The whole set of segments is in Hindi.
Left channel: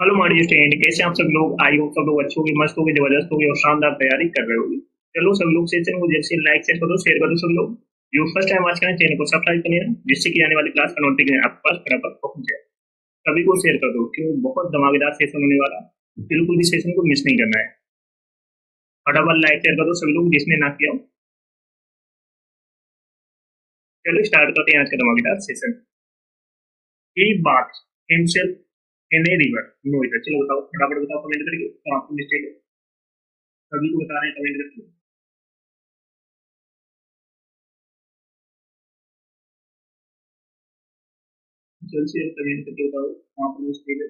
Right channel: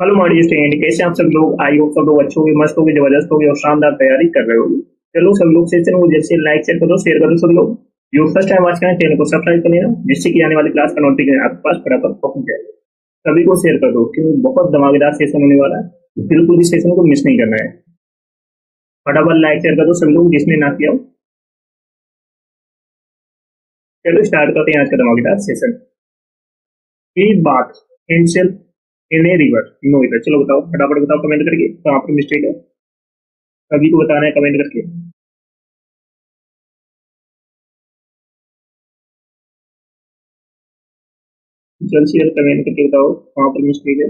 हेलो माय स्टूडेंट, कैसे आप सब लोग? आई होप सब लोग अच्छे होंगे, मस्त होंगे, जबरदस्त होंगे और शानदार तैयारी कर रहे होंगे। चलो सब लोग सेशन को जैसे लाइक शेयर कर दो सब लोग। जो फर्स्ट टाइम वॉच करें चैनल को सब्सक्राइब कर लेना, जिससे कि आने वाली क्लास का नोटिफिकेशन आपके पास फटाफट पहुंच जाएगा। सभी को शेयर कर दो क्योंकि बहुत धमाकेदार सेशन होने वाला है। बिल्कुल भी सेशन को मिस नहीं करना है। फटाफट लाइक शेयर कर दो सभी लोग जिसने ना किया हो। चलो स्टार्ट करते हैं आज का धमाकेदार session. He bath himself in a river. No error, चलो बताओ, फटाफट बताओ कमेंट करके कहाँ पर मिस्टेक है। सभी को बताना है कमेंट करके। जल्द से जल्द कमेंट करके बताओ कहाँ पर मिस्टेक है।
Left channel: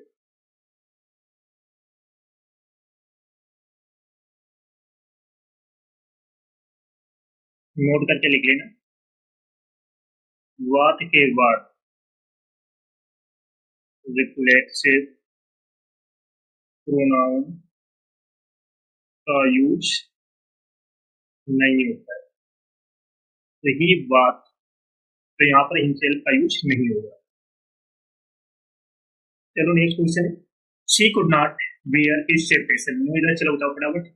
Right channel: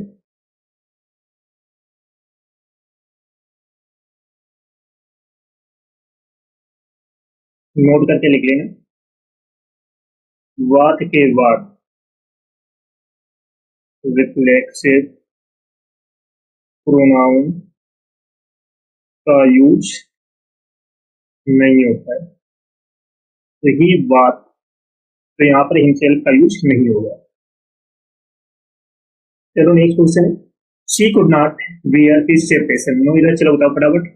नोट करके लिख लेना। वात के बाद रिफ्लेक्सिव प्रोनाउन का यूज नहीं होता है। तो ही बात, तो यहाँ पर हिमसेल्फ का यूज नहीं होगा। चलो नेक्स्ट क्वेश्चन है। She could not wear his separation. No error, चलो बताओ फटाफट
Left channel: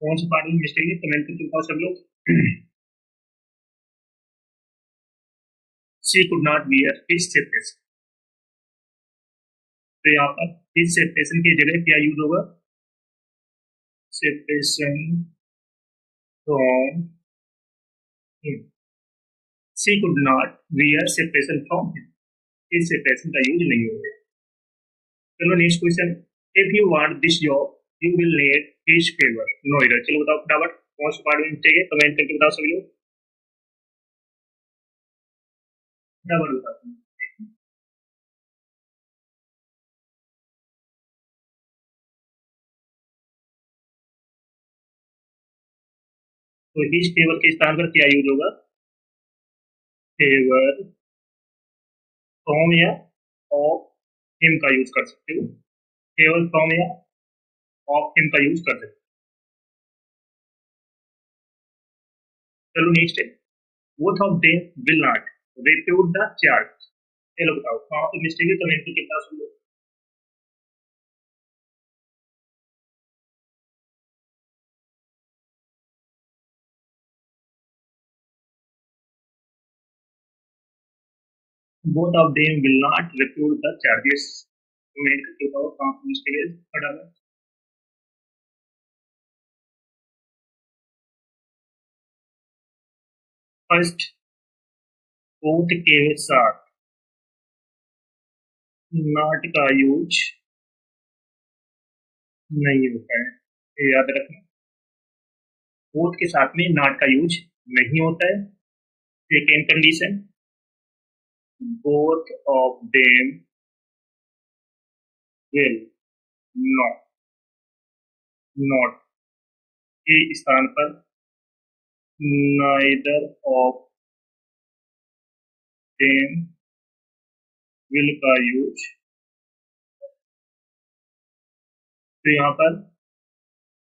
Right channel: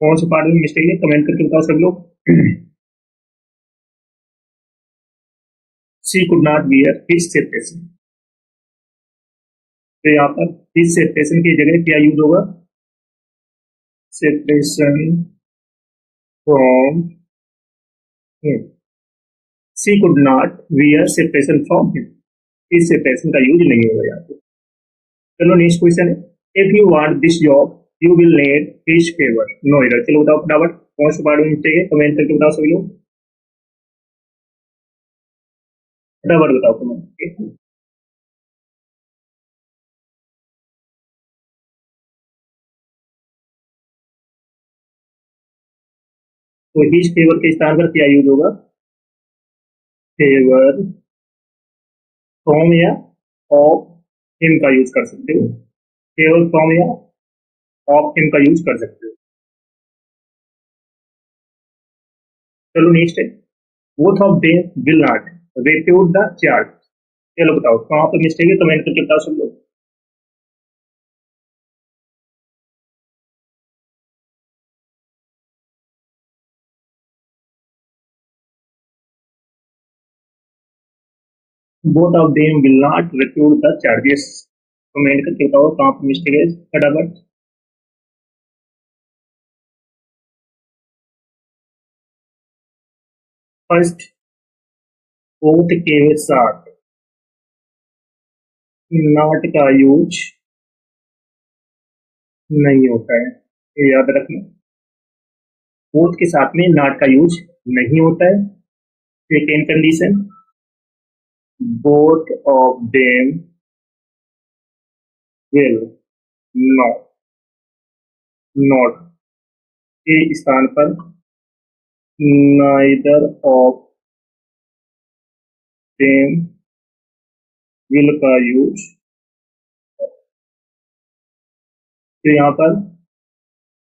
कौन से पार्ट में मिस्टेक है, कमेंट करके बताओ सब लोग। She could not wear his separation. तो यहाँ पर हिज सेपरेशन की जगह क्या यूज होगा? Separation from him. She could not wear separation from him. इस सेपरेशन का यूज नहीं होगा यहाँ पे। चलो नेक्स्ट क्वेश्चन है। If you want this job you will need his favour. No error, चलो बताओ फटाफट कौन सा पार्ट में मिस्टेक है, कमेंट करके बताओ सभी लोग। फटाफट बताओ कमेंट करके। तो हिज फेवर के स्थान पर क्या यूज होगा? फेवर फ्रॉम या ऑफ हिम का यूज कर सकते हो। फेवर फ्रॉम या ऑफ हिम का यूज कर सकते हो। चलो नेक्स्ट है। Both of them will not repute the charge. चलो बताओ कहाँ पर मिस्टेक है, कमेंट करके बताओ सब लोग। Both of them will not repute the charges. Comment करके बताओ कहाँ पर मिस्टेक है फटाफट। फर्स्ट बोथ के साथ नॉट का यूज नहीं होता है, ये याद रखना। बोथ के साथ में नॉट का यूज नहीं होता है। Second condition, both of them will not, not के स्थान पर नाइदर ऑफ देम विल का यूज। तो यहाँ पर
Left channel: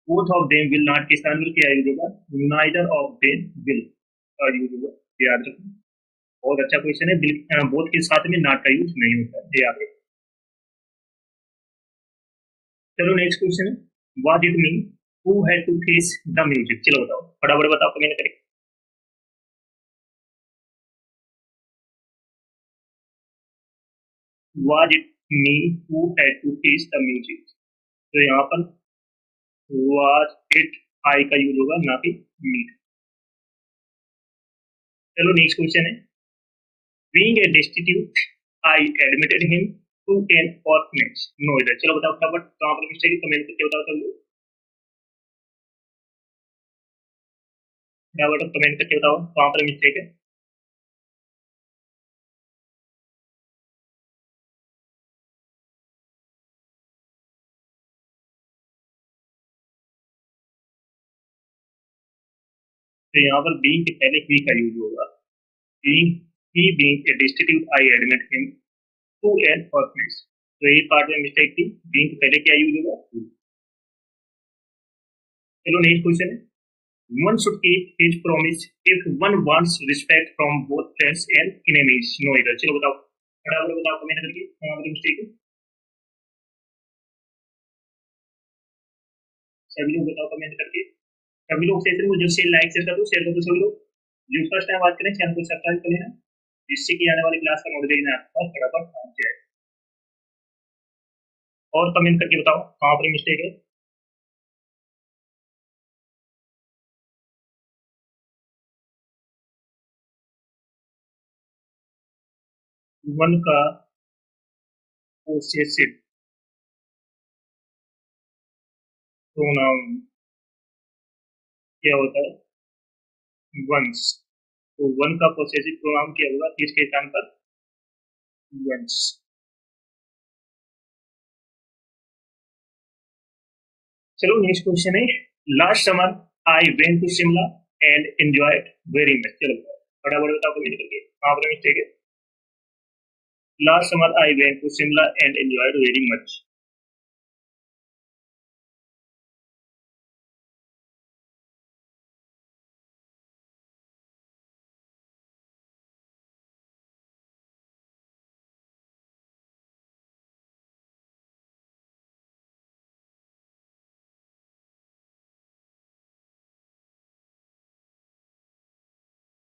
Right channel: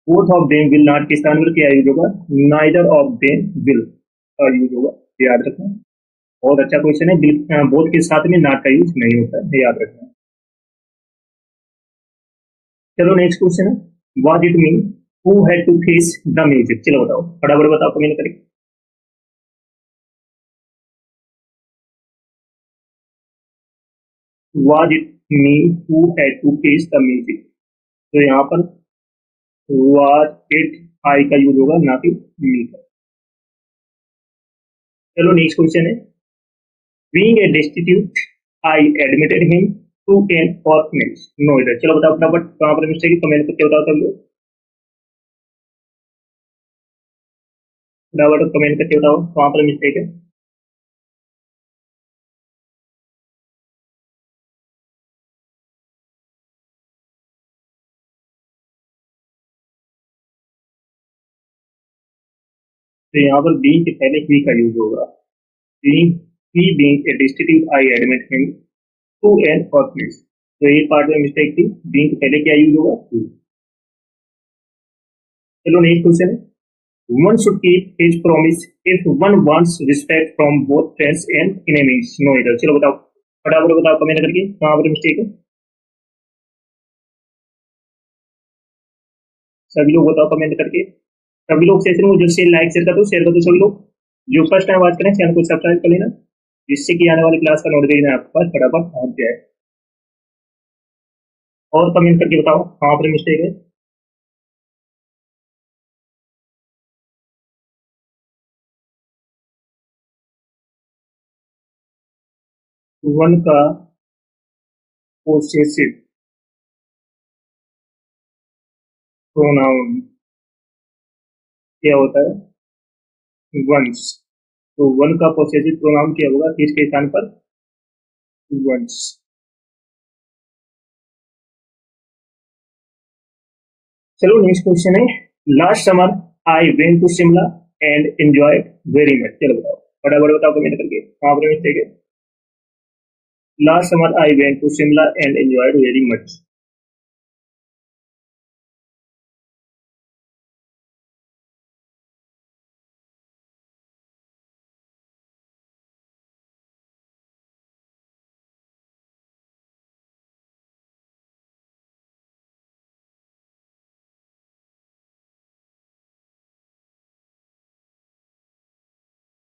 both of them will not के स्थान पर क्या यूज होगा? नाइदर ऑफ देम विल का यूज होगा, याद रखना। बहुत अच्छा क्वेश्चन है। बिल बोथ के साथ में नॉट का यूज नहीं होता है, याद रखना। चलो नेक्स्ट क्वेश्चन है। What it mean who had to face the music. चलो बताओ फटाफट बताओ कमेंट करके। What it mean who had to face the music. तो यहाँ पर व्हाट इट आई का यूज होगा, ना कि मी का। चलो नेक्स्ट क्वेश्चन है। Being a destitute I admitted him to an orphanage। No error, चलो बताओ फटाफट कहाँ पर मिस्टेक है, कमेंट करके बताओ सब लोग। फटाफट कमेंट करके बताओ कहाँ पर मिस्टेक है। तो यहाँ पर बीइंग के पहले ही का यूज होगा। Being, he being a destitute I admit him to an orphanage। तो ये पार्ट में मिस्टेक थी। बीइंग के पहले क्या यूज होगा? to। चलो नेक्स्ट क्वेश्चन है। One should keep his promise if one wants respect from both friends and enemies. No error, चलो बताओ फटाफट बताओ कमेंट करके कहाँ पर मिस्टेक है। सभी लोग बताओ कमेंट करके। सभी लोग सेशन को जब से लाइक शेयर कर दो सभी लोग। जो फर्स्ट टाइम बात करें चैनल को सब्सक्राइब कर लेना, जिससे कि आने वाली क्लास का नोटिफिकेशन आपके पास फटाफट पहुंच जाए। और कमेंट करके बताओ कहाँ पर मिस्टेक है। वन का पोसेसिव प्रोनाउन क्या होता है? वंस। तो वन का पोसेसिव प्रोनाउन क्या होगा किसके स्थान पर? वंस। चलो नेक्स्ट क्वेश्चन है। Last summer I went to Shimla and enjoyed very much. चलो बताओ फटाफट बताओ कमेंट करके कहाँ पर मिस्टेक है। Last summer I went to Shimla and enjoyed very much.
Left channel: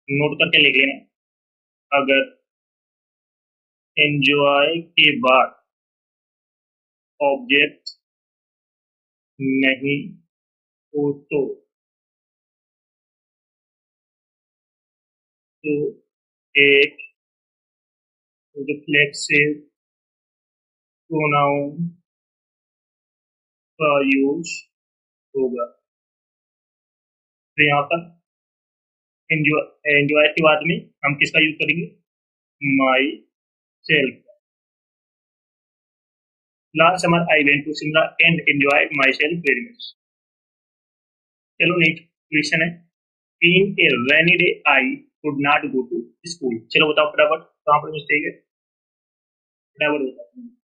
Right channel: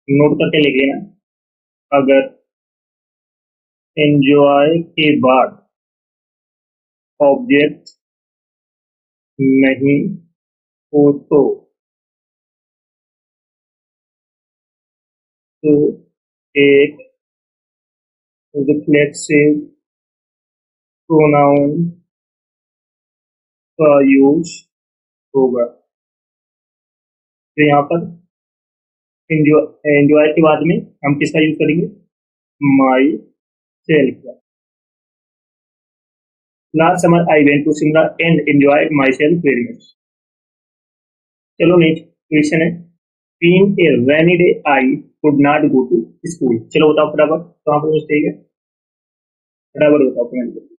Note करके लिख लेना। अगर एंजॉय के बाद ऑब्जेक्ट नहीं हो तो एक रिफ्लेक्सिव प्रोनाउन का यूज होगा। तो यहाँ पर एंजॉय एंजॉय के बाद में हम किसका यूज करेंगे? माई सेल्फ का। Last summer I went to Shimla and enjoyed myself very much. चलो नेक्स्ट क्वेश्चन है। Being a rainy day I could not go to school. चलो बताओ फटाफट कहाँ पर मिस्टेक है। फटाफट बताओ कमेंट करके।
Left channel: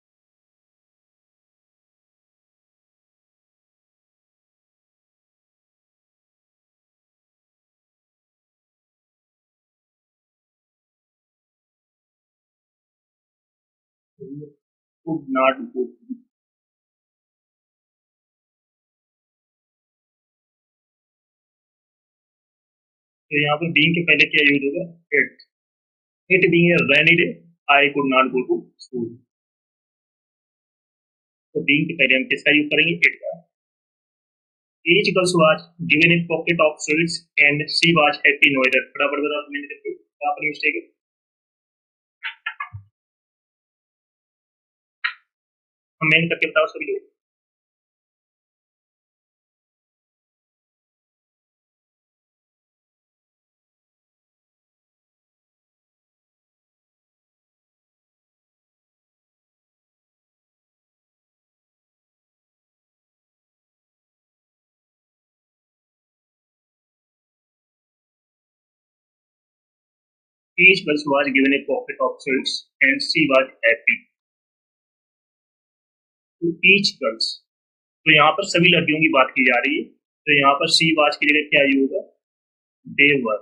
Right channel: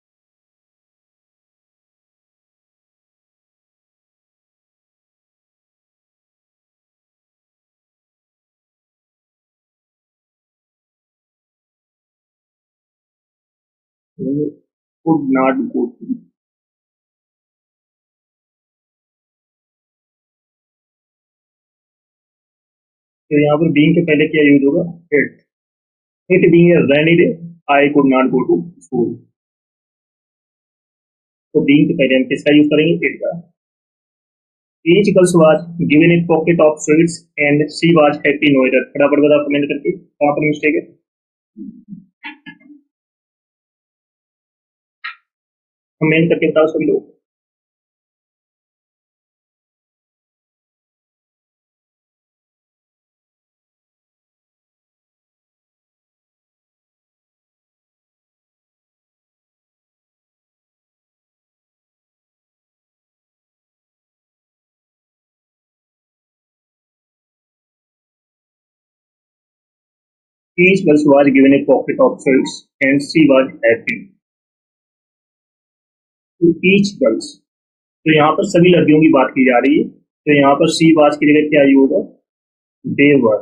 Could not go to. तो यहाँ पर बीइंग के पहले क्या यूज होगा? It. It being a rainy day I could not go to school. तो बीइंग के पहले हम किसका यूज करेंगे? इट का। Each girl was given a pocket of sweets and she was happy in weather। फटाफट बताओ कमेंट करके कहाँ पर मिस्टेक है। कमेंट करके बताओ सभी लोग। Each girl was given a pocket of sweets and she was happy। तो each girls, तो यहाँ पर सभी लड़कियों की बात की जा रही है। तो यहाँ पर सी वाज की जगह क्या यूज होगा? दे वर।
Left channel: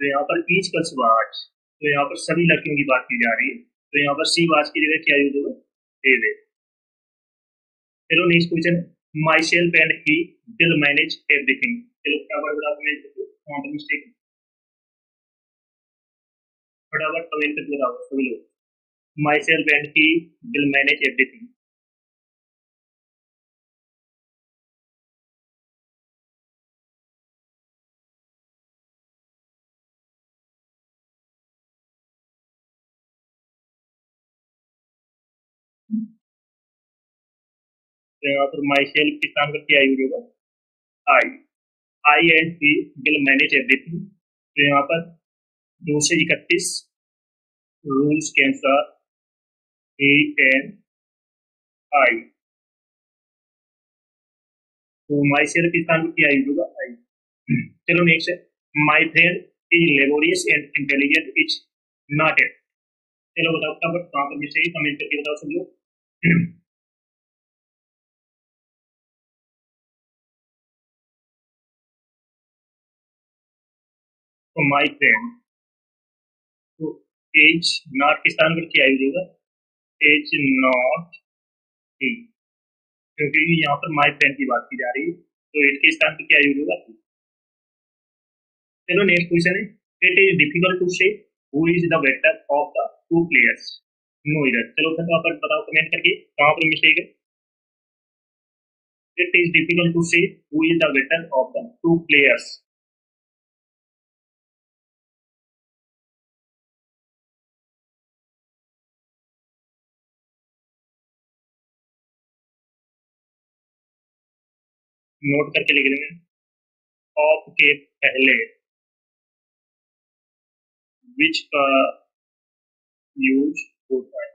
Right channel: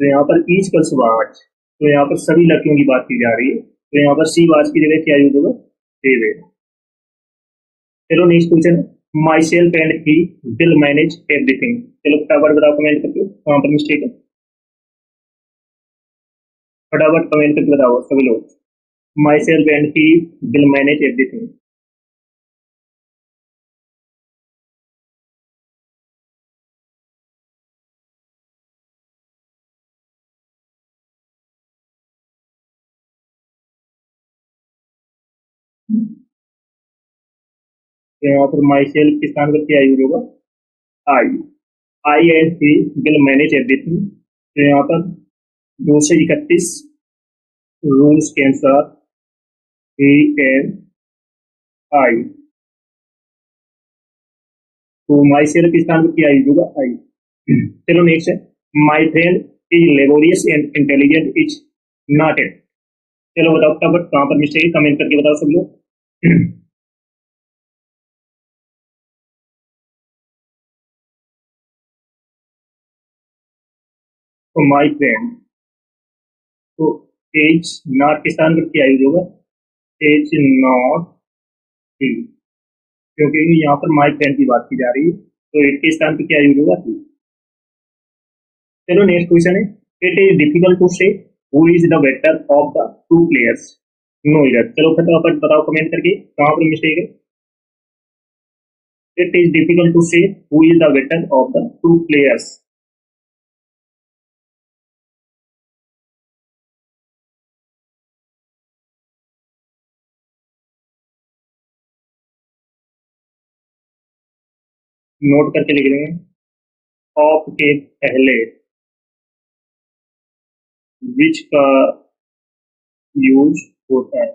तो यहाँ पर ईच गर्ल्स वाज, तो यहाँ पर सभी लड़कियों की बात की जा रही है। तो यहाँ पर सी वाज की जगह क्या यूज होगा? दे वे। चलो next question. My self and he will manage everything. चलो फटाफट बताओ कमेंट करके कहाँ पर मिस्टेक है। फटाफट कमेंट करके बताओ सभी लोग। My self and he will manage everything. तो यहाँ पर माई सेल्फ के स्थान पर क्या यूज होगा? आई। I and he will manage everything. तो यहाँ पर 231 रूल्स के अनुसार ही एंड आई। तो माई सेल्फ के स्थान पर क्या यूज होगा? आई। चलो नेक्स्ट है। My friend is laborious and intelligent is not it. चलो बताओ फटाफट कहाँ पर मिस्टेक है, कमेंट करके बताओ सब लोग। तो माई फ्रेंड, तो एज नॉट के स्थान पर क्या यूज होगा? एज नॉट ही। क्योंकि यहाँ पर माई पेन की बात की जा रही है, तो इट के स्थान पर क्या यूज होगा? चलो नेक्स्ट क्वेश्चन है, it is difficult to say who is the better of the two players. No error, चलो फटाफट बताओ कमेंट करके कहाँ पर मिस्टेक है। It is difficult to say who is the better of the two players. Note करके लिख देंगे, ऑफ के पहले विच का यूज होता है।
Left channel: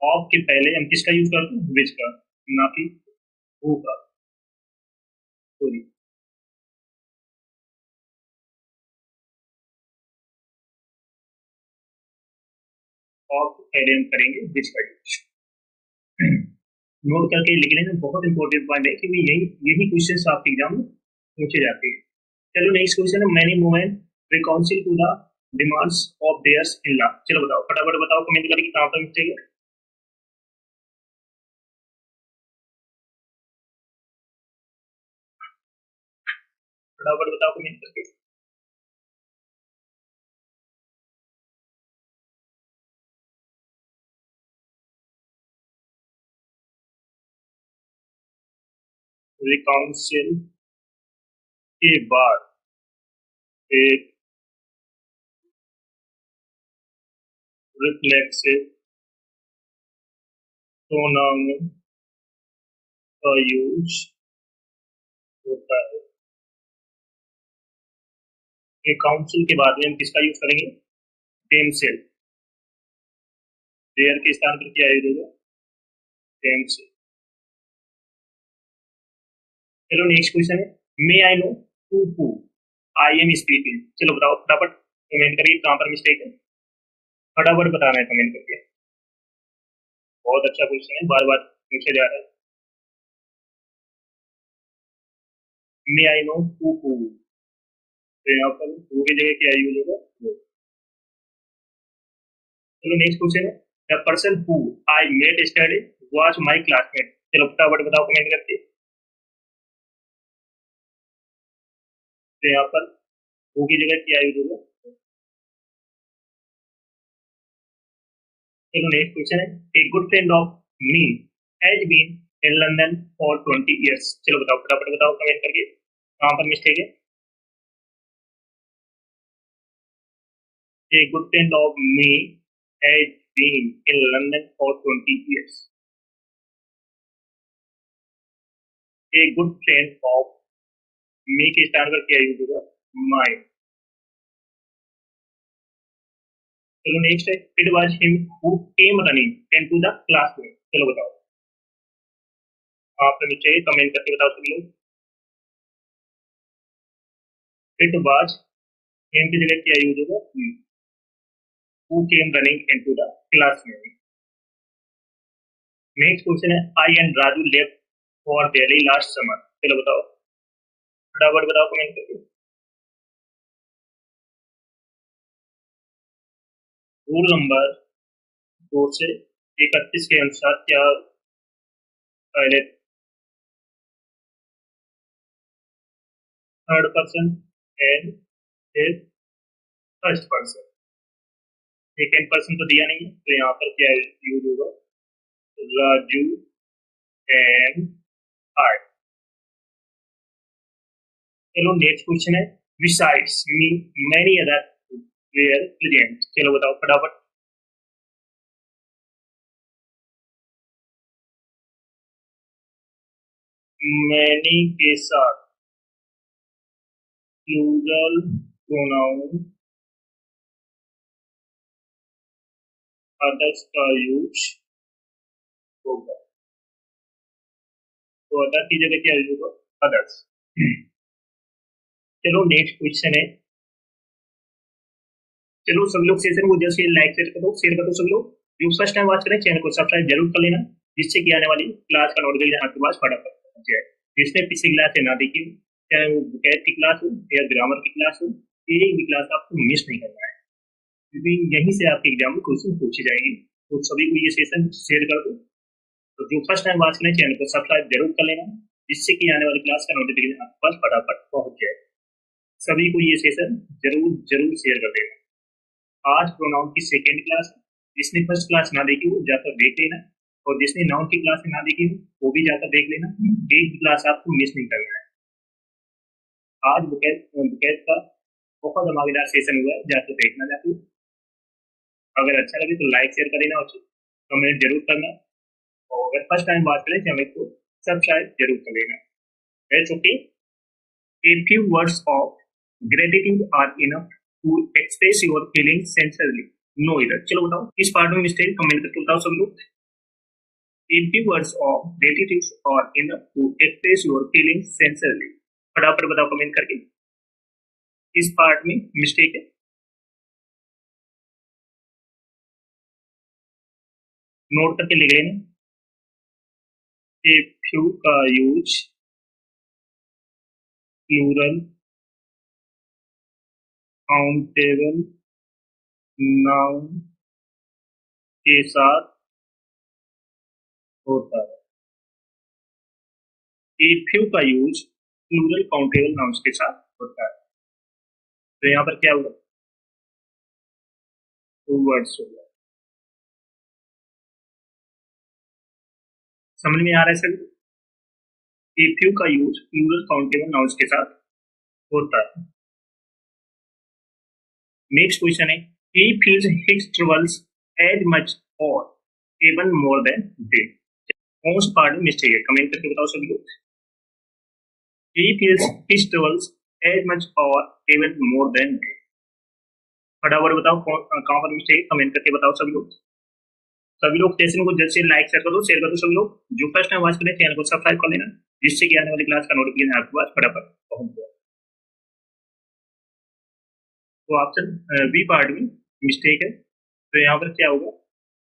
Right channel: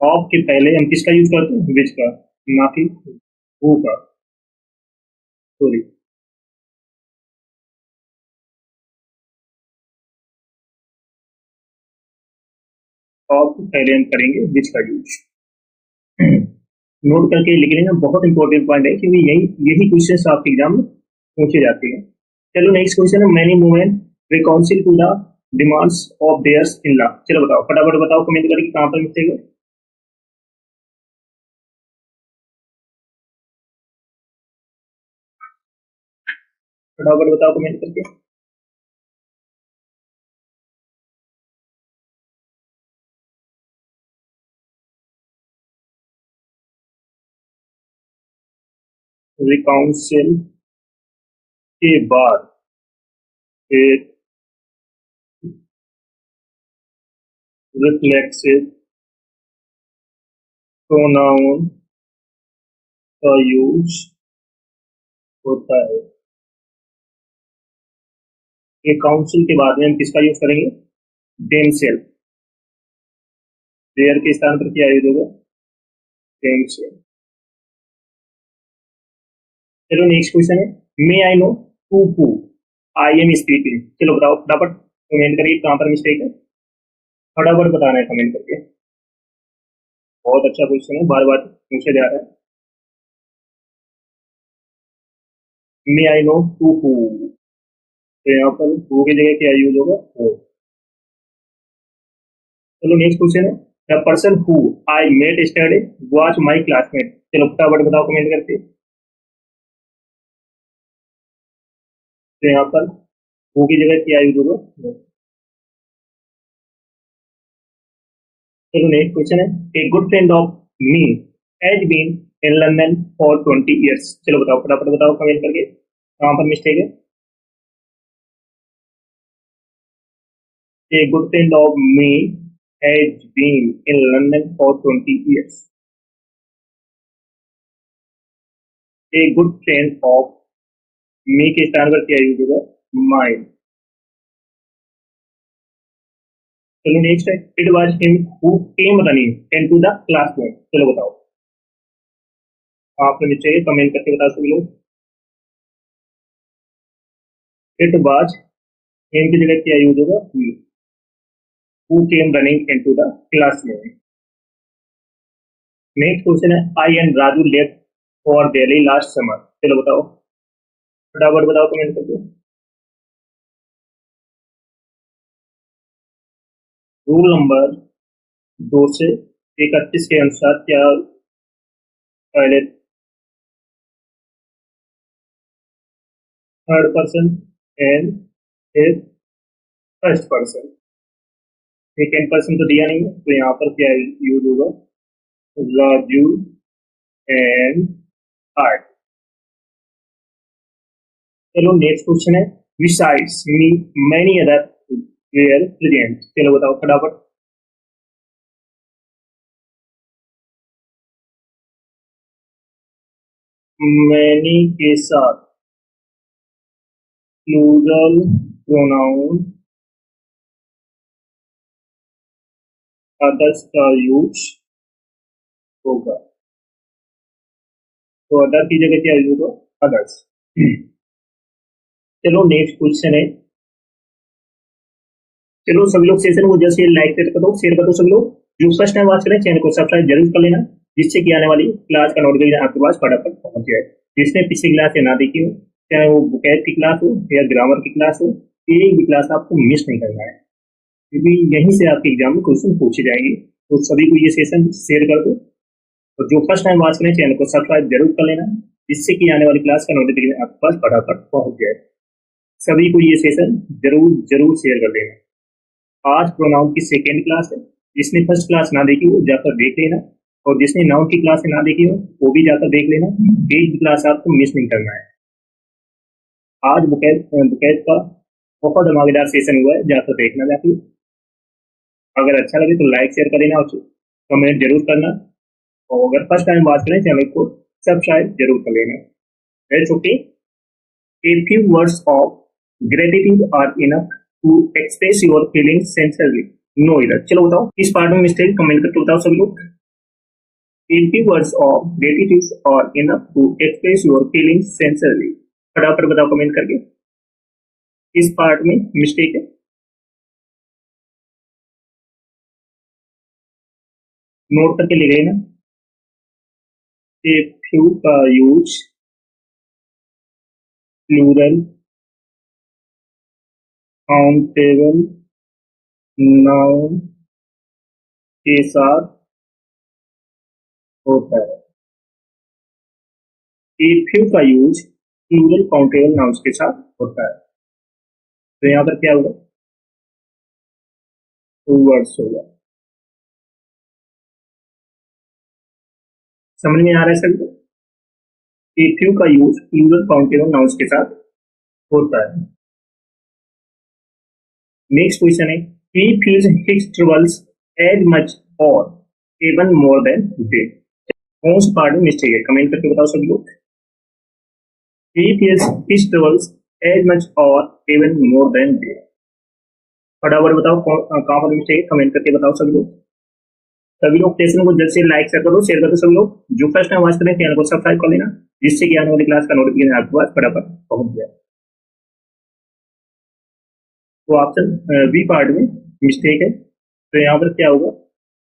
ऑफ के पहले हम किसका यूज करते हैं? विच का, ना कि हु का। सॉरी, ऑफ के पहले हम करेंगे विच का यूज। नोट करके लिख लेना, बहुत इंपॉर्टेंट पॉइंट है क्योंकि यही यही क्वेश्चन आपके एग्जाम में पूछे जाते हैं। चलो नेक्स्ट क्वेश्चन है, many women reconcile to the demands of theirs in law. चलो बताओ फटाफट बताओ कमेंट करके कहाँ पर मिस्टेक है। फटाफट बताओ कमेंट करके। रिकाउंसिल के बाद एक रिफ्लेक्सिव प्रोनाउन का यूज होता है। रिकाउंसिल के बाद में हम किसका यूज करेंगे? देमसेल्फ। देयर के स्थान पर क्या यूज होगा? देमसेल्फ। चलो नेक्स्ट क्वेश्चन है, may I know to who I am speaking. चलो बताओ फटाफट कमेंट करके कहाँ पर मिस्टेक है, फटाफट बताना है कमेंट करके। बहुत अच्छा क्वेश्चन है, बार बार पूछा जा रहा है। May I know to who, तो यहाँ पर हु की जगह क्या यूज होगा? हो। चलो नेक्स्ट क्वेश्चन है, the person who I met study was my classmate. चलो फटाफट बताओ कमेंट करके। तो यहाँ पर हु की जगह क्या यूज होगा? हो। चलो नेक्स्ट क्वेश्चन है, a good friend of me has been in London for 20 years। चलो बताओ फटाफट बताओ कमेंट करके कहाँ पर मिस्टेक है। A good friend of me has been in London for 20 years. A good friend of me के स्थान पर क्या यूज होगा? माई। चलो नेक्स्ट है, it was him who came running into the classroom. चलो बताओ आपने नीचे कमेंट करके बताओ सभी लोग। इट वाज हिम की जगह क्या यूज होगा? Who came running into the classroom. Next question है, I and Raju left for Delhi last summer. चलो बताओ फटाफट बताओ कमेंट करके। रूल नंबर 231 के अनुसार क्या पहले थर्ड पर्सन एंड फिर फर्स्ट पर्सन, सेकेंड पर्सन तो दिया नहीं है, तो यहाँ पर क्या यूज होगा? Raju and heart. चलो नेक्स्ट क्वेश्चन है, besides me many other were present. चलो बताओ फटाफट। मैनी के साथ प्लूरल प्रोनाउन अदर्स का यूज होगा, तो अदर की जगह क्या यूज होगा? अदर्स। चलो नेक्स्ट क्वेश्चन है, चलो सभी लोग सेशन को जैसे लाइक शेयर कर दो सभी लोग। जो फर्स्ट टाइम वॉच करें चैनल को सब्सक्राइब जरूर कर लेना, जिससे कि आने वाली क्लास का नोटिफिकेशन आपके पास फटाफट पहुंच जाए। जिसने पिछली क्लास से ना देखी हो, चाहे वो बुकैत की क्लास हो या ग्रामर की क्लास हो, एक भी क्लास आपको मिस नहीं करना है, क्योंकि यहीं से आपके एग्जाम में क्वेश्चन पूछे जाएंगे। तो सभी को ये सेशन शेयर कर दो तो जो फर्स्ट टाइम वॉच करें चैनल को सब्सक्राइब जरूर कर लेना, जिससे कि आने वाली क्लास का नोटिफिकेशन आपके पास फटाफट पहुंच जाए। सभी को ये सेशन जरूर जरूर शेयर कर देना। आज प्रोनाउन की सेकेंड क्लास है, जिसने फर्स्ट क्लास ना देखी वो जाकर देख लेना, और जिसने नाउन की क्लास ना देखी हो वो भी जाकर देख लेना। एक भी क्लास आपको मिस नहीं करना है। आज बुकैत का बहुत धमाकेदार सेशन हुआ है, जाकर देखना जाके। अगर अच्छा लगे तो लाइक शेयर कर देना और कमेंट जरूर करना, और अगर फर्स्ट टाइम बात करें चैनल को सब्सक्राइब जरूर कर लेना। It's okay. A few words of gratitude are enough to express your feelings sincerely. No इधर चलो बताओ इस पार्ट में मिस्टेक कमेंट करके बताओ सब लोग। A few words of gratitude are enough to express your feelings sincerely. फटाफट बताओ कमेंट करके इस पार्ट में मिस्टेक है। नोट करके लिख लेना। A few का यूज प्लूरल काउंटेबल नाउन के साथ होता है। A few का यूज प्लूरल काउंटेबल नाउन्स के साथ होता है। तो यहाँ पर क्या होगा? टू वर्ड्स होगा। समझ में आ रहा है सभी को? A few का यूज प्लूरल काउंटेबल नाउन्स के साथ होता है। नेक्स्ट क्वेश्चन है, he feels his troubles as much or even more than they. कौन सा पार्ट में मिस्टेक है कमेंट करके बताओ सभी लोग। He feels his troubles as much or even more than they. फटाफट बताओ कहाँ पर मिस्टेक है कमेंट करके बताओ सभी लोग। सभी लोग सेशन को जल्द से लाइक शेयर कर दो सभी लोग। जो फर्स्ट टाइम वॉच करें चैनल को सब्सक्राइब कर लेना, जिससे कि आने वाली क्लास का नोटिफिकेशन आपके पास फटाफट पहुंच जाए। तो ऑप्शन बी पार्ट में मिस्टेक है, तो यहाँ पर क्या होगा?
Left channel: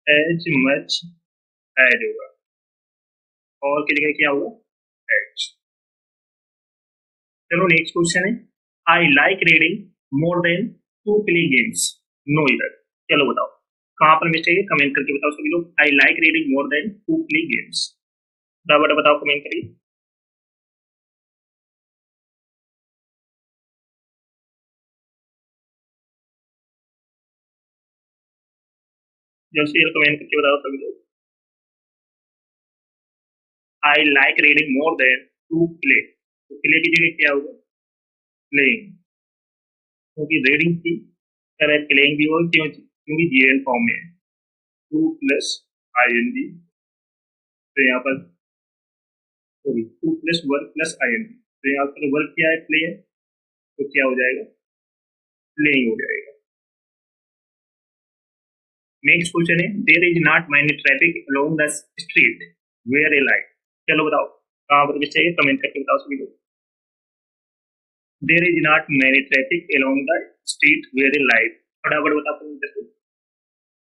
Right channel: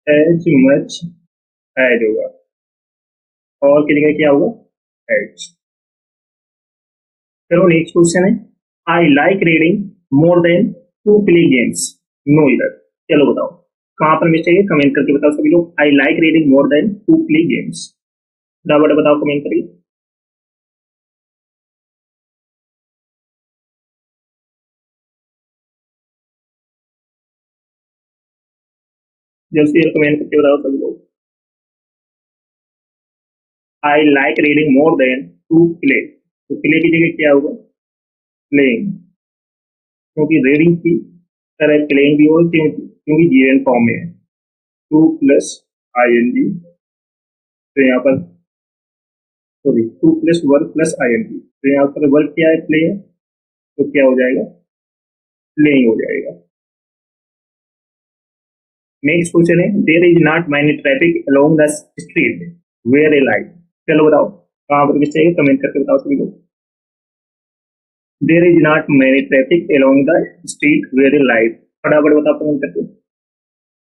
एज मच एज होगा, और की जगह क्या होगा? एज। चलो नेक्स्ट क्वेश्चन है, I like reading more than to play games. No error चलो बताओ कहाँ पर मिस्टेक है कमेंट करके बताओ सभी लोग। I like reading more than to play games. फटाफट बताओ कमेंट करिए। जल्द से जल्द कमेंट करके बताओ सभी लोग। I like reading more than to play, तो प्ले की जगह क्या होगा? प्लेइंग, क्योंकि रीडिंग की तरह प्लेइंग भी होगा क्योंकि जीएन फॉर्म में है। To plus I N G, तो यहाँ पर sorry to plus work plus I N G, तो यहाँ पर वर्क क्या है? प्ले है, तो क्या हो जाएगा? प्लेइंग हो जाएगा। नेक्स्ट क्वेश्चन है, there is not many traffic along the street where a light. चलो बताओ कहाँ पर मिस्टेक है कमेंट करके बताओ सभी लोग। There is not many traffic along the street where a light. फटाफट बताओ कमेंट करके।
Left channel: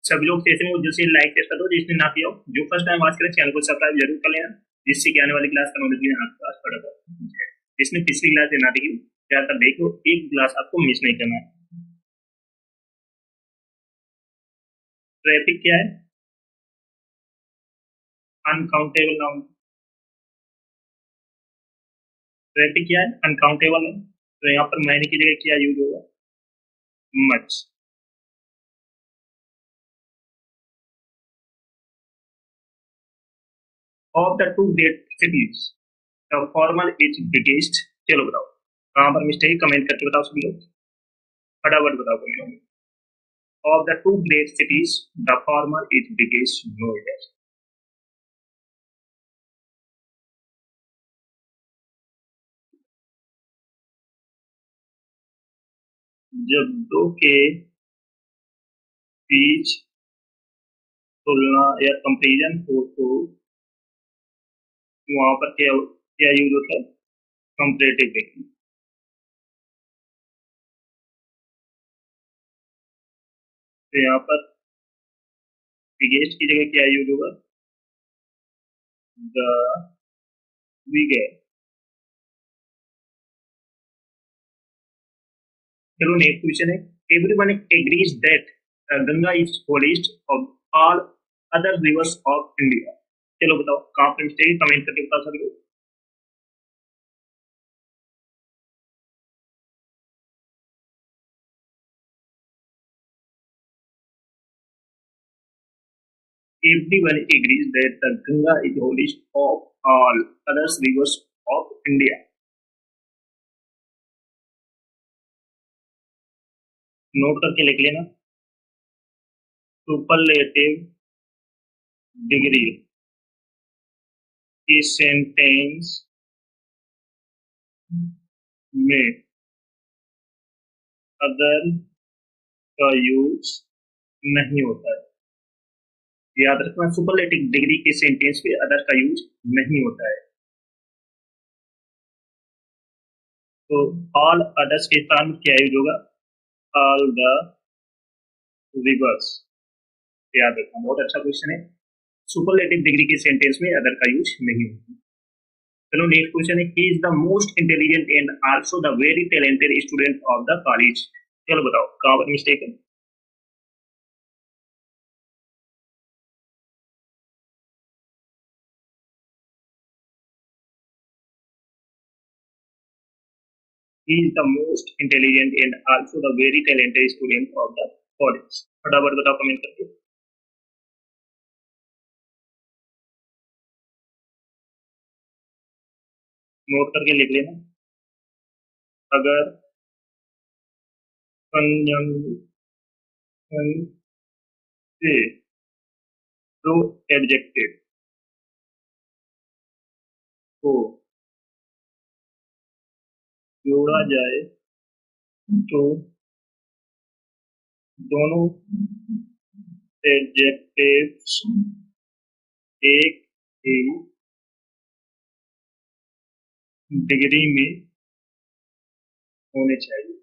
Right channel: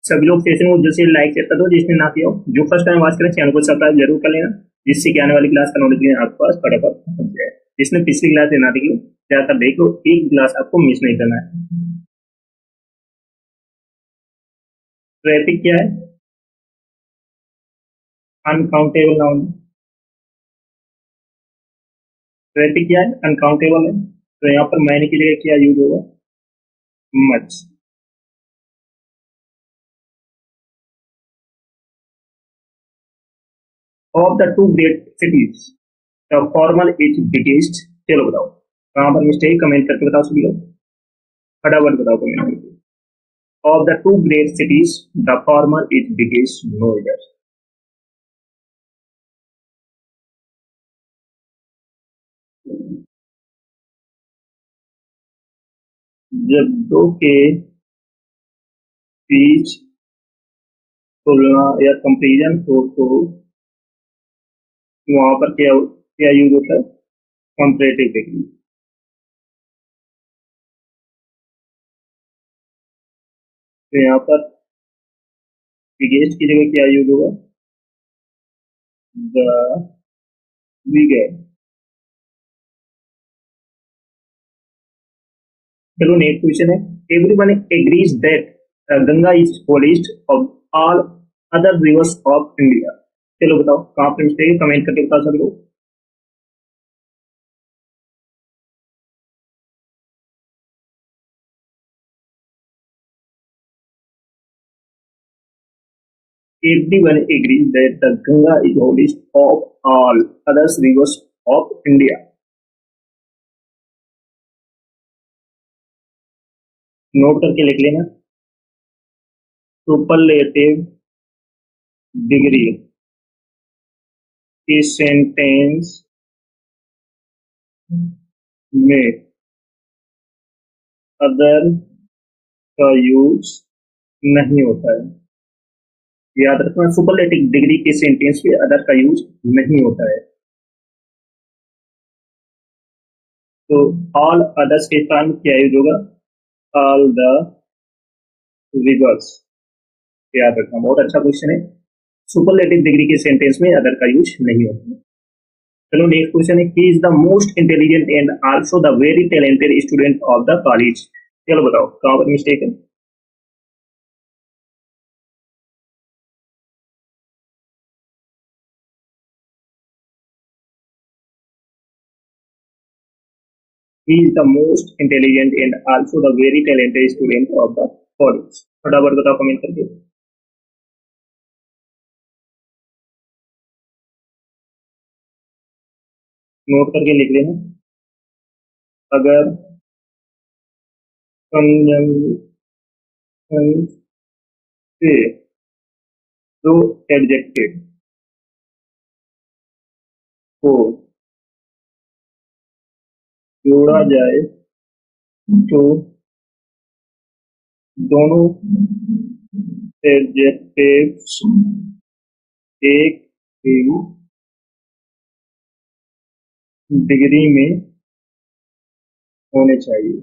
सभी लोग सेशन को जल्द से लाइक शेयर कर दो, जिसने ना किया हो। जो फर्स्ट टाइम वॉच करें चैनल को सब्सक्राइब जरूर कर लेना, जिससे कि आने वाली क्लास का नोटिफिकेशन आपके पास फटाफट पहुंच जाए। जिसने पिछली क्लास ना देखी हो जाकर देख लो, एक क्लास आपको मिस नहीं करना है। ट्रैफिक क्या है? Uncountable noun. ट्रैफिक क्या है? अनकाउंटेबल है, तो यहाँ पर मैनी की जगह क्या यूज होगा? Much. Of the two great cities the former is biggest. चलो बताओ कहाँ पर मिस्टेक कमेंट करके बताओ सभी लोग। फटाफट बताओ कमेंट करके। Of the two great cities the former is biggest. No error. जब दो के बीच तुलना या कंपेरिजन हो तो वहां पर क्या क्या यूज होता है? Comparative degree. तो यहाँ पर बिगेस्ट की जगह क्या यूज होगा? The bigger. चलो नेक्स्ट क्वेश्चन है, everyone agrees that Ganga is holiest of all other rivers of India. चलो बताओ कहाँ पर मिस्टेक है, कमेंट करके बता सभी लोग। Everyone agrees that the Ganga is holiest of all other rivers of India. Note करके लिख लेना। सुपरलेटिव डिग्री इस सेंटेंस में अदर का यूज नहीं होता है। याद रखना, सुपरलेटिव डिग्री के सेंटेंस में अदर का यूज नहीं होता है। तो ऑल अदर्स के स्थान में क्या यूज होगा? All the reverse. याद रखना, बहुत अच्छा क्वेश्चन है। सुपरलेटिव डिग्री के सेंटेंस में अदर का यूज नहीं होता है। चलो नेक्स्ट क्वेश्चन है, he is the most intelligent and also the very talented student of the college. चलो बताओ कहां पर मिस्टेक है। He is the most intelligent and also the very talented student of the college। फटाफट बताओ कमेंट करके। नोट करके लिख लेना। अगर कंजंक्शन से दो एडजेक्टिव को जोड़ा जाए तो दोनों एडजेक्टिव्स एक ही डिग्री में होने चाहिए।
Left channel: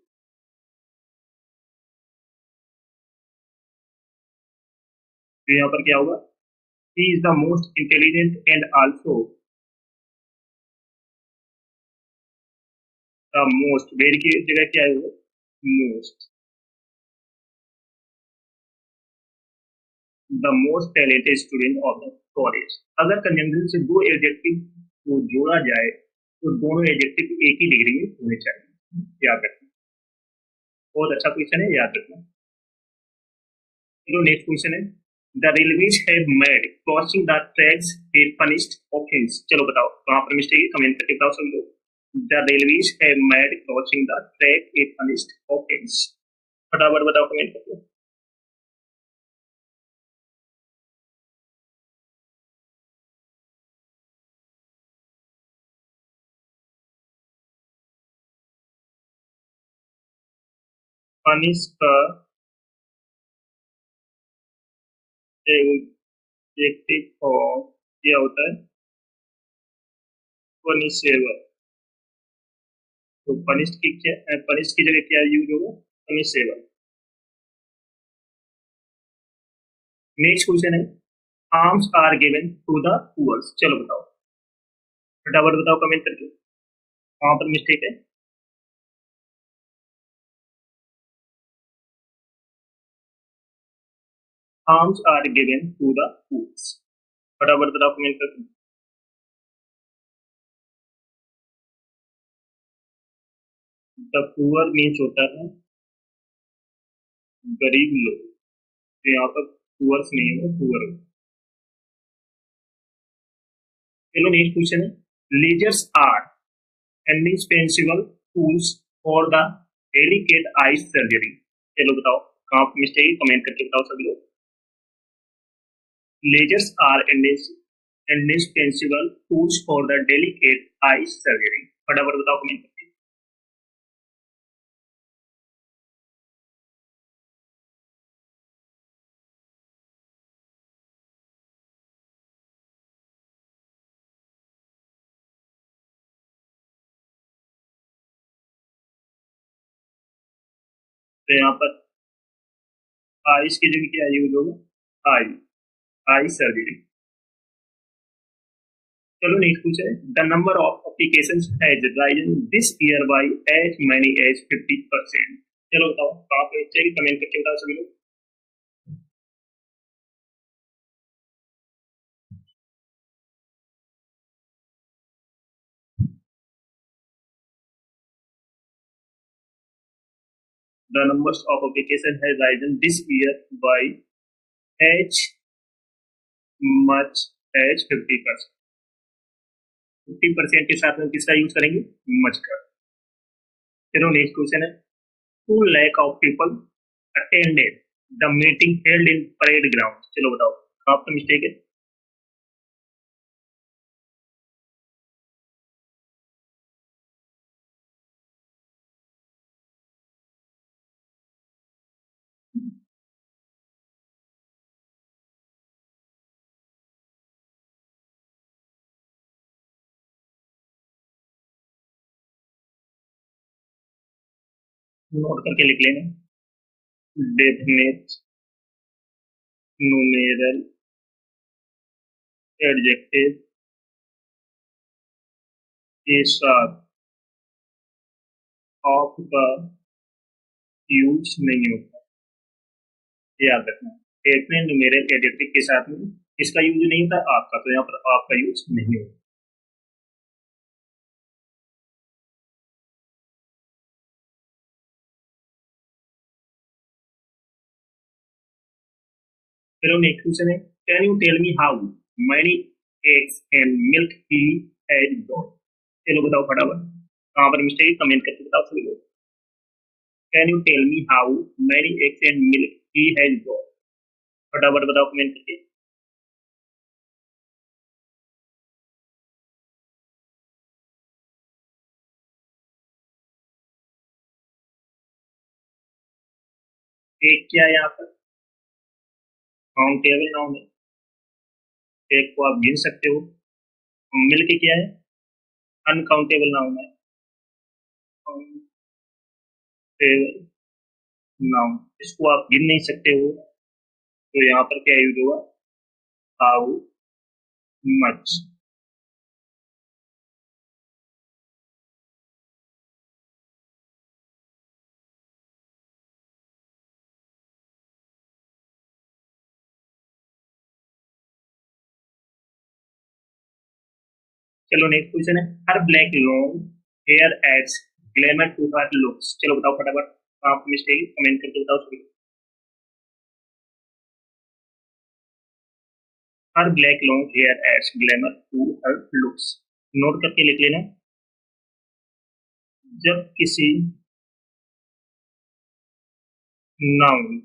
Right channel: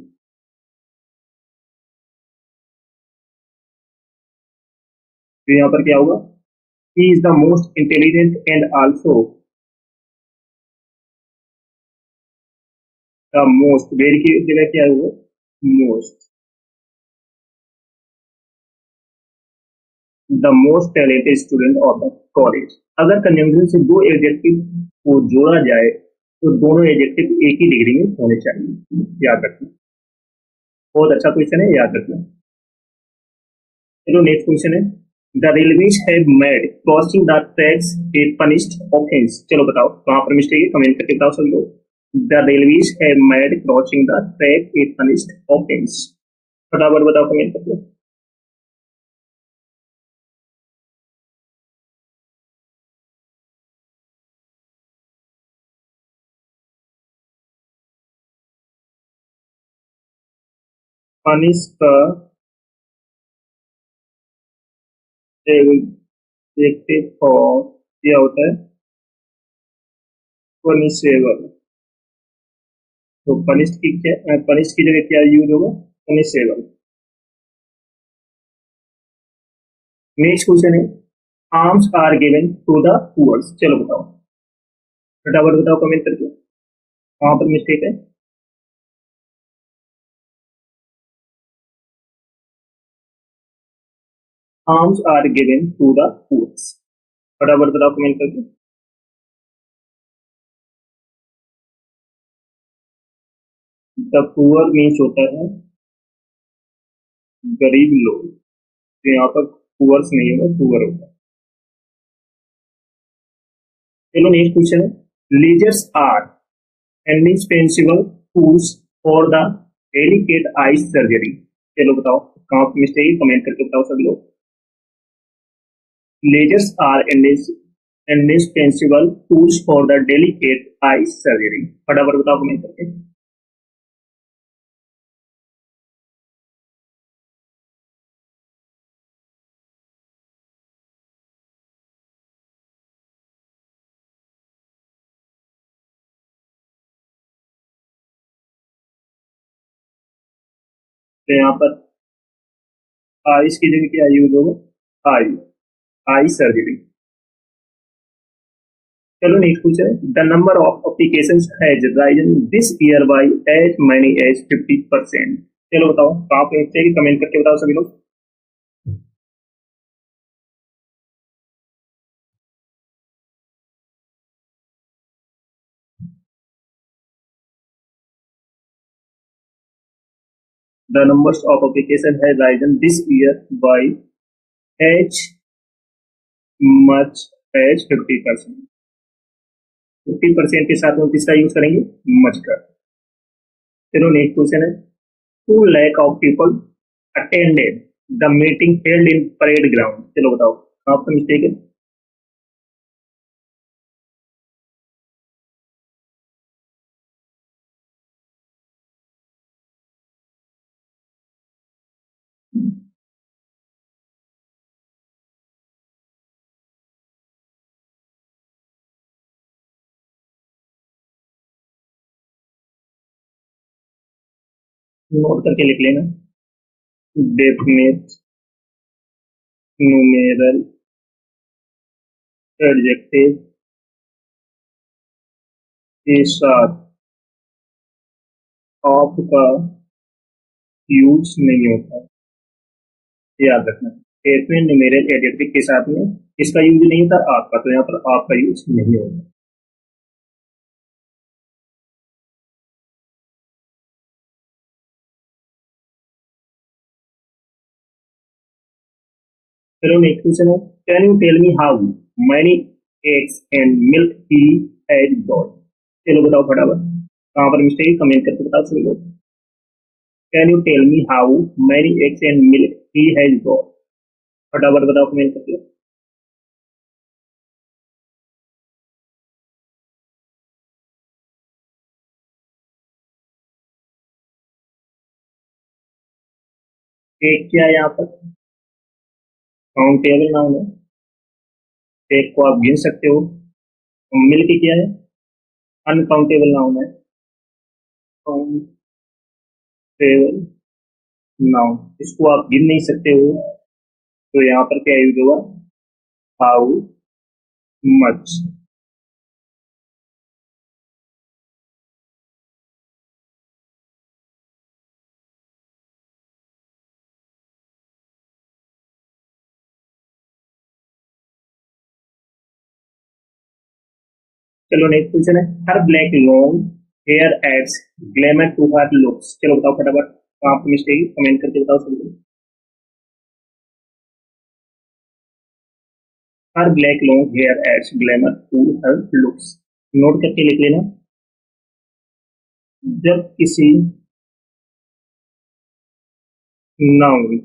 तो यहाँ पर क्या होगा? He is the most intelligent and also the most, very की जगह क्या है वो? Most. The most talented student of the college. अगर कंजंक्शन से दो एडजेक्टिव को जोड़ा जाए तो दोनों एडजेक्टिव एक ही डिग्री में होने चाहिए। याद रखना, बहुत अच्छा क्वेश्चन है, याद रखना। चलो नेक्स्ट क्वेश्चन है, the railways have made crossing the tracks A punished offence. चलो बताओ कहां पर मिस्टेक है, कमेंट करके बताओ सब लोग। The railways have made crossing the track A punished offence. फटाफट बताओ कमेंट करके। पनिश का एडजेक्टिव फॉर्म क्या होता है? पनिशेबल। तो पनिश्ड की क्या, पनिश्ड की जगह क्या यूज होगा? पनिशेबल। नेक्स्ट क्वेश्चन है, arms are given to the poors. चलो बताओ, फटाफट बताओ कमेंट करके वहां पर मिस्टेक है। Arms are given to the poors. फटाफट बताओ कमेंट करके। द पुअर मीन्स होता है गरीब लोग। तो यहाँ पर पुअर्स नहीं होगा, पुअर होगा। चलो नेक्स्ट क्वेश्चन है, ledgers are indispensable tools for the delicate eye surgery। चलो बताओ कहाँ पे मिस्टेक है, कमेंट करके बताओ सभी लोग। Ledgers are indispensable tools for the delicate eye surgery। फटाफट बताओ कमेंट करके। तो यहाँ पर आइस की जगह क्या यूज होगा? आई, आई सर्जरी। चलो नेक्स्ट क्वेश्चन है, the number of applications has risen this year by as many as 50%। चलो बताओ कहाँ पे चाहिए, कमेंट करके बताओ सभी लोग। द नंबर्स ऑफ एप्लीकेशन है risen this year by as much as 50%। 50% के साथ में किसका यूज करेंगे? मच का। चलो नेक्स्ट क्वेश्चन है, 2 lakh of people attended the meeting held in parade ground. चलो बताओ आपका मिस्टेक है। नोट करके लिख लेना। डेफिनेट, न्यूमेरल, एडजेक्टिव के साथ ऑफ का यूज नहीं होता, याद रखना। डेफिनेट, न्यूमेरल, एडजेक्टिव के साथ में इसका यूज नहीं होता आपका, तो यहाँ पर आपका यूज नहीं होगा। चलो नेक्स्ट क्वेश्चन है, can you tell me how many eggs and milk he has got. चलो बताओ फटाफट, कहाँ पर मिस्टेक है कमेंट करके बताओ सभी लोग। Can you tell me how many eggs and milk he has got, फटाफट बताओ कमेंट करके। एक क्या है यहाँ पर? काउंटेबल नाउन है, एक को आप गिन सकते हो। मिल्क क्या है? अनकाउंटेबल नाउन है। काउंटेबल नाउन, इसको आप गिन नहीं सकते हो, तो यहाँ पर क्या यूज होगा? How much. चलो नेक्स्ट क्वेश्चन है, her black long hair adds glamour to her looks. चलो बताओ फटाफट, कहाँ पर मिस्टेक है कमेंट करके बताओ सभी लोग। Her black long hair adds glamour to her looks, note करके लिख लेना। जब किसी नाउन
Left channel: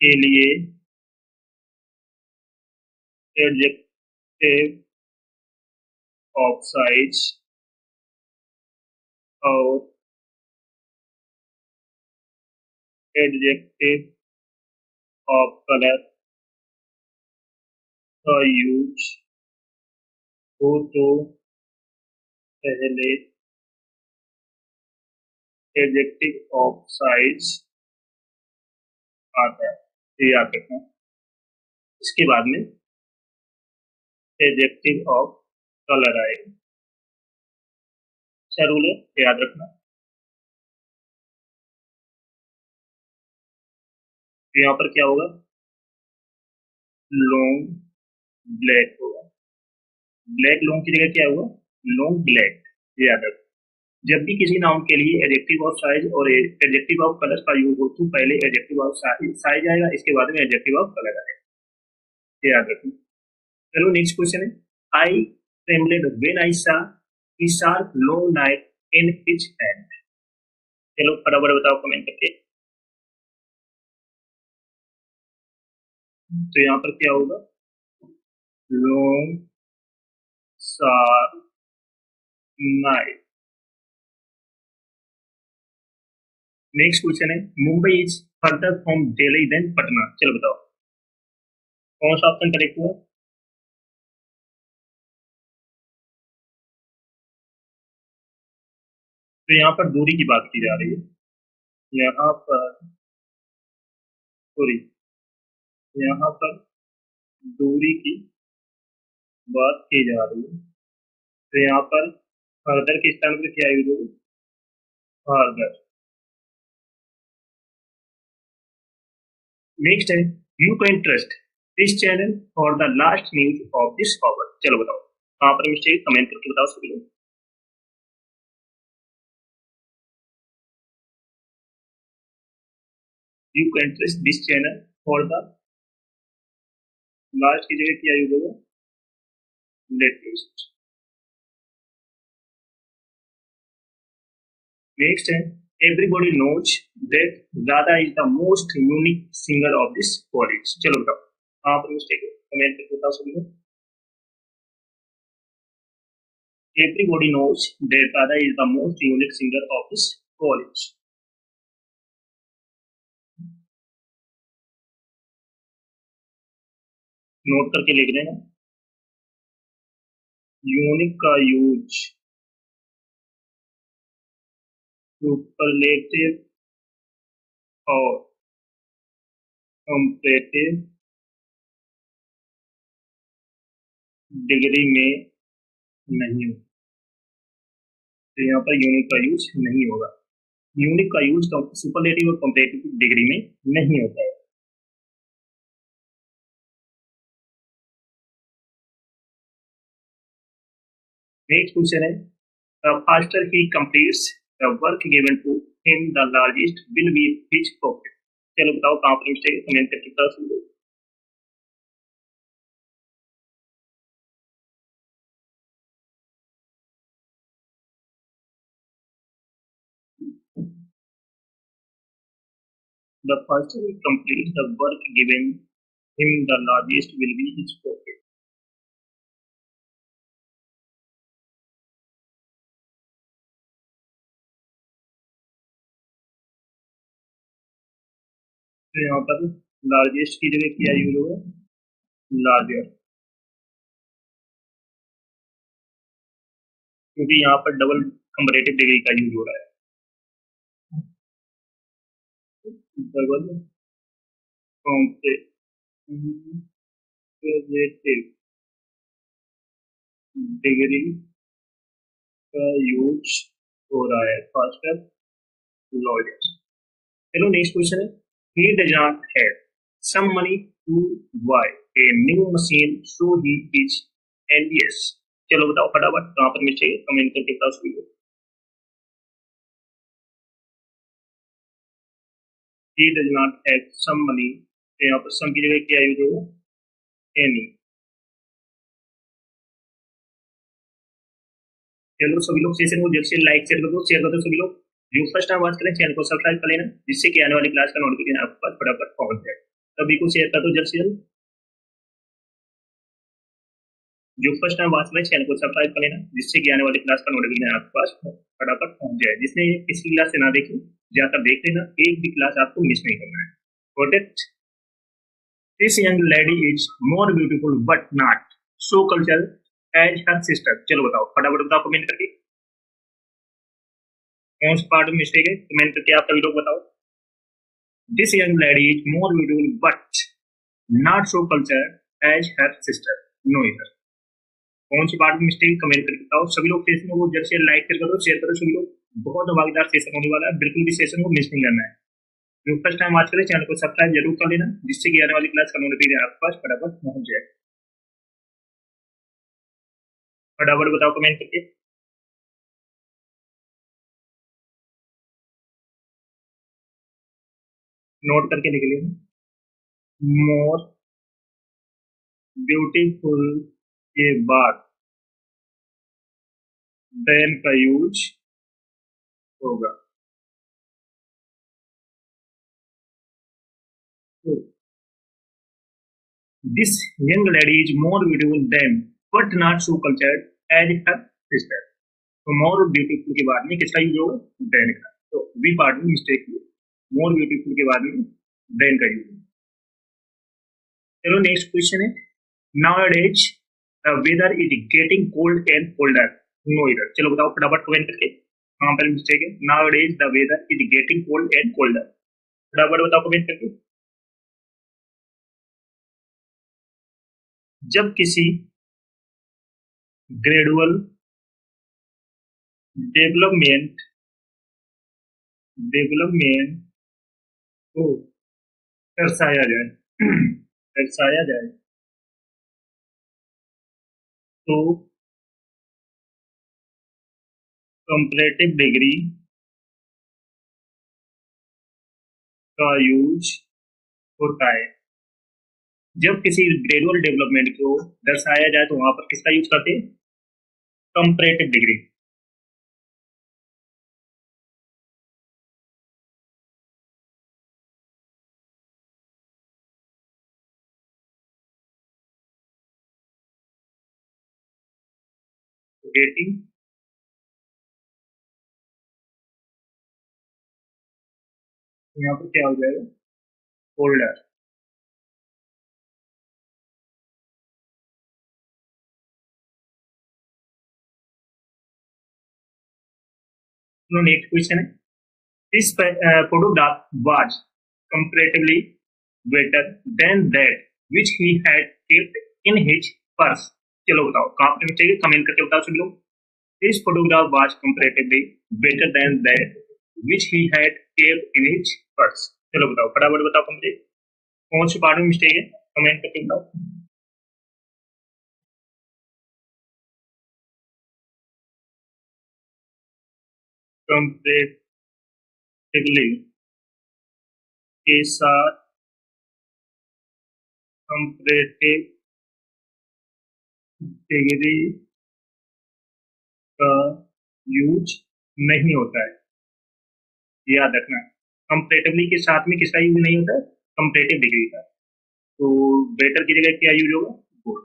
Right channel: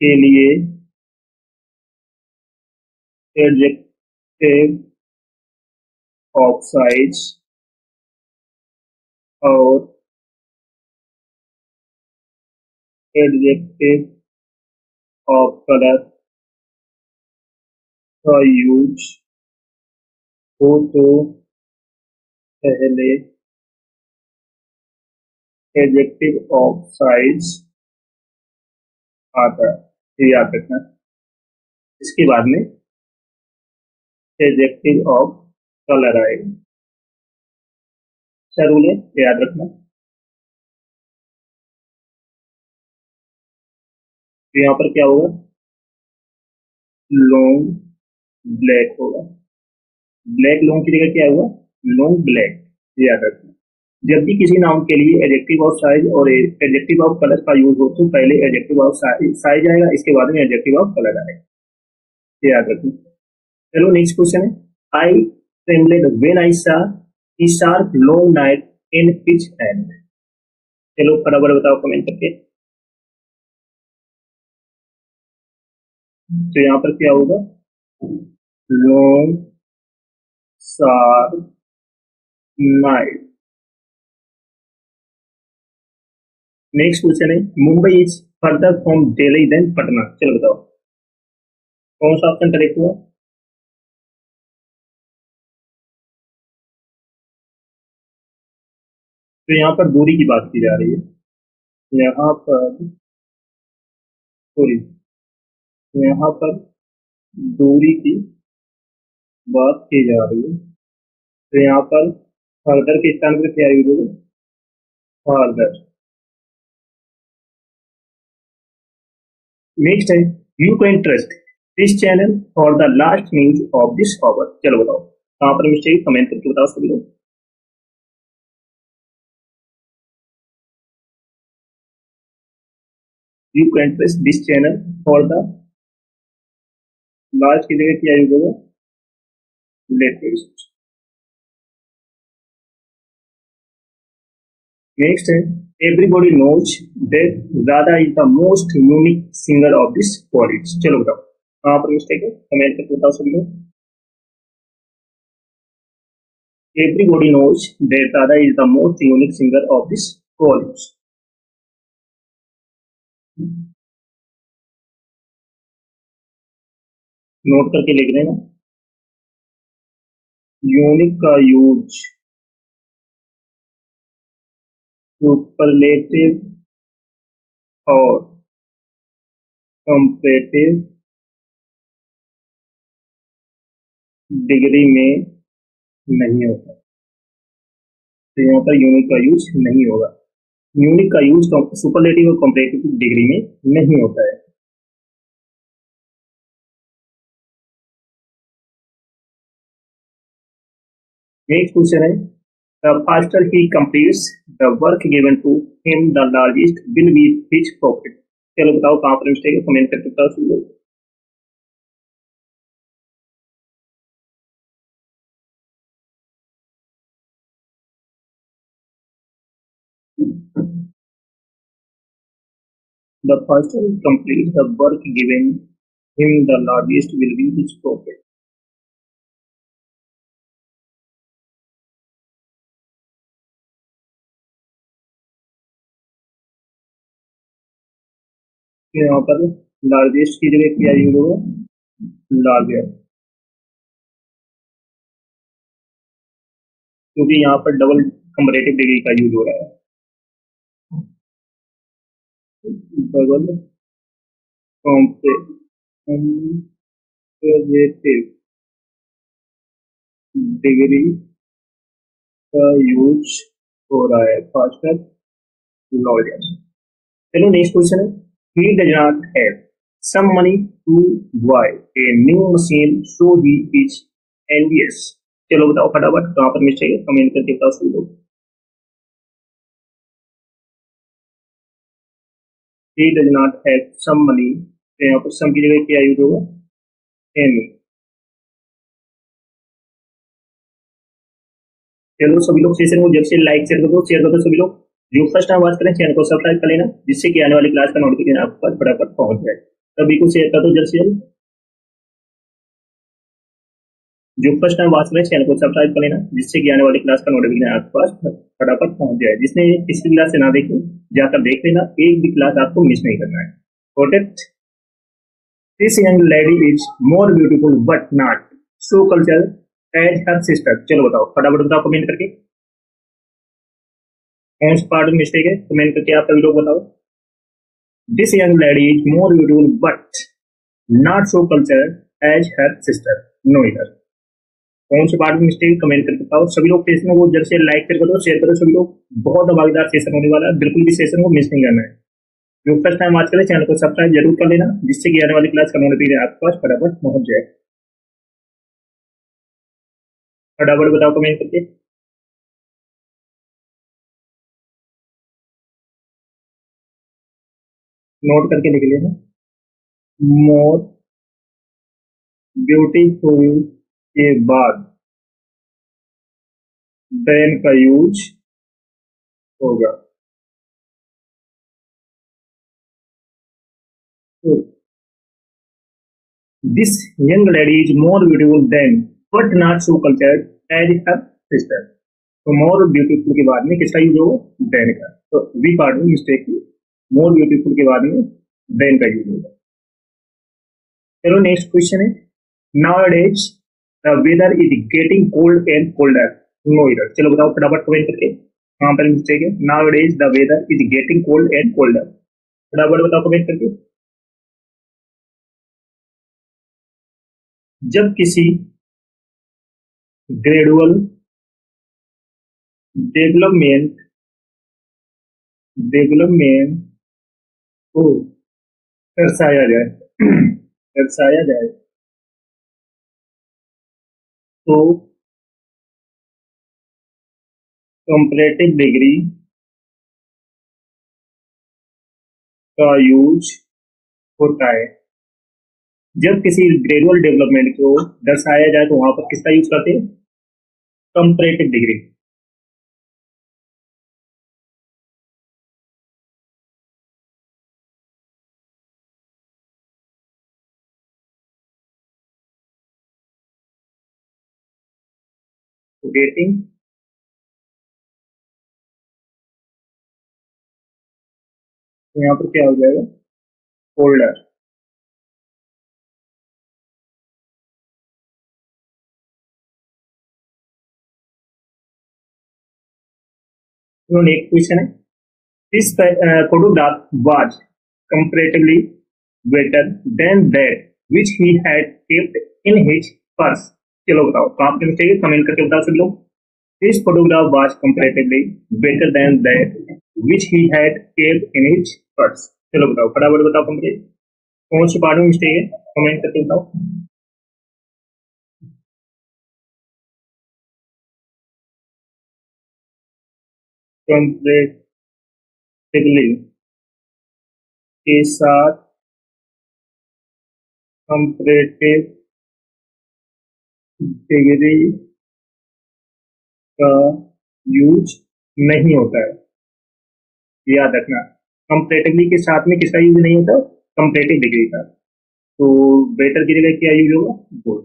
के लिए एडजेक्टिव ऑफ साइज और एडजेक्टिव ऑफ कलर का यूज हो तो पहले एडजेक्टिव ऑफ साइज आता है, ये याद रखना। इसके बाद में एडजेक्टिव ऑफ कलर आएगा। क्या रूल है ये याद रखना। तो यहाँ पर क्या होगा? लॉन्ग ब्लैक होगा। ब्लैक लॉन्ग की जगह क्या होगा? लॉन्ग ब्लैक, ये याद रखना। जब भी किसी नाउन के लिए एडजेक्टिव ऑफ साइज और एडजेक्टिव ऑफ कलर का यूज हो तो पहले एडजेक्टिव ऑफ साइज आएगा, इसके बाद में एडजेक्टिव ऑफ कलर आएगा, ये याद रखना। चलो नेक्स्ट क्वेश्चन है, आई ट्रेम्बलेड when I saw he sharp long knife in his hand. चलो फटाफट बताओ कमेंट करके। तो यहाँ पर क्या होगा? Long sharp knife. Next question है, Mumbai is further from Delhi than Patna. चलो बताओ कौन सा ऑप्शन करेक्ट हुआ? तो यहाँ पर दूरी की बात की जा रही है। यहाँ पर दूरी, यहाँ पर दूरी की बात की जा रही है, तो यहाँ पर फर्दर के स्थान पर क्या यूज होगा? फर्दर। नेक्स्ट है, you can trust this channel for the last news of this hour. चलो बताओ कहाँ पर मिस्टेक कमेंट करके बताओ सभी लोग। You can trust this channel for the last की जगह क्या यूज होगा, लेटेस्ट। नेक्स्ट है everybody knows that Radha is the most unique singer of this college. चलो बताओ कहाँ पर मिस्टेक है, कमेंट करके बताओ सभी लोग। Everybody knows that Radha is the most unique singer of this college. Note करके लिख रहे हैं ना। यूनिक का यूज सुपरलेटिव और कंपैरेटिव डिग्री में नहीं होता, तो यहाँ पर यूनिक का यूज नहीं होगा। यूनिक का यूज सुपरलेटिव और कंपैरेटिव डिग्री में नहीं होता है। नेक्स्ट क्वेश्चन है the faster he completes the work given to him the largest will be his profit. चलो बताओ कहाँ पर मिस्टेक है, कमेंट करके बताओ सब लोग। The faster he completes the work given him, the largest will be his profit. तो यहाँ पर लार्जेस्ट की जगह क्या यूज होगा, लार्जर, क्योंकि यहाँ पर डबल कंपैरेटिव डिग्री का यूज हो रहा है। डबल कंपैरेटिव डिग्री का यूज हो रहा है फास्टर लॉयर। चलो नेक्स्ट क्वेश्चन है he does not have some money to buy a new machine so he is envious। चलो बताओ फटाफट कहाँ पर मिस्टेक है, कमेंट करके बताओ सभी लोग। he does not have some money, तो यहाँ पर सम की जगह क्या यूज होगा, एनी। चलो सभी लोग सेशन को जल्द से लाइक शेयर कर दो सभी लोग। जो फर्स्ट टाइम वॉच करें चैनल को सब्सक्राइब कर लेना, जिससे कि आने वाली क्लास का नोटिफिकेशन आपके पास फटाफट पहुंच जाए। सभी को शेयर कर दो जल्द से जल्द। जो फर्स्ट टाइम वॉच करें चैनल को सब्सक्राइब कर लेना, जिससे कि आने वाली क्लास का नोटिफिकेशन आपके पास फटाफट पहुंच जाए। जिसने पिछली क्लास से ना देखी जाकर देख लेना, एक भी क्लास आपको मिस नहीं करना है। Got it? This young lady is more beautiful but not so cultured as her sister। चलो बताओ फटाफट बताओ कमेंट करके कौन सा पार्ट में मिस्टेक है, कमेंट करके आप सभी लोग बताओ। This young lady is more beautiful but not so cultured as her sister। No error कौन से पार्ट में मिस्टेक, कमेंट करके बताओ सभी लोग। सेशन को जल्द से लाइक कर दो, शेयर करो सभी लोग। बहुत धमाकेदार सेशन होने वाला है, बिल्कुल भी सेशन को मिस नहीं करना है। जो फर्स्ट टाइम वॉच करें चैनल को सब्सक्राइब जरूर कर लेना, जिससे कि आने वाली क्लास का नोटिफिकेशन आपके पास फटाफट पहुंच जाए। फटाफट बताओ कमेंट करके। नोट करके लिख लेना, मोर ब्यूटीफुल के बाद देन का यूज होगा। This young lady is more beautiful than but not so cultured as her sister. तो मोर ब्यूटीफुल के बाद में किसका यूज होगा, देन का। तो बी पार्ट में मिस्टेक की, मोर ब्यूटीफुल के बाद में देन का यूज होगा। चलो नेक्स्ट क्वेश्चन है nowadays the weather is getting cold and colder। No error चलो बताओ फटाफट कमेंट करके कहाँ पर मिस्टेक है। nowadays the weather is getting cold and colder, फटाफट बताओ कमेंट करके। जब किसी ग्रेजुअल डेवलपमेंट डेवलपमेंट को दर्शाया जाए दर्शाया जाए तो कंपैरेटिव डिग्री का यूज होता है। जब किसी ग्रेजुअल डेवलपमेंट को दर्शाया जाए तो वहां पर किसका यूज करते हैं? Comparative degree. गेटिंग, तो यहाँ पर क्या हो जाएगा? होल्डर। चलो नेक्स्ट क्वेश्चन है, this photograph was comparatively better than that which he had kept in his purse। चलो बताओ कहाँ पे मिस्टेक है, कमेंट करके बताओ सभी लोग। This photograph was comparatively better than that which he had kept in his purse। चलो बताओ फटाफट बताओ, कंप्लीट कौन से पार्ट में मिस्टेक है, कमेंट करके बताओ। कंपैरेटिवली के साथ कंपैरेटिव डिग्री का यूज नहीं होता है, याद रखना। कंपैरेटिवली के साथ में किसका यूज नहीं होता? कंपैरेटिव डिग्री का। तो बेटर की जगह क्या यूज होगा? गुड।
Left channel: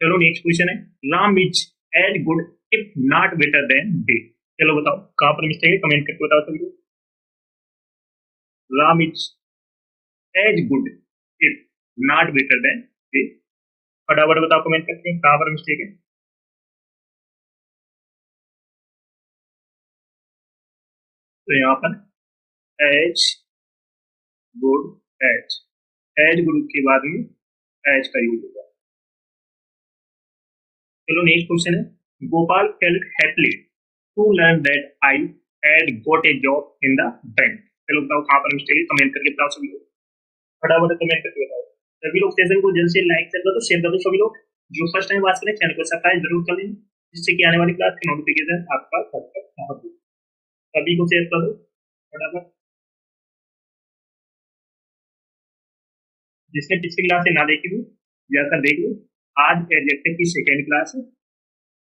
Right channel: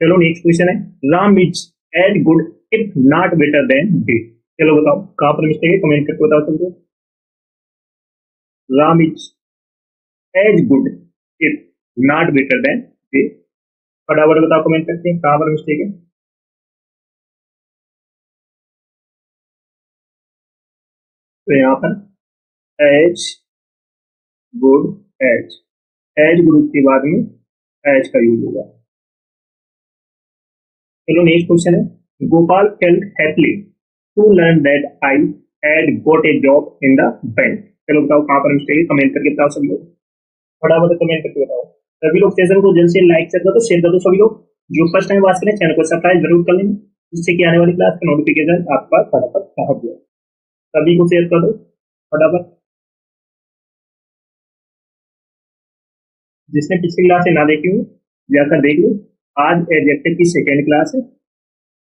चलो नेक्स्ट क्वेश्चन है, Ram is as good if not better than day. चलो बताओ कहां पर मिस्टेक है, कमेंट करके बताओ सभी को। Ram is as good if not better than day. फटाफट बताओ कमेंट करके कहां पर मिस्टेक है। तो यहाँ पर as good, as as good के बाद में एज का यूज होगा। चलो नेक्स्ट क्वेश्चन है, Gopal felt happily to learn that I had got a job in the bank. चलो बताओ कहां पर मिस्टेक है, कमेंट करके बताओ सभी लोग। फटाफट कमेंट करके बताओ। सभी लोग सेशन को जल्द से लाइक कर दो, शेयर कर दो सभी लोग। जो फर्स्ट टाइम वाच करें चैनल को सब्सक्राइब जरूर कर लेना, जिससे कि आने वाली क्लास का नोटिफिकेशन आपके पास फटाफट पहुंच जाए। सभी को शेयर कर दो फटाफट। जिसने पिछली क्लास से ना देखी हो जाकर देख लो। आज एडजेक्टिव की सेकेंड क्लास है।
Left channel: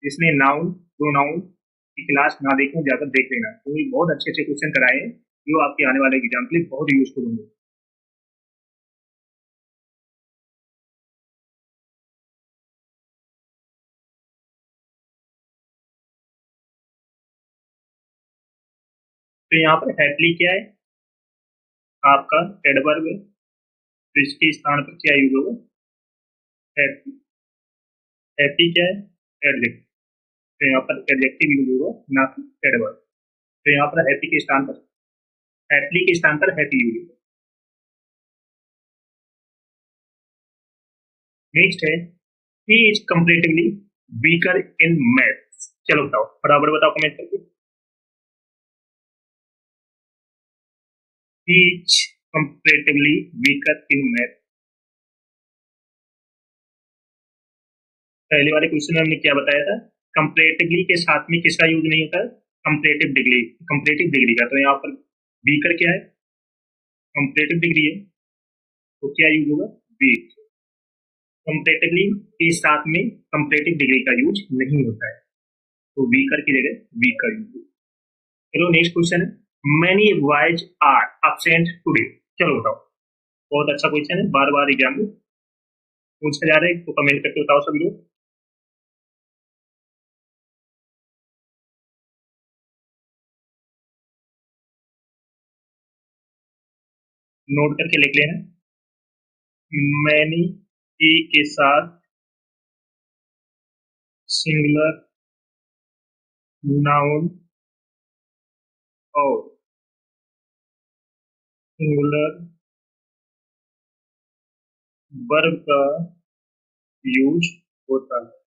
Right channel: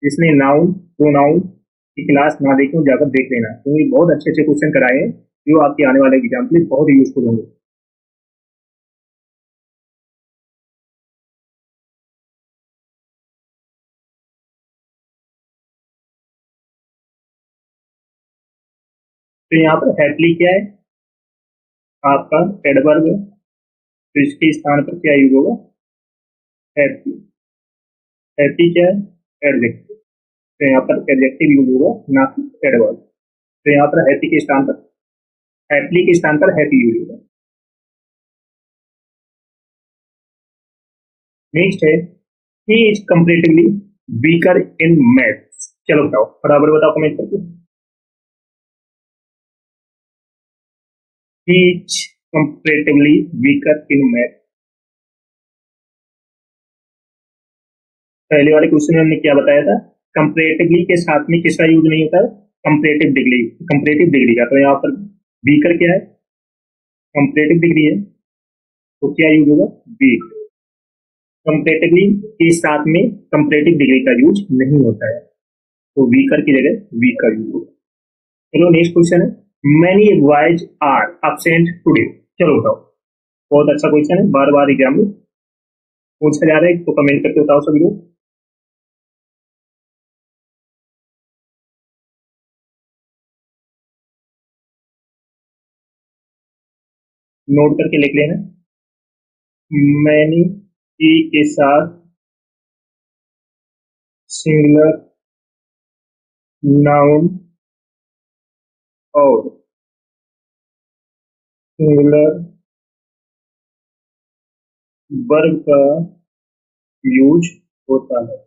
जिसने नाउन प्रोनाउन की क्लास ना देखी हो जाकर देख लेना, क्योंकि बहुत अच्छे अच्छे क्वेश्चन कराए हैं जो आपके आने वाले एग्जाम के लिए बहुत यूजफुल होंगे। तो यहाँ पर हैप्पीली क्या है? आपका एडवर्ब है, तो इसके स्थान पर क्या यूज होगा? हैप्पी। हैप्पी क्या है? एडजेक्टिव। तो यहाँ पर एडजेक्टिव यूज होगा, ना कि एडवर्ब। तो यहाँ पर हैप्पी के स्थान पर, हैप्पीली के स्थान पर हैप्पी यूज होगा। नेक्स्ट है, he is comparatively weaker in maths. चलो बताओ फटाफट बताओ कमेंट करके। He is comparatively weaker in math. पहले वाले क्वेश्चन में हमने क्या बताया था? कंपेरेटिवली के साथ में किसका यूज नहीं होता है? कंपेरेटिव डिग्री, कंपेरेटिव डिग्री का। तो यहाँ पर वीकर क्या है? कंपेरेटिव डिग्री है, तो क्या यूज होगा? वीक। कंपेरेटिवली के साथ में कंपेरेटिव डिग्री का यूज नहीं होता है, तो वीकर की जगह वीक का यूज होगा। चलो नेक्स्ट क्वेश्चन है, many boys are absent today. चलो बताओ, बहुत अच्छा क्वेश्चन है, बार बार एग्जाम में पूछा जा रहा है, तो कमेंट करके बताओ सभी लोग। नोट करके लिख लेना। मैनी ई के साथ सिंगुलर नाउन और सिंगुलर वर्ब का यूज होता है।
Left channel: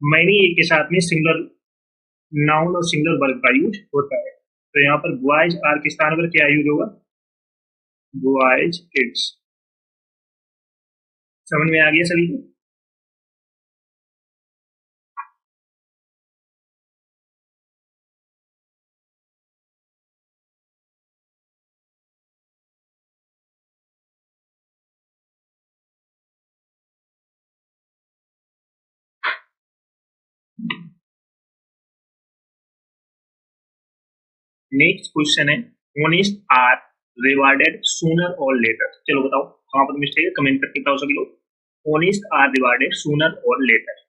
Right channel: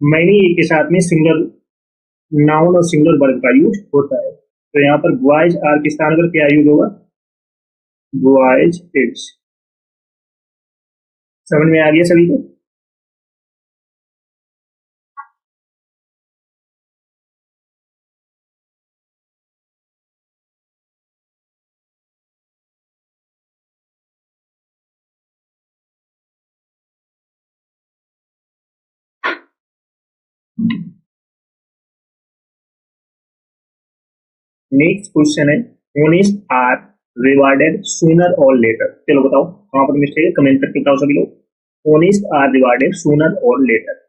मैनी के साथ में सिंगुलर नाउन और सिंगुलर वर्ब का यूज होता है। तो यहाँ पर बॉयज आर के स्थान पर क्या यूज होगा? Boys kids. समझ में आ गया सभी को? नेक्स्ट क्वेश्चन है, ऑनेस्ट आर रिवार्डेड सूनर और लेटर। चलो बताओ कहाँ पर मिस्टेक है, कमेंट करके बताओ सभी लोग। ऑनेस्ट आर रिवार्डेड सूनर और लेटर।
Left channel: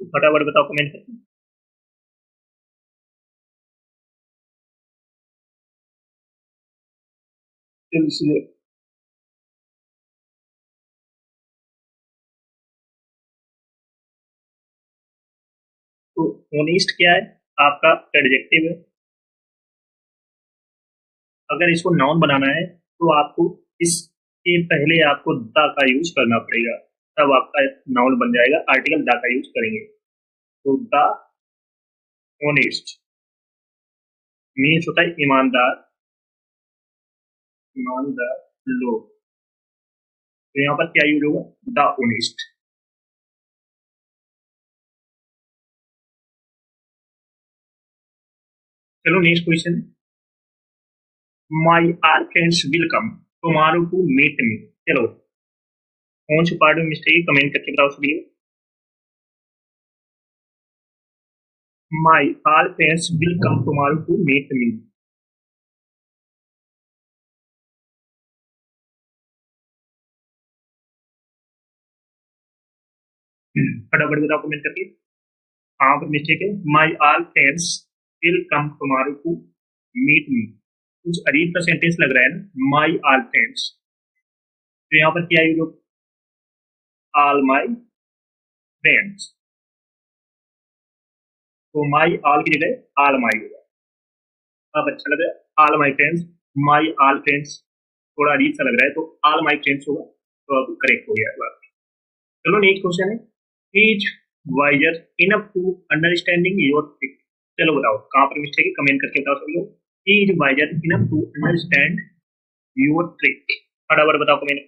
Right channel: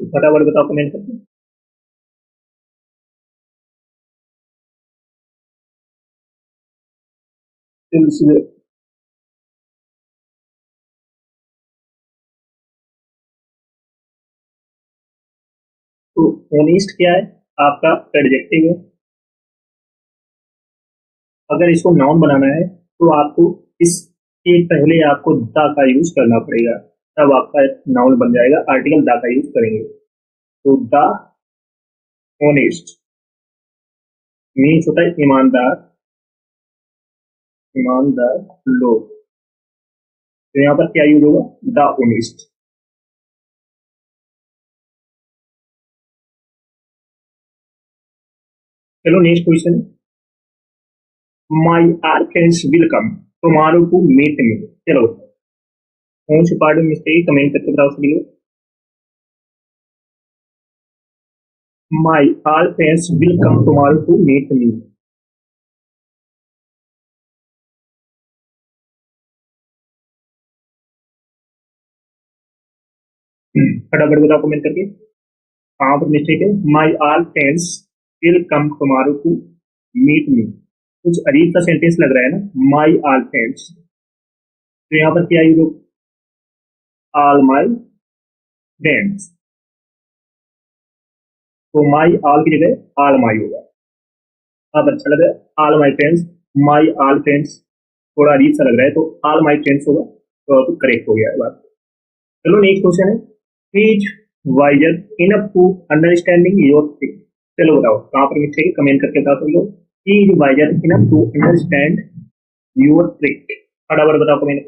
फटाफट बताओ कमेंट करके। इसलिए तो ऑनेस्ट क्या है, आपका एडजेक्टिव है। अगर इसको नाउन बनाना है तो आपको इसके पहले आपको द का यूज करना पड़ेगा, तब आपका नाउन बन जाएगा। आर्टिकल द का यूज करेंगे तो द ऑनेस्ट मीन्स होता है ईमानदार, ईमानदार लोग। तो यहाँ पर क्या यूज होगा, द ऑनेस्ट। चलो नेक्स्ट क्वेश्चन है, my are friends will come tomorrow to meet me. चलो कौन सी पार्ट में मिस्टेक है, कमेंट करके बताओ सभी लोग। My all friends will come tomorrow to meet me. फटाफट बताओ कमेंट करके कहाँ पर मिस्टेक है। My all friends will come tomorrow to meet me, कुछ अजीब सा सेंटेंस लग रहा है ना, माई आल फ्रेंड्स। तो यहाँ पर क्या यूज, आल माई फ्रेंड्स। तो माई आल की जगह आल माई होगा। अब अच्छा लग रहा है आल my friends, my all friends थोड़ा अजीब सा लग रहा है, तो आल माई फ्रेंड्स होगा, तो अब करेक्ट हो गया है बात। चलो नेक्स्ट क्वेश्चन है, is wiser enough to understanding your thing. चलो बताओ कहाँ पर मिस्टेक है, कमेंट करके बताओ सब लोग। Is wiser enough to understand your trick. फटाफट बताओ कमेंट।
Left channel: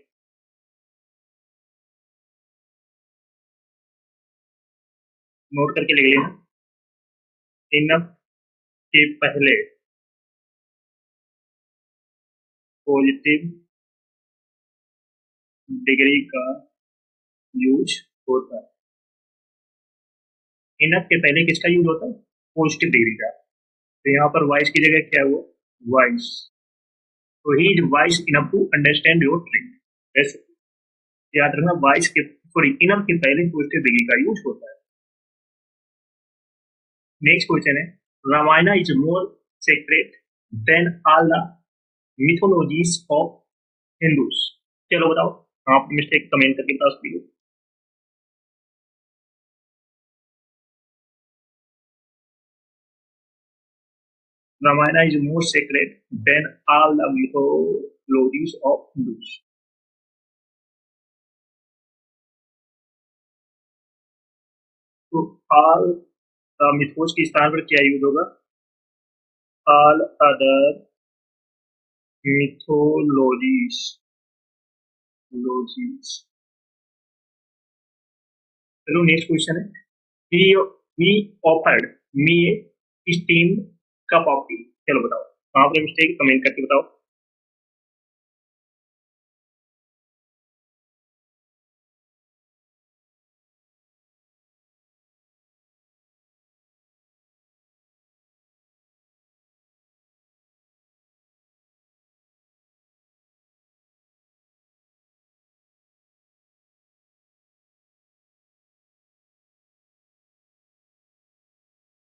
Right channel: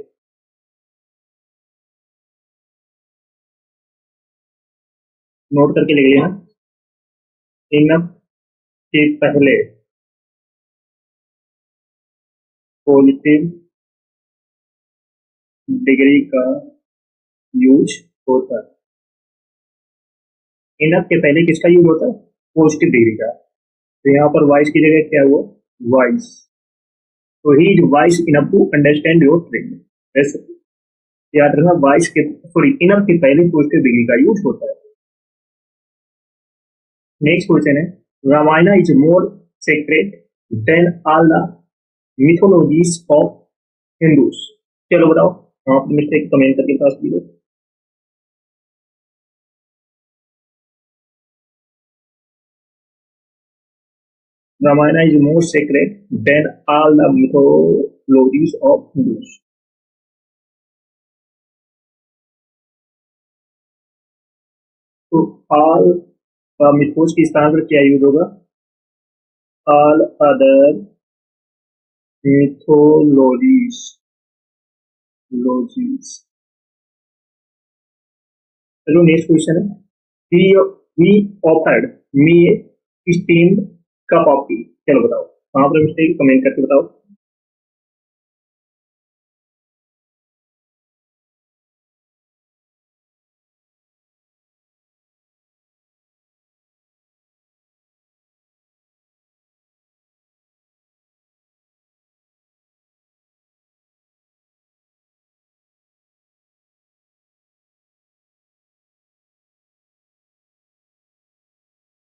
नोट करके लिख लेना, इनफ के पहले पॉजिटिव डिग्री का यूज होता है। इनफ के पहले किसका यूज होता है, पॉजिटिव डिग्री का। तो यहाँ पर वाइस की जगह क्या हुआ, वाइस। तो he is wise enough to understand your trick. ऐसे याद रखना, वाइस के सॉरी इनफ के पहले पॉजिटिव डिग्री का यूज होता है। नेक्स्ट क्वेश्चन है, Ramayana is more sacred than all the mythologies of Hindus. चलो बताओ आप मिस्टेक कमेंट करके बता सकते हो। Ramayana is more sacred than all the mythologies of Hindus. तो ऑल द मिथोज के स्थान पर क्या यूज होगा, ऑल अदर मिथोलॉजीज लॉजीज। चलो नेक्स्ट क्वेश्चन है, he he offered me a steamed cup of tea। चलो बताओ कहाँ पर मिस्टेक, कमेंट करके बताओ।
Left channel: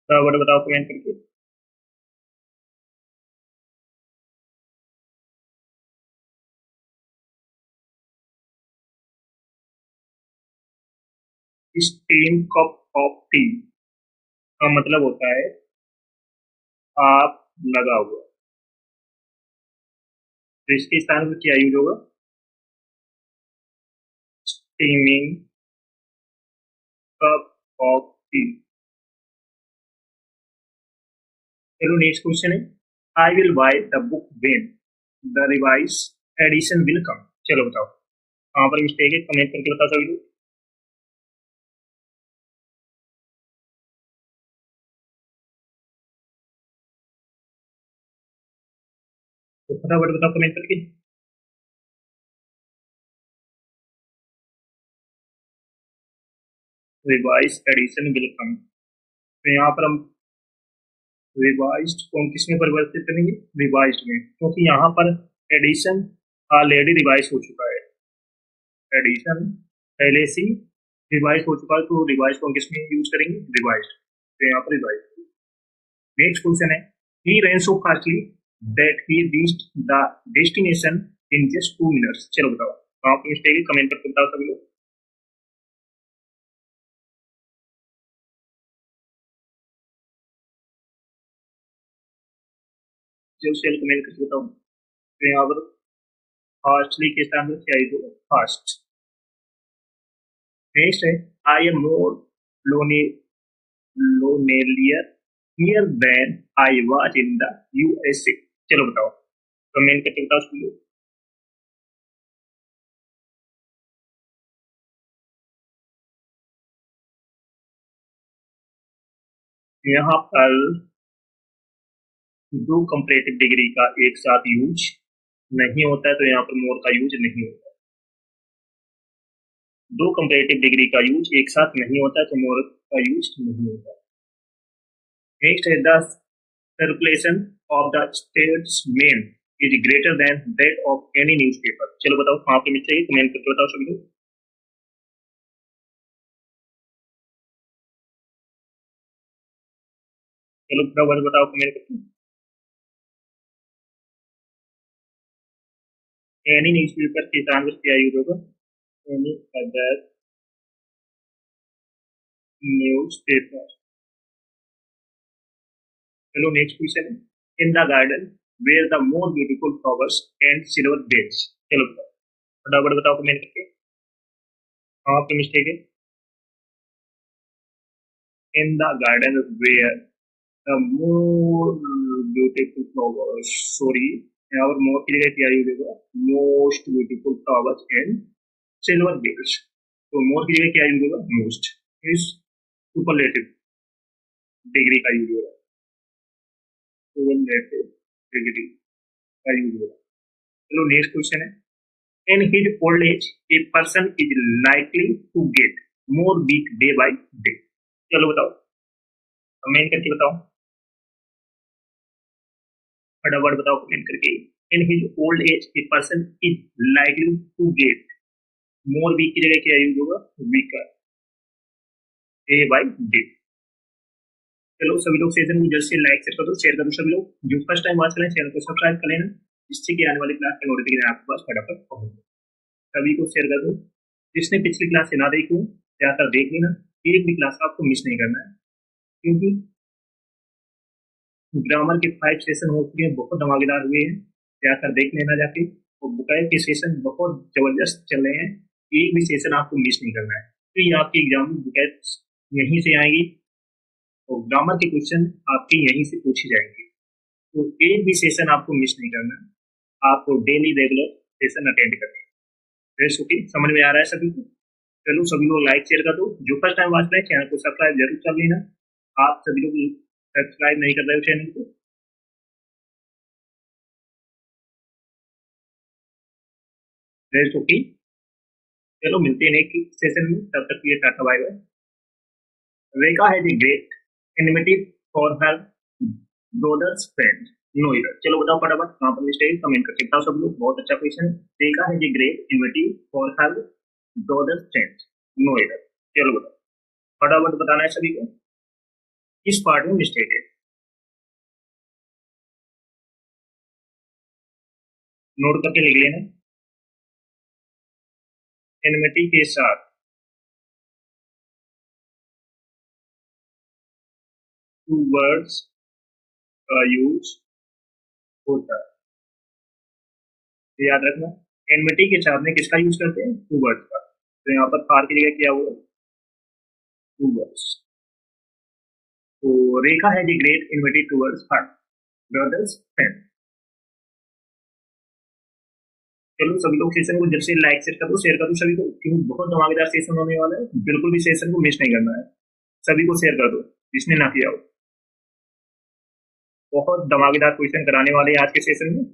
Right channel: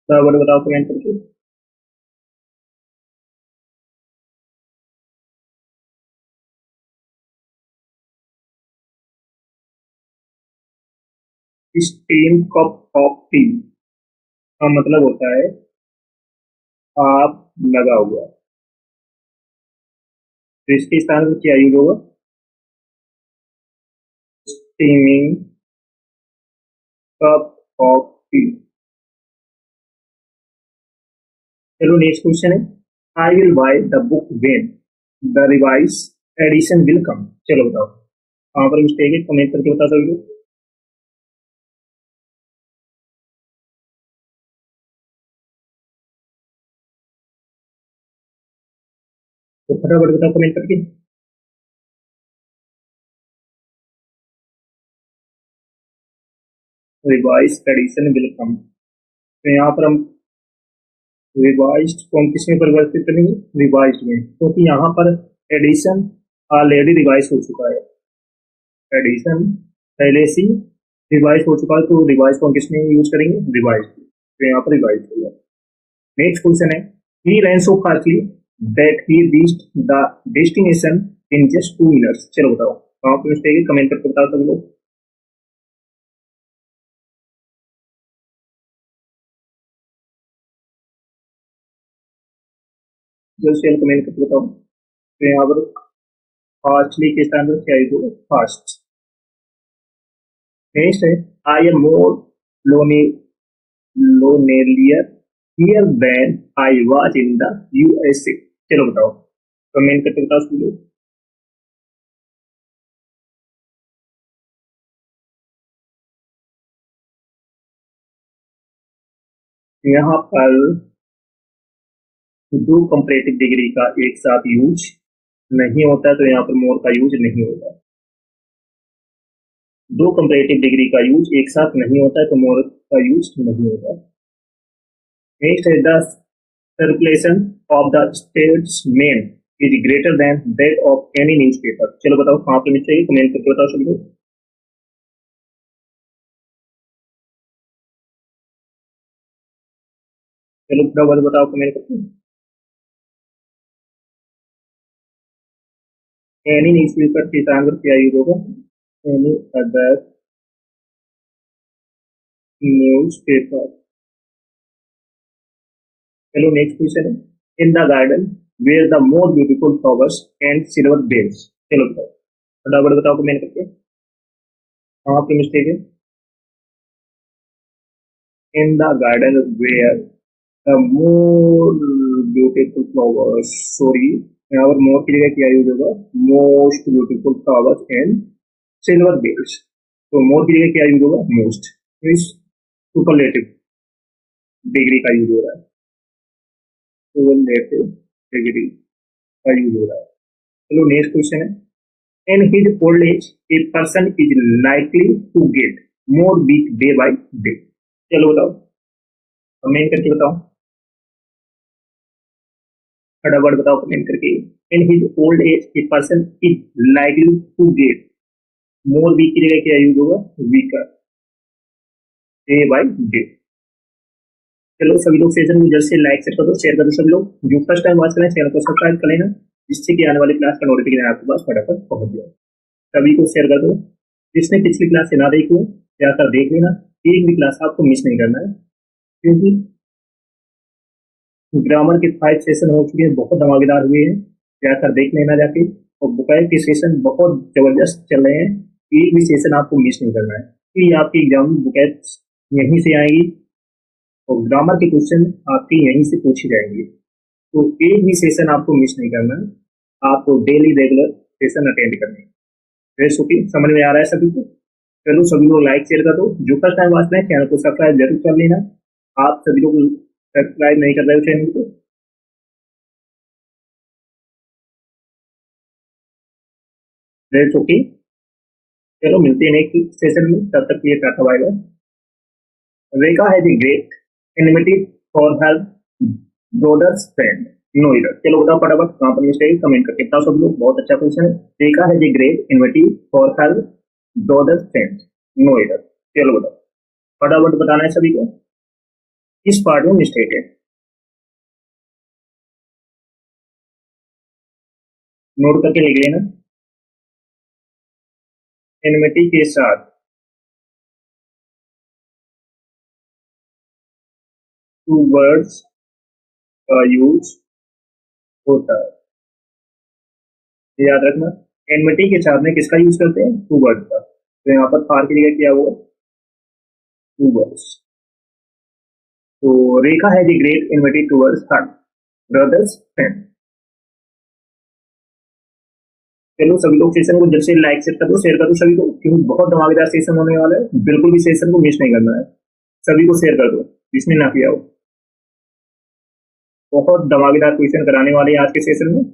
बराबर बताओ कमेंट करके। स्टीम कप ऑफ टी का मतलब होता है आप लगा हुआ। तो इसके स्थान पर क्या यूज होगा, स्टीमिंग कप ऑफ टी। चलो नेक्स्ट क्वेश्चन है, I will buy the book when the revise edition will come. चलो बताओ कहाँ पर मिस्टेक है, कमेंट करके बता सकते हो। तो फटाफट बताओ कमेंट करके। रिवाइज एडिशन विल कम, तो यहाँ पर हम रिवाइज्ड को हम किस में परिवर्तित करेंगे, रिवाइज्ड में, क्योंकि यहाँ पर एडिशन ऑलरेडी रिवाइज हो चुका है, एडिशन पहले से रिवाइज हो चुका है, तो रिवाइज को हम किस में यूज करेंगे, रिवाइज्ड, तो यहाँ पर रिवाइज होगा। नेक्स्ट क्वेश्चन है, ही ran so fastly that he reached the destination in just 2 minutes। चलो बताओ कहाँ पर मिस्टेक है, कमेंट करके बताओ सभी लोग। जल्द से जल्द कमेंट करके बताओ। तो यहाँ पर फास्टली के स्थान पर क्या है, फास्ट। नेक्स्ट है, I am more lone lonelier here than I was in the USA. चलो बताओ कमेंट करके बताओ सभी लोग। यहाँ पर दो कंपैरेटिव डिग्री का एक साथ यूज नहीं होता है, तो यहाँ पर मोर का यूज नहीं होगा। दो कंपैरेटिव डिग्री का यूज एक साथ नहीं होता है, तो मोर का यूज नहीं होगा। नेक्स्ट है, the circulation of the statesman is greater than that of any newspaper. चलो बताओ कहाँ पे मिल चाहिए, कमेंट करके बताओ सभी लोग। चलो फटाफट बताओ कमेंट करके। एनी न्यूज़पेपर के स्थान पर क्या यूज होगा, एनी अदर न्यूज़पेपर। चलो नेक्स्ट क्वेश्चन है, in the garden were the more beautiful flowers and silver bells. चलो बताओ फटाफट बताओ कमेंट करके कहाँ पे मिस्टेक है। In the garden were the more beautiful flowers, sorry यहाँ पर मोर की जगह क्या यूज होगा, most beautiful flowers and silver bells. तो मोर की जगह क्या यूज होगा, मोस्ट, इस सुपरलेटिव डिग्री का यूज हो रहा है, सुपरलेटिव डिग्री का यूज हो रहा है। चलो नेक्स्ट क्वेश्चन है, in his old age a person is likely to get more weak day by day. चलो बताओ कमेंट करके बताओ, फटाफट बताओ कमेंट करके। In his old age a person is likely to get, more weak की जगह क्या यूज होगा, वीकर, डे बाय डे। चलो सभी लोग सेशन को जल्द से लाइक शेयर कर दो सभी लोग। जो फर्स्ट टाइम वॉच करें चैनल को सब्सक्राइब कर लेना, जिससे कि आने वाली क्लास का नोटिफिकेशन आपके पास फटाफट पहुंच जाए। सभी को शेयर कर दो, जिसने पिछली क्लास से ना देखी हो जाकर देख लेना, एक भी क्लास आपको मिस नहीं करना है, क्योंकि ग्रामर के 5 सेशन हो चुके हैं, बहुत धमाकेदार हुए हैं, जाकर देख लेना जाके। और बुकायत के सेशन बहुत जबरदस्त चल रहे हैं, एक भी सेशन आपको मिस नहीं करना है, क्योंकि आपके एग्जाम में बुकायत यहीं से आएगी और ग्रामर के क्वेश्चन आपके यहीं से पूछे जाएंगे, तो एक भी सेशन आपको मिस नहीं करना है, आपको डेली रेगुलर सेशन अटेंड करने हैं। ओके, समझ में आ रहा है सभी को। चलो सभी लोग लाइक शेयर कर दो, जो फर्स्ट टाइम वॉच रहे हैं चैनल को सब्सक्राइब जरूर कर लेना। आप सभी लोग सब्सक्राइब नहीं कर रहे हो चैनल को, ओके। चलो मिलते हैं नेक्स्ट सेशन में, तब तक के लिए टाटा बाय बाय। रेखा है the great enmity for her brothers friend, no error. चलो बताओ फटाफट कहाँ पर मिस्टेक, कमेंट करके बताओ सब लोग। बहुत अच्छा क्वेश्चन है, रेखा है the great enmity for her brothers friend, no error. चलो बताओ फटाफट बताना है सभी को, किस पार्ट में मिस्टेक है, नोट करके लिख लेना। एनिमिटी के साथ टू वर्ड्स का यूज होता है, याद रखना। एनमिटी के साथ में किसका यूज करते हैं, टू वर्ड्स का, तो यहाँ पर फार की जगह क्या हुआ, टू वर्ड्स। तो रेखा है the great enmity towards her brothers friend. चलो सभी लोग सेशन को जब से लाइक शेयर कर दो सभी को, क्योंकि बहुत धमाकेदार सेशन होने वाला है, बिल्कुल भी सेशन को मिस नहीं करना है। सभी को शेयर कर दो जिसने ना किया हो, बहुत धमाकेदार क्वेश्चन कराने वाले हैं आज के सेशन में।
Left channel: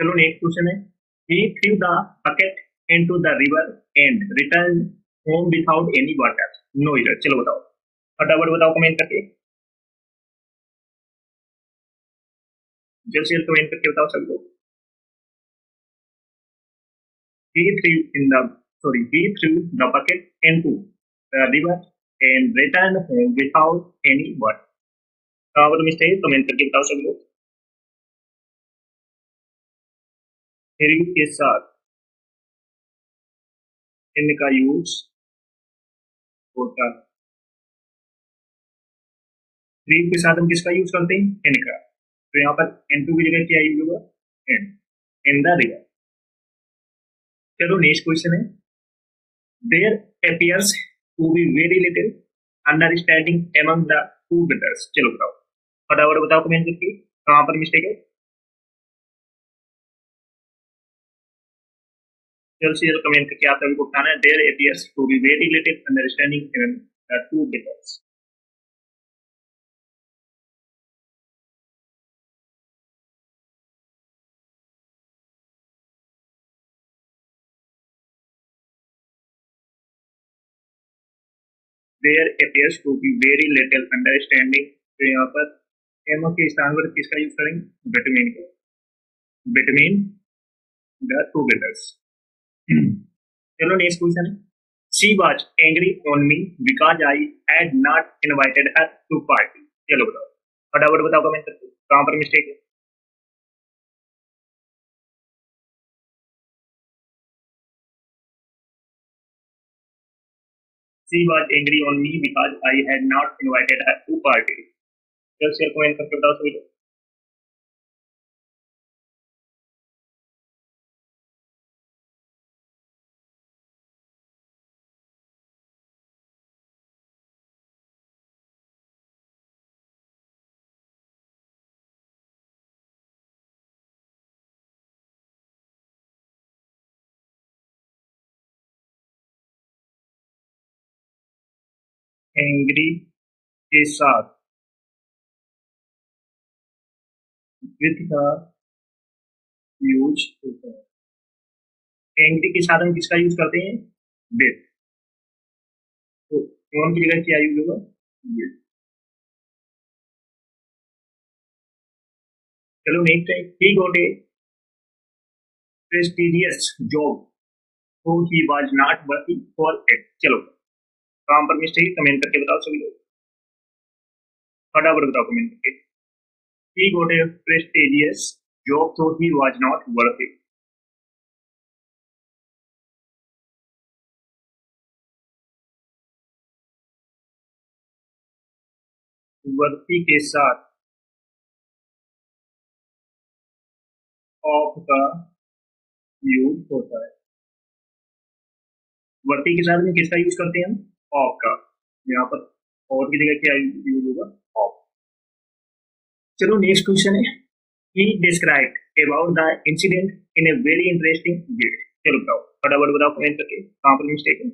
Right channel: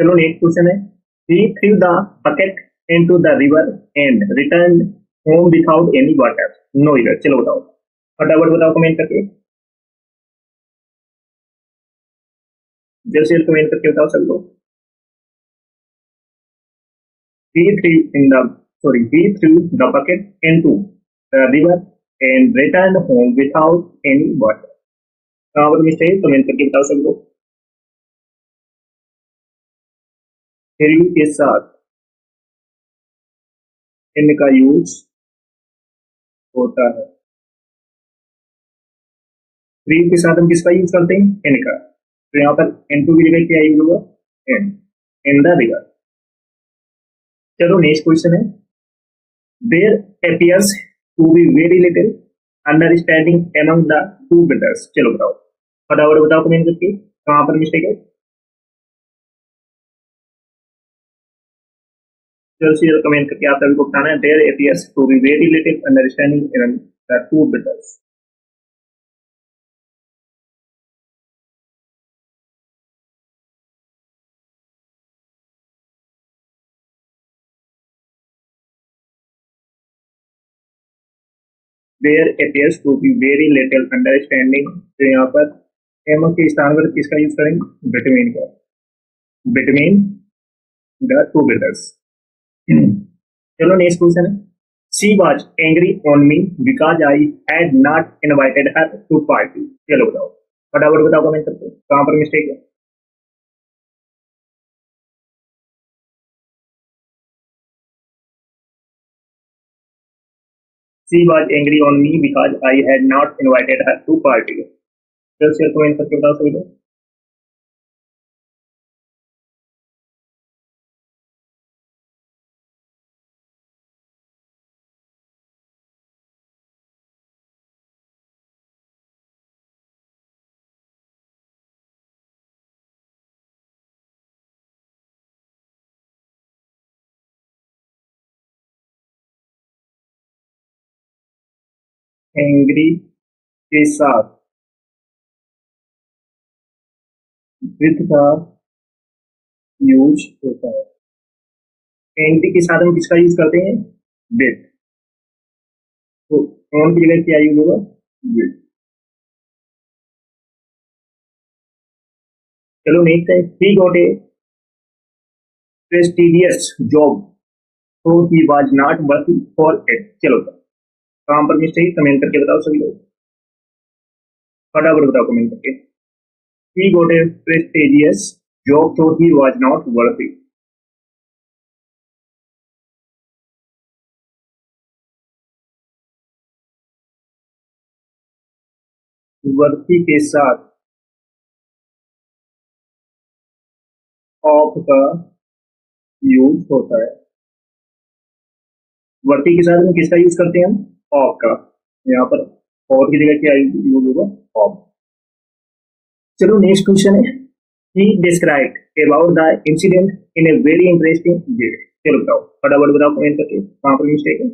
चलो नेक्स्ट क्वेश्चन है, he threw the bucket into the river and returned home without any water, no error। चलो बताओ, फटाफट बताओ कमेंट करके, जल्द से जल्द कमेंट करके बताओ सब लोग। he threw in the he threw the bucket into the river and returned home without any water। कहाँ पर मिस्टेक, कमेंट करके बताओ सब लोग। थ्रू के साथ इनका यूज होता है, थ्रू के साथ हम किसका यूज करते हैं, इनका। तो यहाँ पर N2 की जगह क्या यूज होगा, एन, इन द रिवर। चलो नेक्स्ट क्वेश्चन है, there appears to be very little understanding among the two brothers। चलो बताओ, फटाफट बताओ कमेंट करके, कहाँ पर मिस्टेक है। जल्द से जल्द कमेंट करके आप सभी को बताना है, there appears to be very little understanding among the two brothers। There appears to be very little understanding, तो यहाँ पर एम के स्थान पर किसका यूज करेंगे, बिटवीन का, बिटवीन द टू ब्रदर्स। चलो नेक्स्ट क्वेश्चन है, she was angry on me because I had not invited her to party. चलो बताओ, फटाफट बताओ कमेंट करके, कहाँ पर मिस्टेक है। She was angry on me because I had not invited her to party. जल्द से जल्द कमेंट करके बताओ सभी लोग। एंग्री के साथ विथ का यूज होता है, एंग्री के साथ हम किसका यूज करते हैं, विथ। तो ऑन की जगह क्या यूज होगा, विथ। चलो नेक्स्ट है, he got a prestigious job though he was not working for it. चलो काम पर मिस्टेक, कमेंट करके बताओ सभी लोग, फटाफट बताओ कमेंट करके। ही got a prestigious job though he was not working. वर्ती के साथ ऑफ का यूज होता है, वर्ती के साथ में किसका यूज करते हैं हम, ऑफ का। यहाँ पर और की जगह क्या यूज होगा, ऑफ। चलो नेक्स्ट क्वेश्चन है, he described about the incident in a very interesting way। चलो बताओ, फटाफट बताओ कमेंट करके, कहाँ पर मिस्टेक है।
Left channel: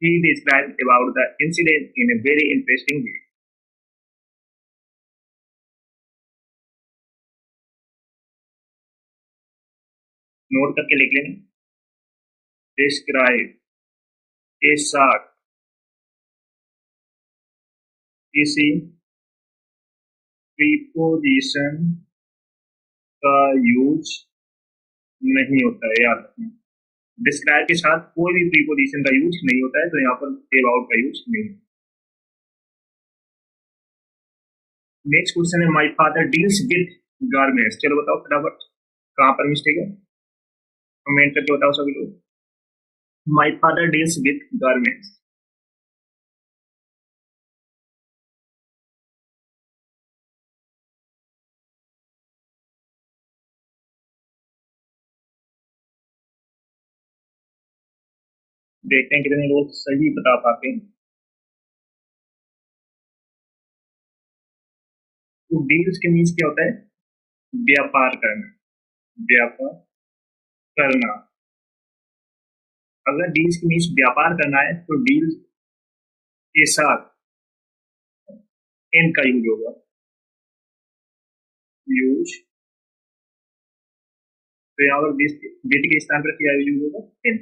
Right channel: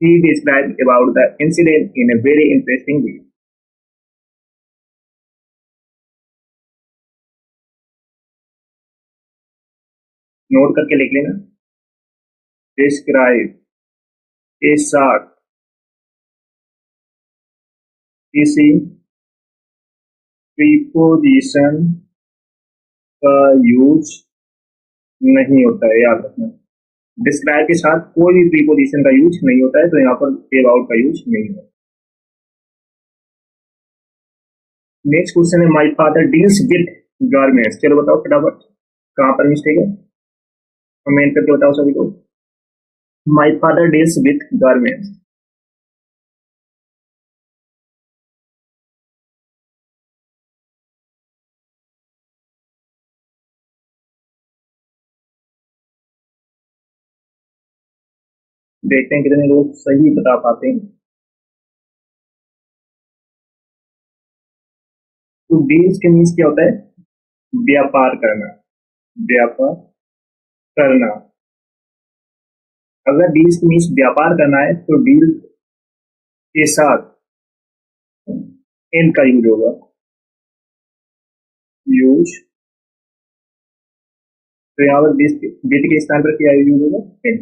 he described about the incident in a very interesting way। Note करके लिख लेना, डिस्क्राइब के साथ किसी प्रीपोजिशन का यूज नहीं होता है, याद रखना। डिस्क्राइब के साथ कोई भी प्रीपोजिशन का यूज नहीं होता है, तो यहाँ पर अबाउट का यूज नहीं होता। नेक्स्ट क्वेश्चन है, my father deals with garments. चलो बताओ फटाफट, कहाँ पर मिस्टेक है, कमेंट करके बताओ सभी लोग। My father deals with garments. देखते हैं कितने लोग सही बता पाते हैं। तो डील्स के मीन्स क्या होता है, व्यापार करना, व्यापार करना। अगर डील्स के मीन्स व्यापार करना है तो डील के साथ इन का यूज होगा। यूज, तो यहाँ पर विद के स्थान पर क्या यूज होगा, इन।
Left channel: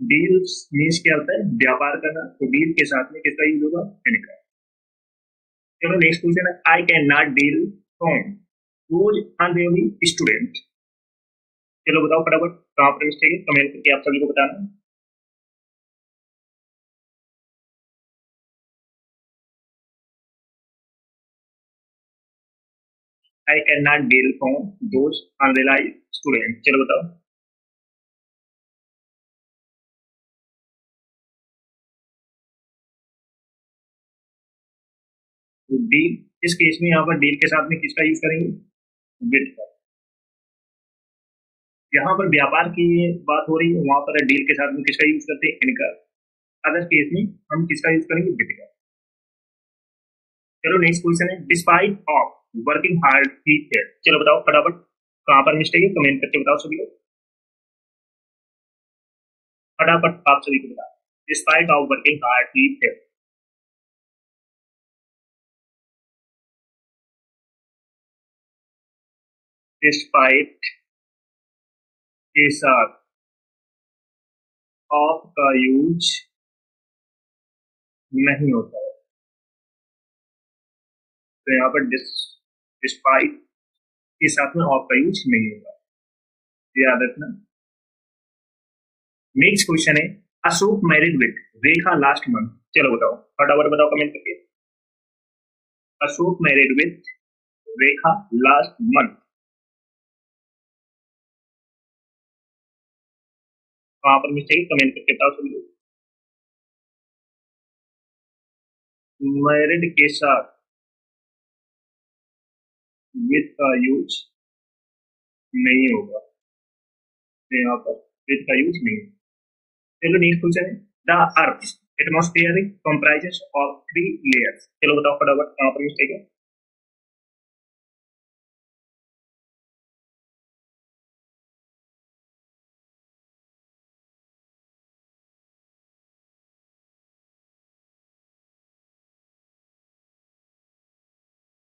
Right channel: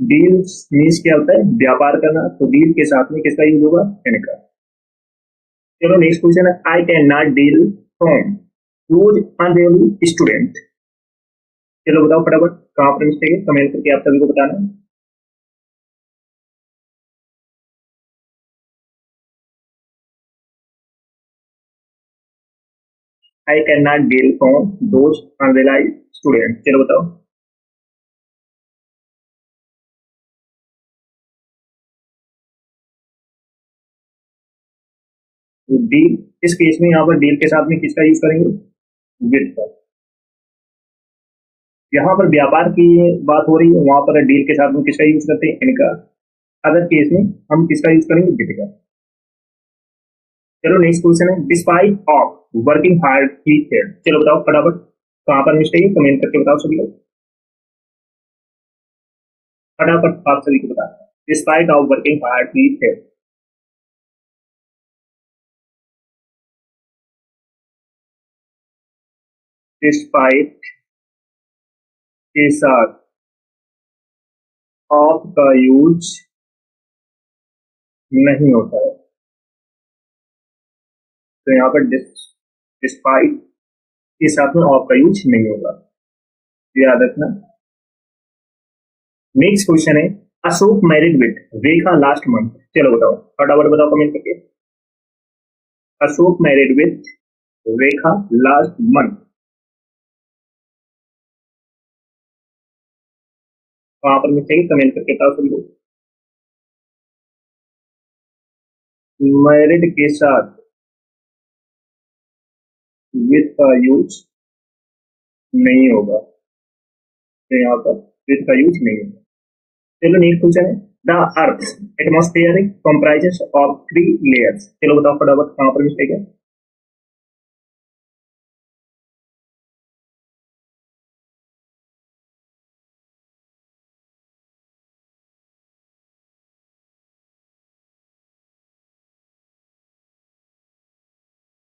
डील्स मीन्स क्या होता है, व्यापार करना, तो डील के साथ में किसका यूज होगा, इन का। चलो नेक्स्ट क्वेश्चन है, I can not deal from rose unreally student. चलो बताओ फटाफट कहाँ पर मिस्टेक है, कमेंट करके आप सभी को बताना है। I can not deal from those unrealise student, चलो बताओ। तो डील, इस केस में यहाँ पर डील के साथ में किसका यूज करेंगे, विद का। यहाँ पर व्यापार की बात हो रही है, वहां पर डील के साथ में किसका यूज करते हैं, इनका। अदर केस में हम किसका यूज करेंगे, विद का। चलो नेक्स्ट क्वेश्चन है, despite of working hard he failed, चलो बताओ फटाफट कहाँ पर मिस्टेक है, कमेंट करके बताओ सभी लोग, फटाफट आप सभी को बताना है। Despite of working hard he failed. Despite के साथ ऑफ का यूज नहीं होता है, तो यहाँ पर डिस्पाइट के साथ में ऑफ का यूज नहीं होगा, याद रखना। नेक्स्ट क्वेश्चन है, Ashok married with Rekha last month, चलो बताओ फटाफट बताओ कमेंट करके। Ashok married with Rekha last month, वहां पर मिस्टेक कमेंट करके बताओ सभी लोग। मैरिड के साथ विद का यूज नहीं होगा, तो यहाँ पर विद का यूज नहीं होगा। चलो नेक्स्ट क्वेश्चन है, the earth atmosphere comprises of 3 layers, चलो बताओ फटाफट कहाँ पर मिस्टेक है।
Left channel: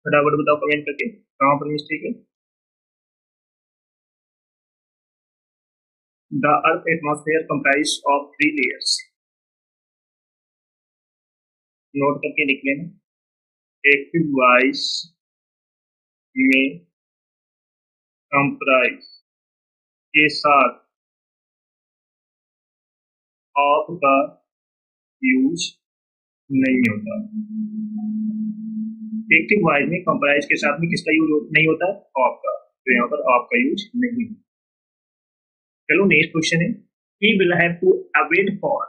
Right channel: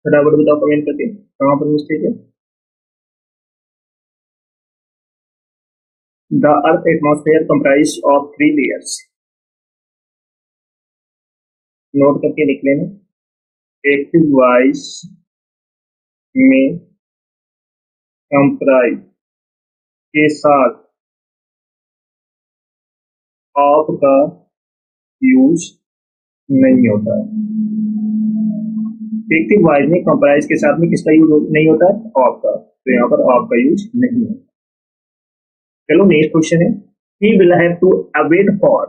फटाफट बताओ कमेंट करके कहाँ पर मिस्टेक है। The earth atmosphere comprise of 3 layers, note करके लिख लेना। एक्टिव वॉइस में कंप्राइज के साथ ऑफ का यूज नहीं होता। एक्टिव वॉइस में कंप्राइज के साथ में किसका यूज नहीं होता है, ऑफ का, तो यहाँ पर ऑफ का यूज नहीं होता। चलो नेक्स्ट क्वेश्चन है, he will have to await for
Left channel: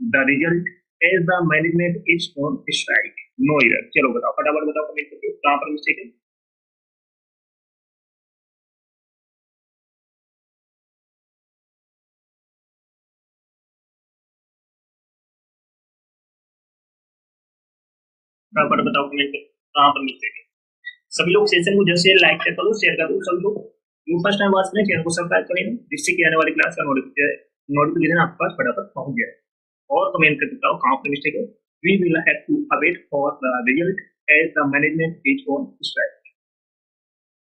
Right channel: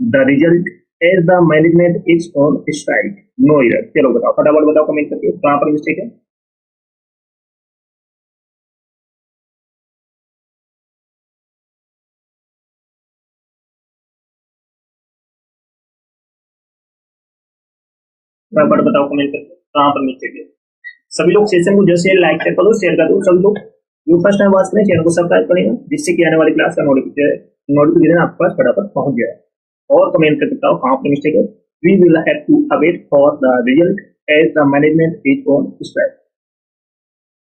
the result as the management is on strike, no error, चलो बताओ फटाफट बताओ कमेंट करके कहाँ पर मिस्टेक है। फटाफट बताओ कमेंट करके कहाँ पर मिस्टेक है। सभी लोग सेशन को जैसे लाइक कर दो, शेयर कर दो, सभी लोग जो फर्स्ट टाइम वॉच करें चैनल को सब्सक्राइब करें, जिससे कि आने वाली क्लास का नोटिफिकेशन आपके पास फटाफट पहुंच जाए। और कमेंट करके बताओ कहाँ पर मिस्टेक है। We will have to await for the result as the management is on strike,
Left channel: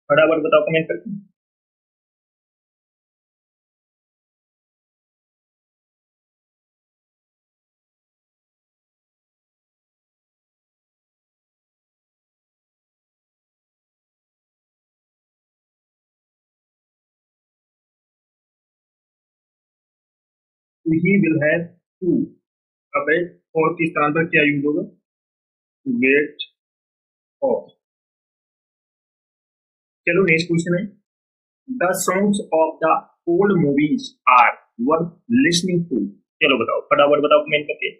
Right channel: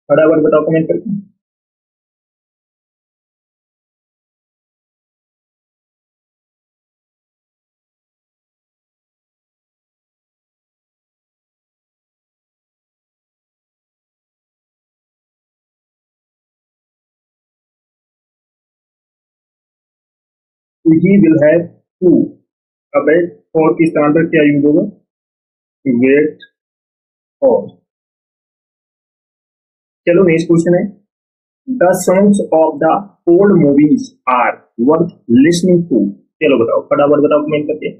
फटाफट बताओ कमेंट करके। He will have to await for के स्थान पर क्या यूज होगा, वेट फॉर। चलो नेक्स्ट क्वेश्चन है, the songs of the old movies are worth listening to, चलो बताओ फटाफट बताओ कमेंट करके।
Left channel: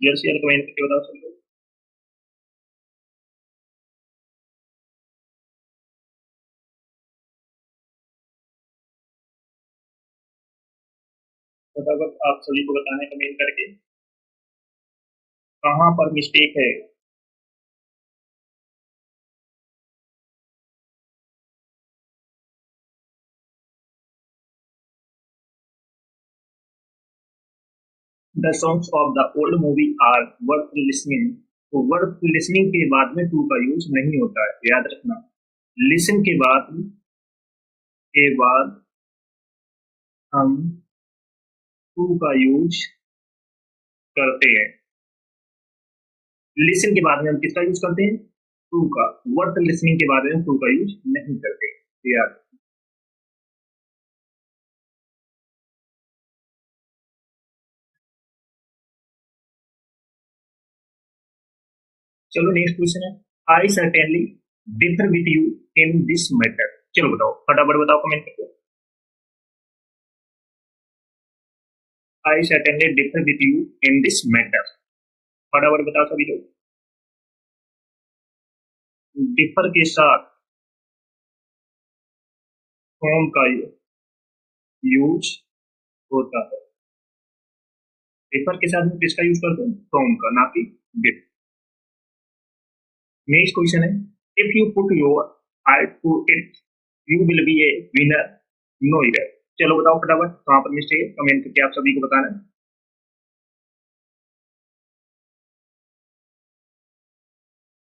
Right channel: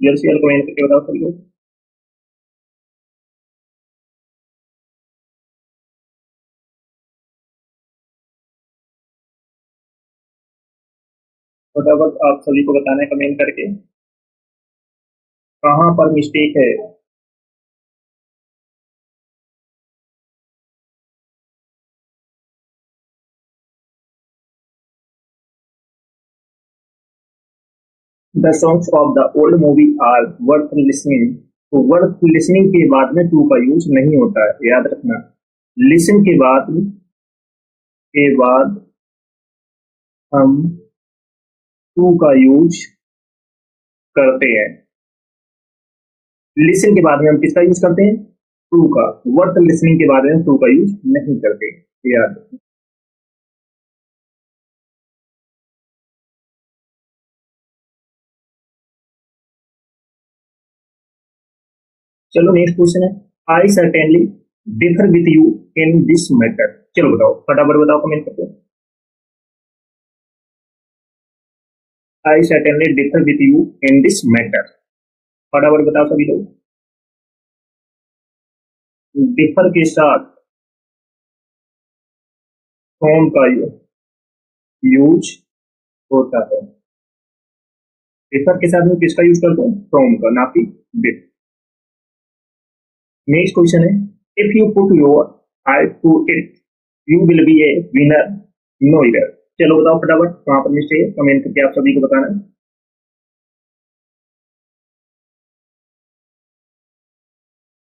जल्द से जल्द कमेंट करके बताओ सभी लोग। फटाफट आप सभी को बताना है कमेंट करके कहाँ पर मिस्टेक है। The songs of the old movie are worth listening. तो वर्थ लिसनिंग के बाद में टू का यूज नहीं होता है, याद रखना। लिसन के बाद हम टू का यूज करते हैं। लिसन के बाद में हम किसका यूज करते हैं? टू का। वर्थ लिसनिंग के बाद में हम टू का यूज नहीं करते, याद रखना। चलो नेक्स्ट क्वेश्चन है, I certainly differ with you in this matter. चलो बताओ, फटाफट बताओ कमेंट करके। I certainly differ with you in this matter, फटाफट बताओ सभी लोग। डिफर के साथ फ्रॉम का यूज होता है। डिफर के साथ में किसका यूज करते हैं? फ्रॉम का, ना कि विथ। नेक्स्ट क्वेश्चन है, if you put your heart to it you will be a winner no error. चलो बताओ फटाफट कहां पर मिस्टेक है, कमेंट करके आप सभी को बताना है।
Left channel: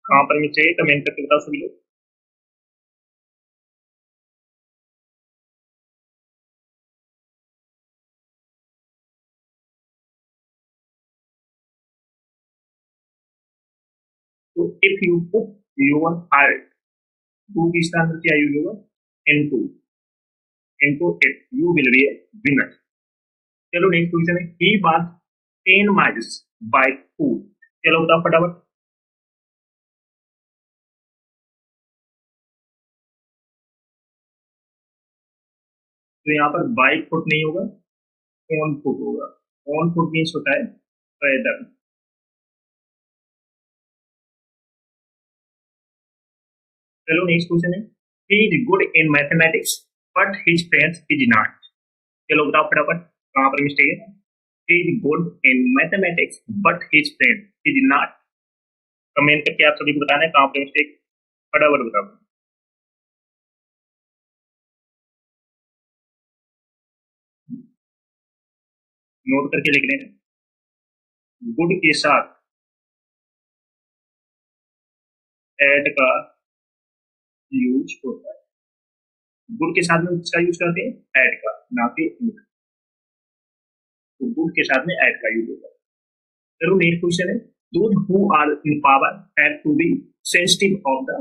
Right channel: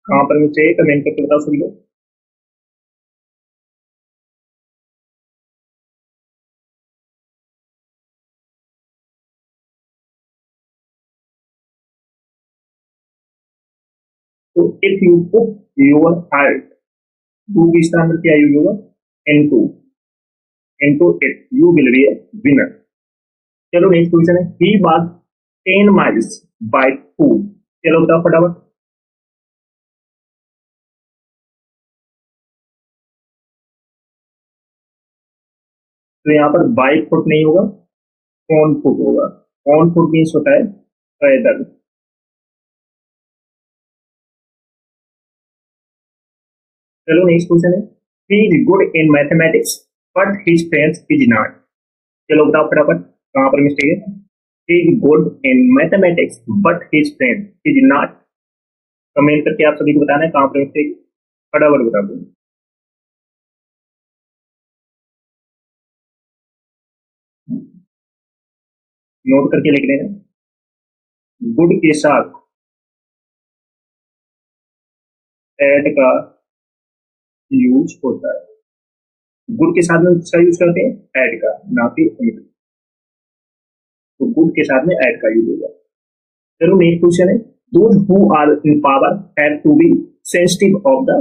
कहां पर मिस्टेक है, कमेंट करके बताओ सभी लोग। तो if you put your heart, to की स्थान पर क्या यूज होगा? Into it you will be a winner. चलो नेक्स्ट क्वेश्चन है, he walk 10 miles by foot. चलो बताओ फटाफट। तो यहाँ पर बाय फुट नहीं होगा, ऑन फुट होगा। ऑन फुट मीन्स होता है पैदल। चलो नेक्स्ट क्वेश्चन है, he is good in mathematics but his friends is not. चलो बताओ फटाफट कहां पर मिस्टेक है? He is good in mathematics but his friend is not. Comment करके आप सभी को बताना है कहां पर मिस्टेक, फटाफट बता दो। नोट करके लिख लेना। गुड के साथ एड का यूज होता है। गुड के साथ में किसका यूज करते हैं? एड का, ना कि इनका। तो गुड के साथ में एड का यूज होगा। चलो नेक्स्ट क्वेश्चन है, those who are in power have to be sensitive of the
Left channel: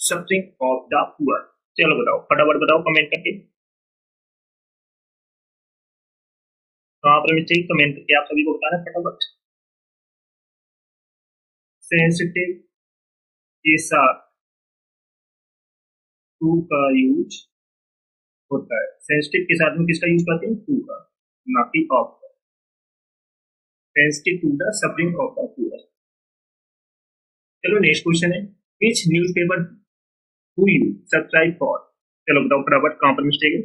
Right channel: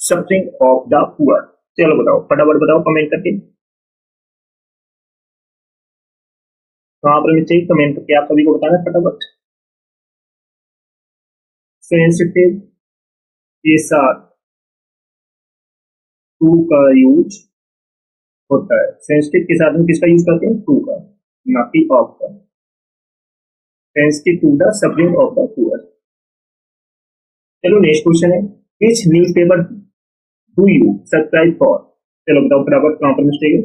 suffering of the poor. चलो बताओ फटाफट बताओ कमेंट करके कहां पर मिस्टेक, कमेंट करके आप सभी को बताना है फटाफट। सेंसिटिव के साथ टू का यूज होता है। सेंसिटिव के साथ में किसका यूज करते हैं? टू का, ना कि ऑफ का। Sensitive to the suffering of the poor. चलो नेक्स्ट क्वेश्चन है, which newspaper do you subscribe for. चलो बताओ फटाफट कहां पर मिस्टेक है,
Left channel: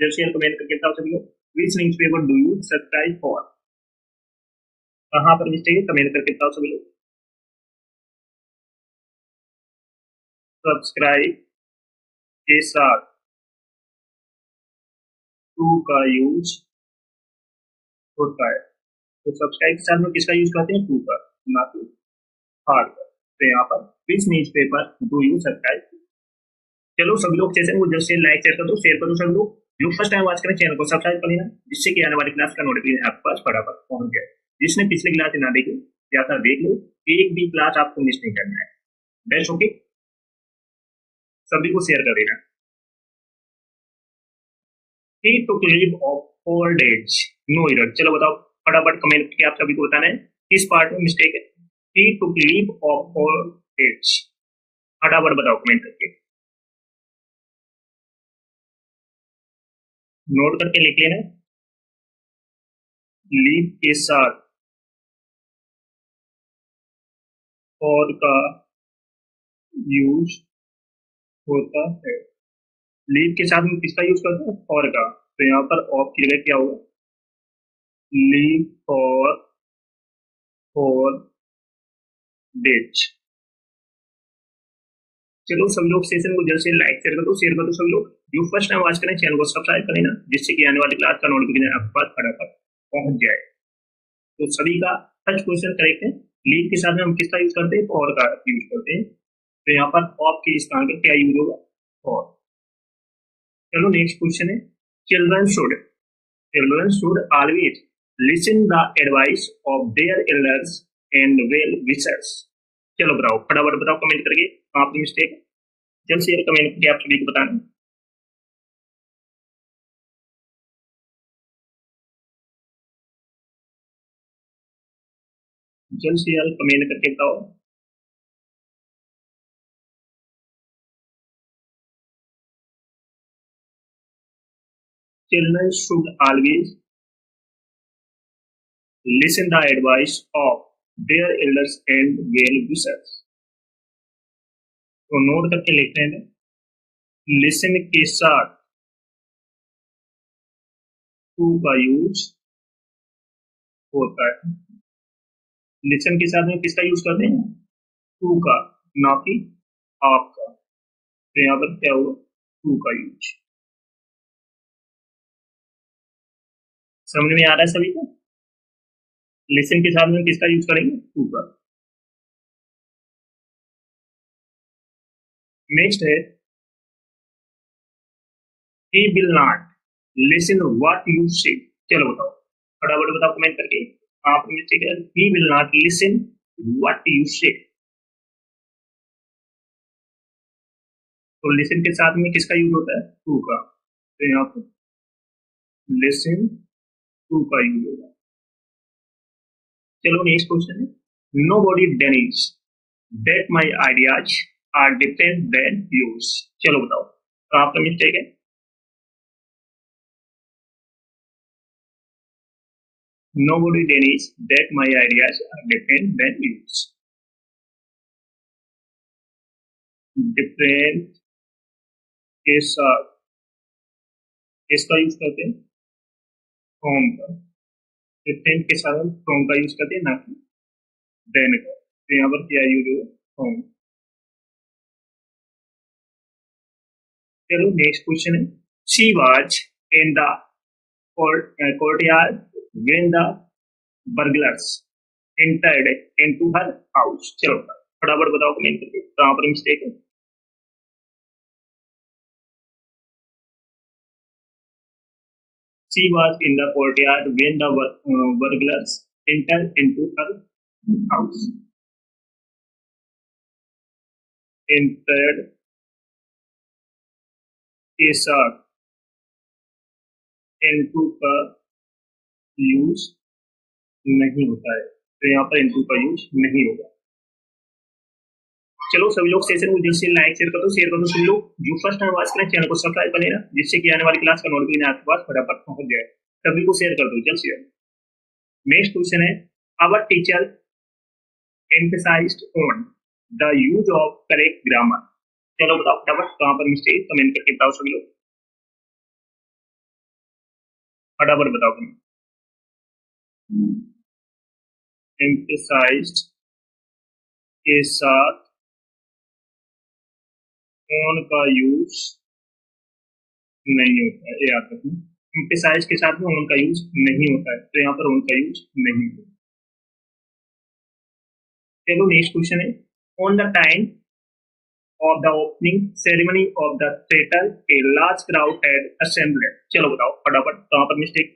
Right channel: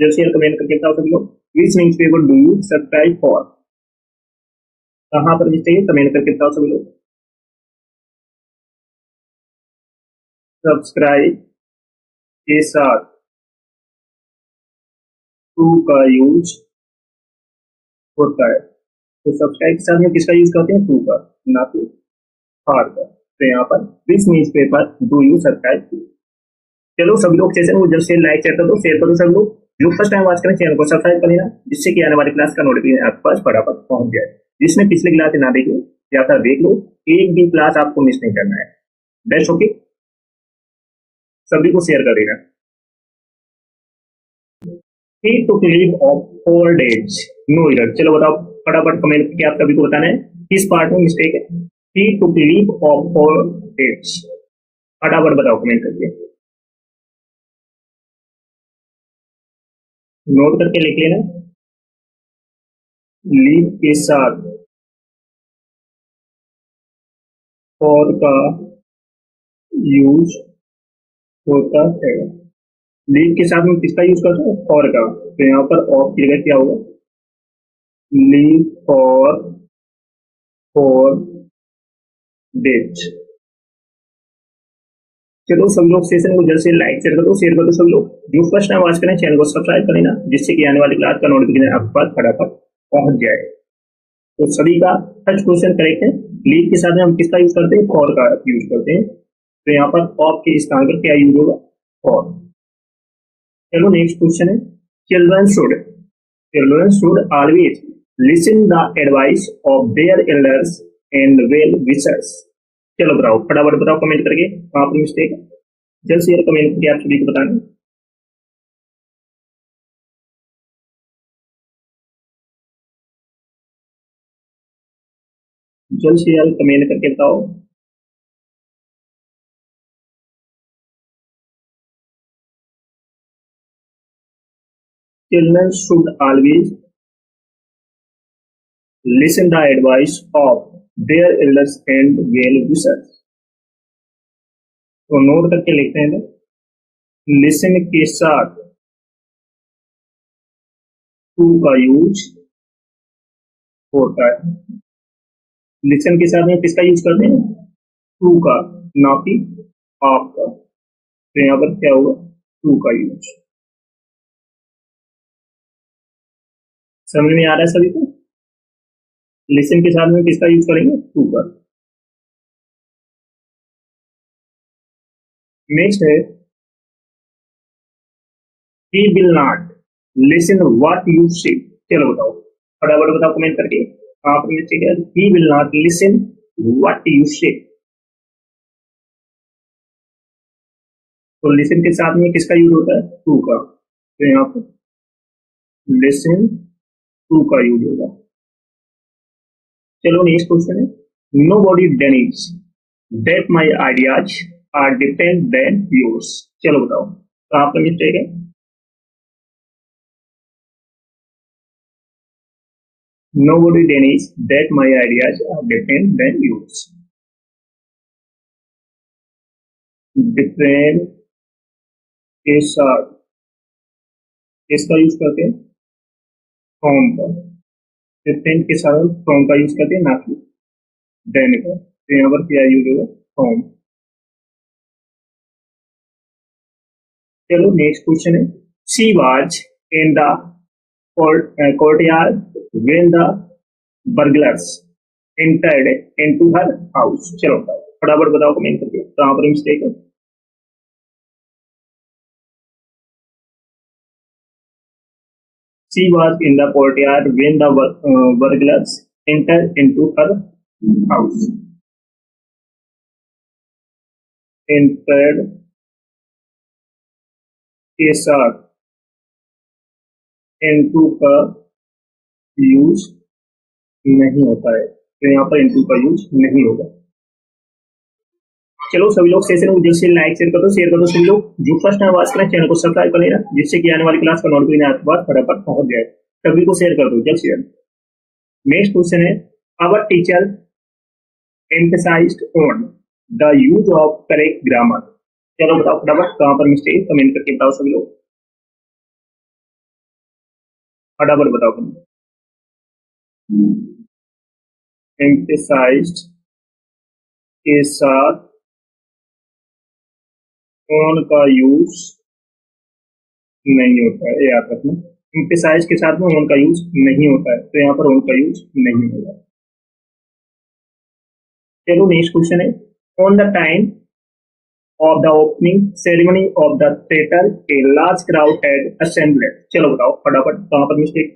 जब शेयर कमेंट करके बताओ सभी लोग। Which newspaper do you subscribe for, कहां पर मिस्टेक है, कमेंट करके बताओ सभी लोग। सब्सक्राइब के साथ टू का यूज होता है। तो सब्सक्राइब के साथ में किसका यूज करते हैं? टू का, ना कि हार्ड का। तो यहाँ पर which newspaper do you subscribe to. चलो सभी लोग सेशन को जल्द से लाइक शेयर कर दो, शेयर करो सब लोग। जो फर्स्ट टाइम वॉच करें चैनल को सब्सक्राइब कर लेना, जिससे कि आने वाली क्लास का नोटिफिकेशन आपके पास फटाफट पहुंच जाए। जिसने पिछले क्लास ना देखी या फिर देख लो, एक भी क्लास आपको मिस नहीं करना है। बेस्ट ओके, सभी को शेयर कर देना। He took leave of 4 days. No error. चलो बताओ फटाफट कमेंट करके आप सभी को बताना है किस पार्ट में मिस्टेक है। He took leave of 4 days. फटाफट बताओ कमेंट करके, नोट करके लिख लेना। लीव के साथ फॉर का यूज होता है। लीव के साथ में किसका यूज करते हैं? फॉर का। तो यहाँ पर ऑफ की जगह क्या होगा? Leave for 4 days। चलो सभी लोग सेशन को जल्द से लाइक शेयर कर दो, शेयर कर दो सभी लोग। जो फर्स्ट टाइम वॉच करें चैनल को सब्सक्राइब कर लेना, जिससे कि आने वाली क्लास का नोटिफिकेशन आपके पास फटाफट पहुंच जाए। तो सभी का फर्स्ट क्वेश्चन करेक्ट है। लीव के साथ में हम किसका यूज करते हैं? फॉर का यूज करते हैं। तो यहाँ पर ऑफ के स्थान पर क्या यूज होगा? फॉर। चलो नेक्स्ट क्वेश्चन है, children should always listen the advice of their elders and well wishers. चलो बताओ, फटाफट बताओ कमेंट करके कहाँ पर मिस्टेक है। जल्द से जल्द कमेंट करके आप सभी को बताना। जल्द से जल्द कमेंट करके बताओ। Children should always listen the advice of their elders and well wishers. तो नोट करके लिखते हैं, लिसन के साथ टू का यूज होता है। लिसन के साथ में किसका यूज करते हैं? टू का, ना कि ऑफ का। तो यहाँ पर क्या होगा? टू का यूज। समझ में आ रहा है सभी को? लिसन के साथ में किसका यूज करेंगे? टू का। नेक्स्ट है, he will not listen what you say। चलो बताओ, फटाफट बताओ कमेंट करके आप मिस्टेक है। he will not listen what you say। तो लिसन के साथ में किसका यूज होता है? टू का। तो यहाँ पर लिसन टू का यूज होगा। चलो नेक्स्ट क्वेश्चन है, nobody denies that my ideas are different than yours. चलो बताओ कहाँ पर मिस्टेक है? Nobody denies that my ideas are different than yours। Different के साथ किसका यूज करते हैं? फ्रॉम का। डिफरेंट के साथ फ्रॉम का यूज करते हैं, ना कि देन का। तो यहाँ पर क्या यूज होगा? फ्रॉम। चलो नेक्स्ट क्वेश्चन है, she was in the courtyard when the burglars entered into her house। चलो फटाफट बताओ कमेंट करके कहाँ पर मिस्टेक है? She was in the courtyard when the burglars entered into her house। entered के साथ into का यूज नहीं होता है। तो यहाँ पर into का यूज नहीं होगा। चलो सभी लोग सेशन को जल्द से लाइक शेयर कर दो सभी लोग। जो फर्स्ट टाइम वॉच करें चैनल को सब्सक्राइब कर लेना, जिससे कि आने वाली क्लास का नोटिफिकेशन आपके पास फटाफट पहुंच जाए। सभी को शेयर कर दो जल्द से जल्द। नेक्स्ट क्वेश्चन है, our teacher emphasised on the use of correct grammar. चलो बताओ फटाफट कहाँ पर मिस्टेक, कमेंट करके बताओ सभी लोग, फटाफट बताओ कमेंट। एम्फसाइज्ड के साथ ऑन का यूज नहीं होता है, याद रखना। एम्फसाइज के साथ में ऑन का यूज नहीं होता है, तो यहाँ पर ऑन का यूज नहीं होगा। चलो नेक्स्ट क्वेश्चन है, on the time of the opening ceremony of the theater a large crowd had assembled। चलो बताओ फटाफट कहाँ पर mistake?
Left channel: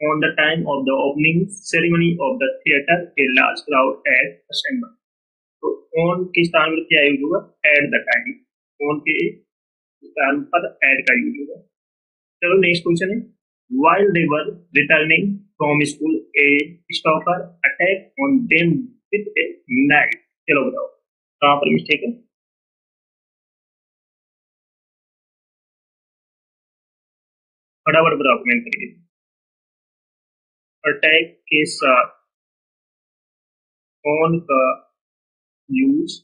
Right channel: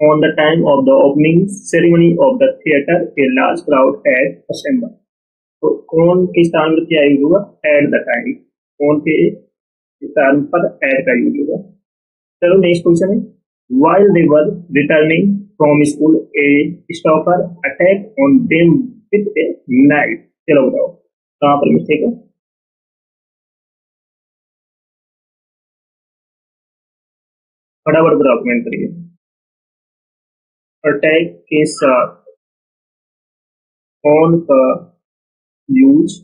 on the time of the opening ceremony of the theater a large crowd had assembled। तो on के स्थान पर क्या यूज होगा? at the time। on के स्थान पर at का यूज होगा। चलो नेक्स्ट क्वेश्चन है, while they were returning from school a stalker attacked on them with a knife। चलो बताओ कहाँ पर मिस्टेक है? फटाफट बताओ कमेंट करिए। अटैक के साथ ऑन का यूज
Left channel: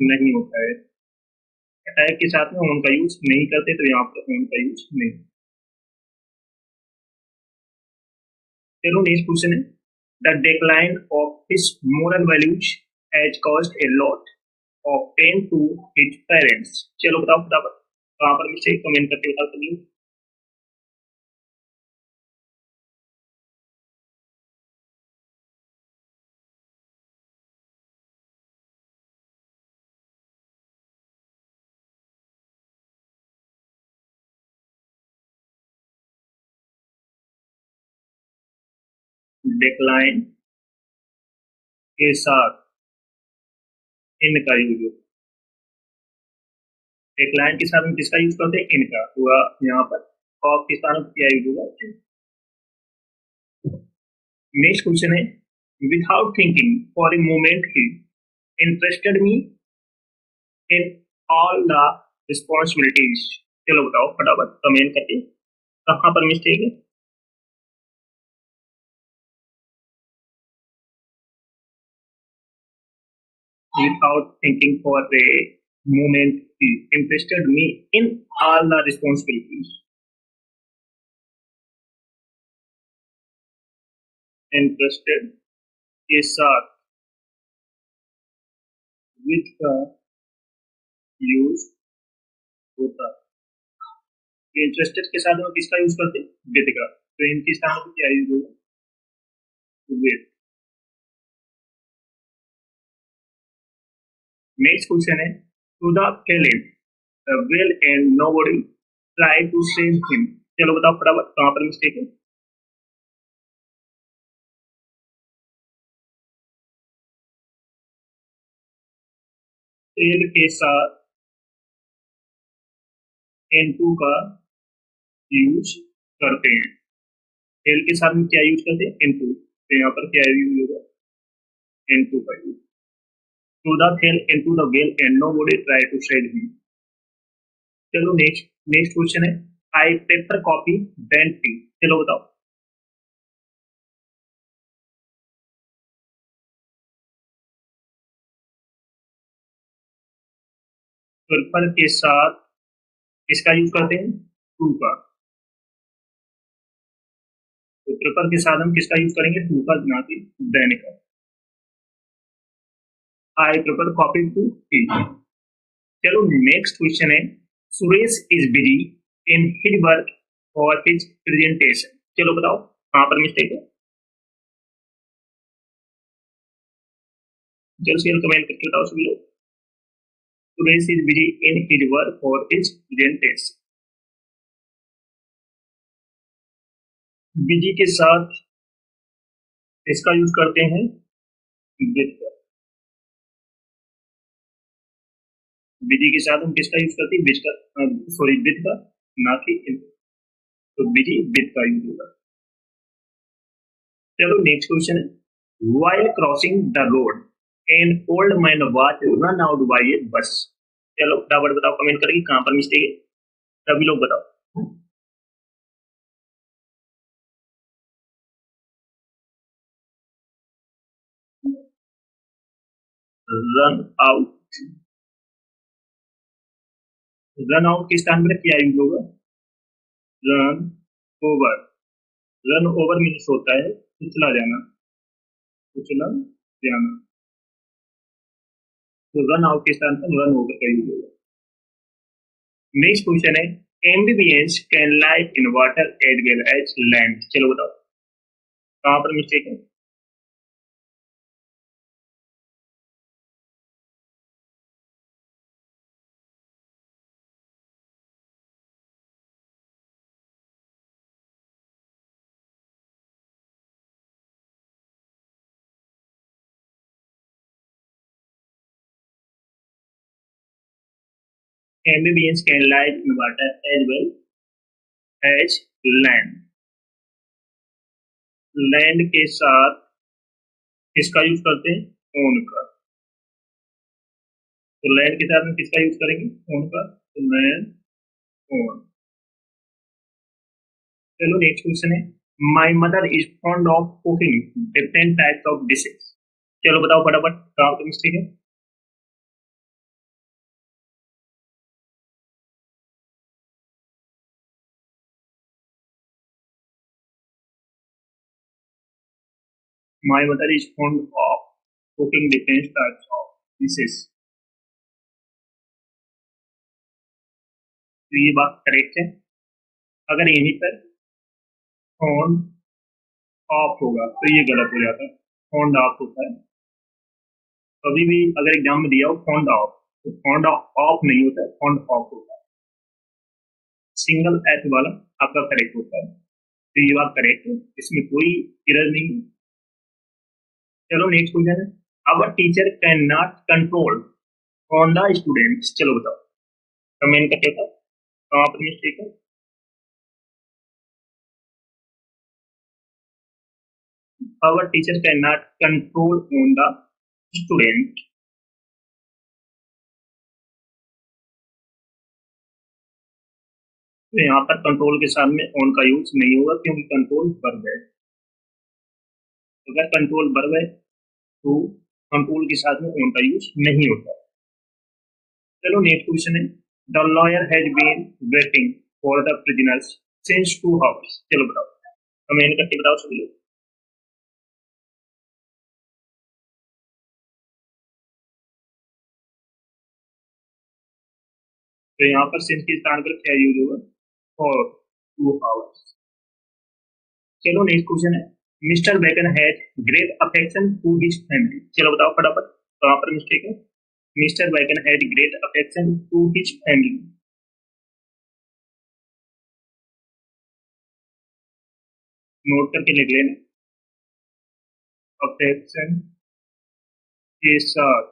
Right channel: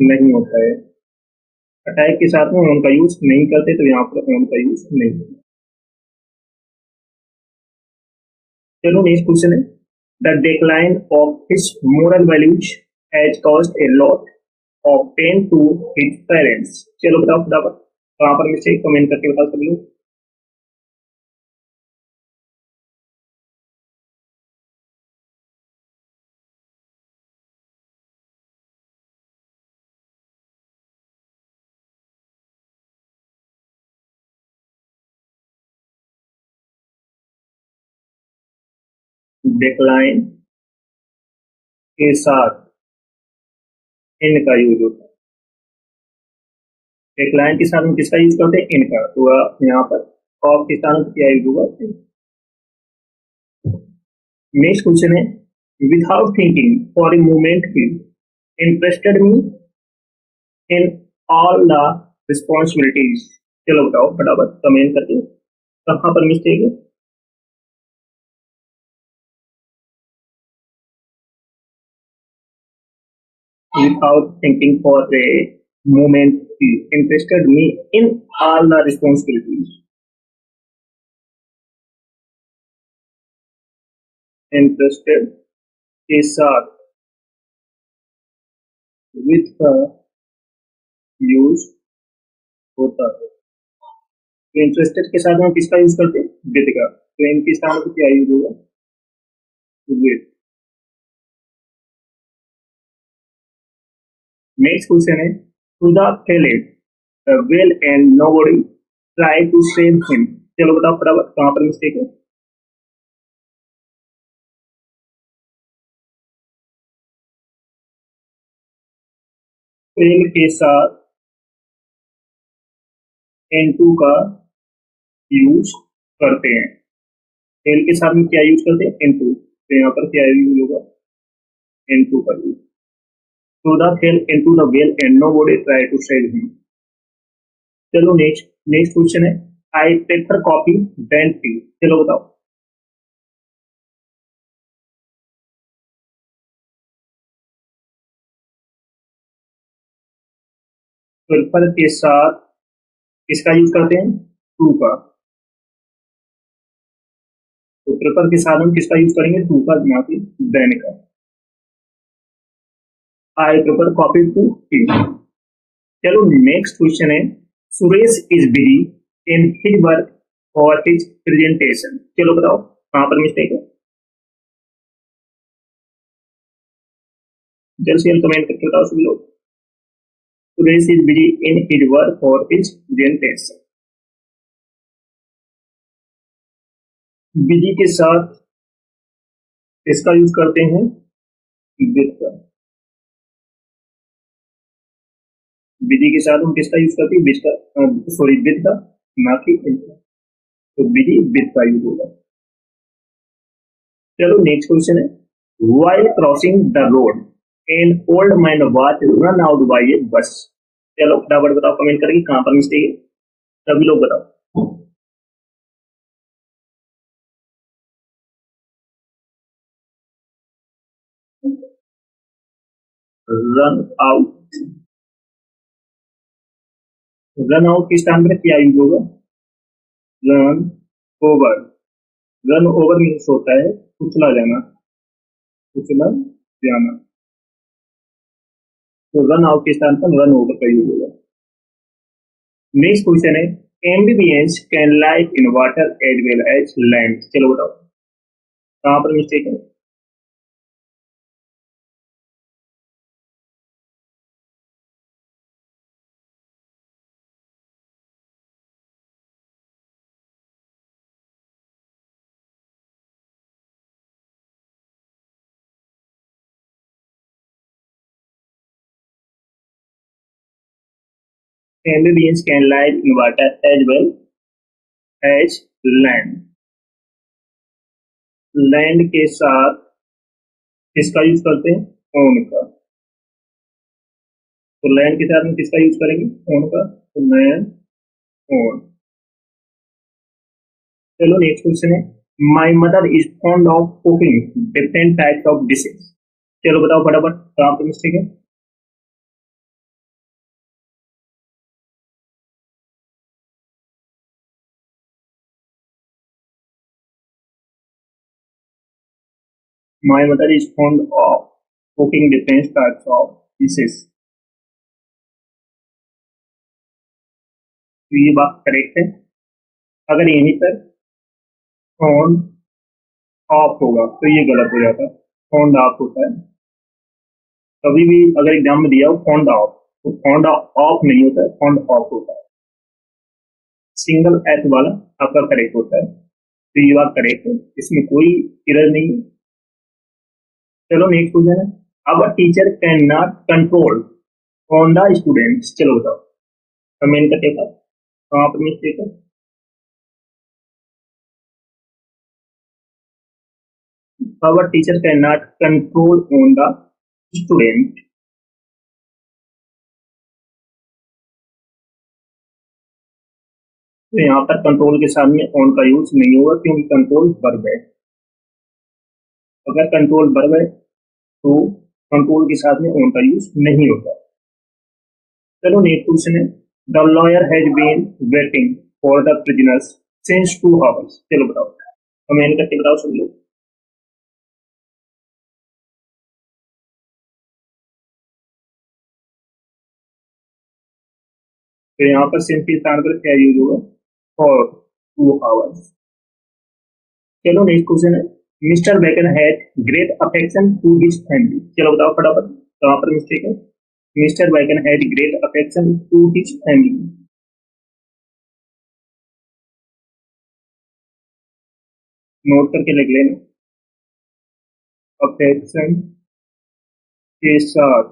नहीं होता है। अटैक के साथ में ऑन का यूज नहीं करते, तो यहाँ पर ऑन का यूज नहीं होता। चलो नेक्स्ट क्वेश्चन है, the decline of his moral values has caused a lot. Of pain to his parents. चलो बताओ फटाफट कहाँ पर मिस्टेक, कमेंट करके बताओ सब लोग। डिक्लाइन के साथ इनका यूज होता है। डिक्लाइन के साथ हम किसका यूज करते हैं, इनका। तो यहाँ पर ऑफ के स्थान पर क्या यूज होगा, नेक्स्ट क्वेश्चन है, without thinking for a moment he interested me in all the responsibilities. चलो बताओ फटाफट कमेंट करके कहाँ पर मिस्टेक है। Without thinking for a moment, he interested me in all the responsibilities. Interested के साथ with का यूज होता है। तो इंटरेस्टेड के साथ हम किसका यूज करते हैं, विद का। तो इनके स्थान पर क्या यूज होगा, विद। नेक्स्ट क्वेश्चन है, to the fell in the well and nobody try to save him. चलो बताओ फटाफट कहाँ पर मिस्टेक है। फेल के साथ N2 का यूज करते हैं। फेल के साथ में क्या यूज करते हैं, N2। तो यहाँ पर क्या यूज होगा, N2 का use. To the fell into the well and nobody try to save him. चलो नेक्स्ट नेक्स्ट क्वेश्चन है, I prefer coffee than tea. चलो बताओ। प्रेफर के साथ किसका यूज करते हैं, टू का। तो प्रेफर के साथ हम किसका यूज करेंगे, टू का, ना कि देन का। I prefer coffee to tea. चलो नेक्स्ट क्वेश्चन है, Suresh is busy in his work for his presentation. चलो बताओ कहाँ पर मिस्टेक है, जल्द से जल्द कमेंट करके बताओ सभी लोग। Suresh is busy in his work for his presentation. Busy के साथ इसका यूज करते हैं, विद का। बिजी के साथ हम किसका यूज करते हैं, विच का, सॉरी विद का, ना कि इनका। तो बिजी विद का यूज होगा। चलो नेक्स्ट क्वेश्चन है, while crossing the road an old man was run out by a bus. चलो फटाफट बताओ कमेंट करके कहाँ पर मिस्टेक है, सभी लोग बताओ। रन आउट, रन आउट के स्थान पर क्या यूज होगा, run over. Run over means होता है कुचला जाना, कुचला जाना। तो रन आउट के स्थान पर रन ओवर का यूज होगा। नेक्स्ट क्वेश्चन है, amphibians can live in water as well as land. चलो बताओ कहाँ पर मिस्टेक है। Amphibians can live in water as well as land। Land के साथ किसका यूज करते हैं, ओन का। तो लैंड के साथ में किसका यूज करेंगे, ओन का। तो लैंड, ओन। चलो नेक्स्ट क्वेश्चन है, my mother is fond of cooking different types of dishes. चलो बताओ फटाफट कहाँ पे मिस्टेक है। My mother is fond of cooking different types of dishes. तो ये बात करेक्ट है। अगर यहीं पर ऑन ऑफ होगा तो ये गलत हो जाता है। ऑन ऑफ होता है, कभी भी अगर एग्जाम में दिया हो फॉन्ड ऑफ, तो फॉन्ड ऑफ नहीं होता है, फॉन्ड ऑफ होता है। सिंगल एच वाला आपका करेक्ट होता है, तो ये बात करेक्ट है, इसमें कोई एरर नहीं है। चलो नेक्स्ट क्वेश्चन है, अब teacher can not control on the students. चलो बताओ कमेंट करके था कहाँ पर मिस्टेक है। our teacher cannot control on the student। तो यहाँ पर कंट्रोल के साथ में ऑन का यूज नहीं होगा क्योंकि कंट्रोल वर्ब है। अगर कंट्रोल वर्ब है तो कंट्रोल के साथ में ऑन का यूज नहीं होता। चलो नेक्स्ट क्वेश्चन है, the lawyer has been waiting for the prisoners since 2 hours। चलो बताओ कमेंट करके बताओ सभी लोग। तो यहाँ पर सिंस के स्थान पर क्या यूज होगा, फॉर 2 hours। चलो नेक्स्ट क्वेश्चन है, Mr Bacon has great affection to his family. चलो बताओ फटाफट कहाँ पर मिस्टेक है। Mr Bacon has great affection to his family. Note करके लिख लेना, अफेक्शन के साथ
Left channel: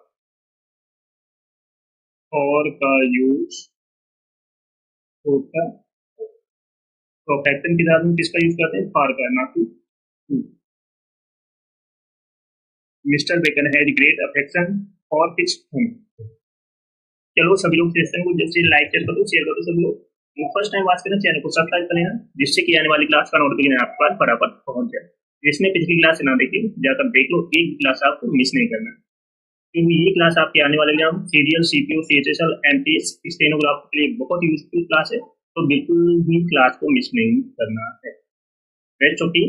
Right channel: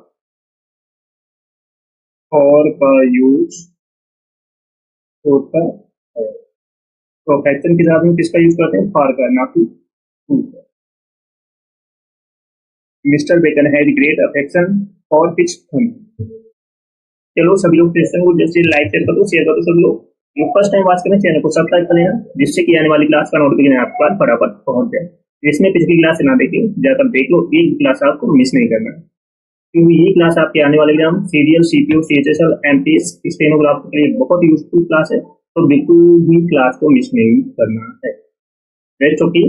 और का यूज होता है। तो अफेक्शन के साथ में किसका यूज करते हैं, फॉर का, ना कि टू का। Mr Bacon has great affection for his family. चलो सभी लोग सेशन को जैसे लाइक शेयर कर दो सभी लोग। जो फर्स्ट टाइम वॉच करें चैनल को सब्सक्राइब कर लेना, जिससे कि आने वाली क्लास का नोटिफिकेशन आपके पास फटाफट पहुंच जाए। जिसने पिछली क्लास से ना देखी जाकर देख लो, एक भी क्लास आपको मिस नहीं करना है, क्योंकि ये क्लास आपके आने वाले exam serial, CPO, CHSL, MTS, stenographer के लिए बहुत यूजफुल क्लास है। तो बिल्कुल भी क्लास को मिस नहीं करना है। बेस्ट ओके,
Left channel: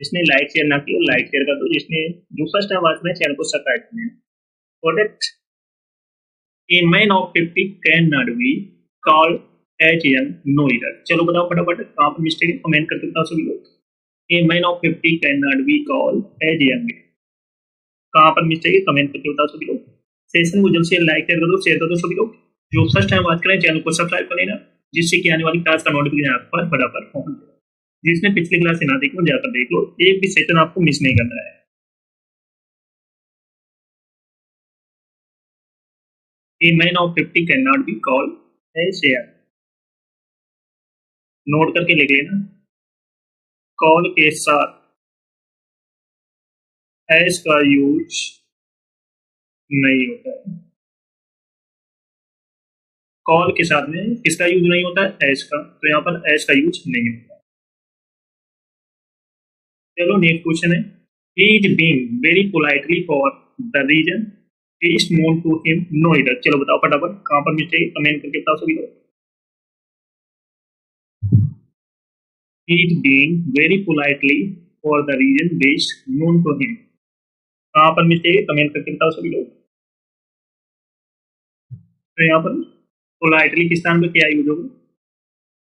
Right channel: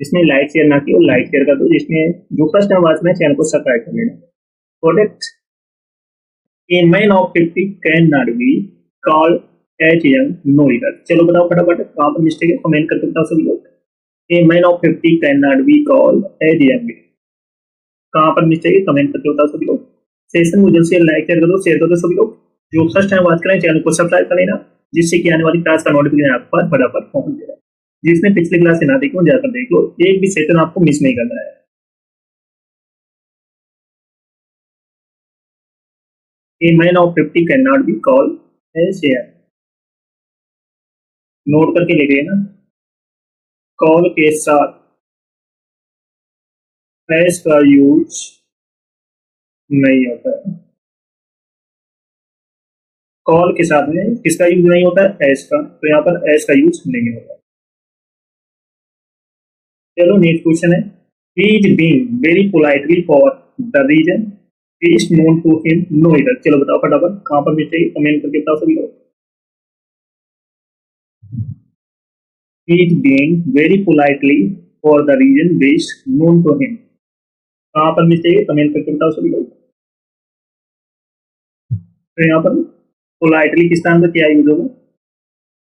जिसने लाइक शेयर ना किया लाइक शेयर कर दो, जिसने जो फर्स्ट टाइम वॉच करें चैनल को सब्सक्राइब कर लेना। Product A man of 50 cannot be called as young, no error। चलो बताओ फटाफट कहाँ पर मिस्टेक है, कमेंट करके बताओ सभी लोग। A man of 50 cannot be called as young, कहाँ पर मिस्टेक है कमेंट करके बताओ सभी लोग। सेशन को जल्द से लाइक शेयर कर दो सभी लोग। जो फर्स्ट टाइम बात करें चैनल को सब्सक्राइब कर लेना, जिससे कि आने वाली क्लास का नोटिफिकेशन आपके पास फटाफट पहुंच जाएगा। जिसने पिछली क्लास से ना देखो जाकर देख लो, एक भी सेशन आपको मिस नहीं करना है। A man of 50 cannot be called as young। Note करके लिख लेना, कॉल के साथ एस का यूज नहीं होता है। कॉल के साथ में किसका यूज नहीं होता है, एस का, तो यहाँ पर एस का यूज नहीं होता। चलो नेक्स्ट क्वेश्चन है, he is being very politely for the reason he is known to him, no error. चलो बताओ फटाफट कहाँ पर मिस्टेक, कमेंट करके बताओ सभी लोग। He is being very politely for the reason which known to him, कहाँ पर मिस्टेक है कमेंट करके बताओ सभी लोग। तो यहाँ पर पोलाइटली किस स्थान पर क्या यूज होगा,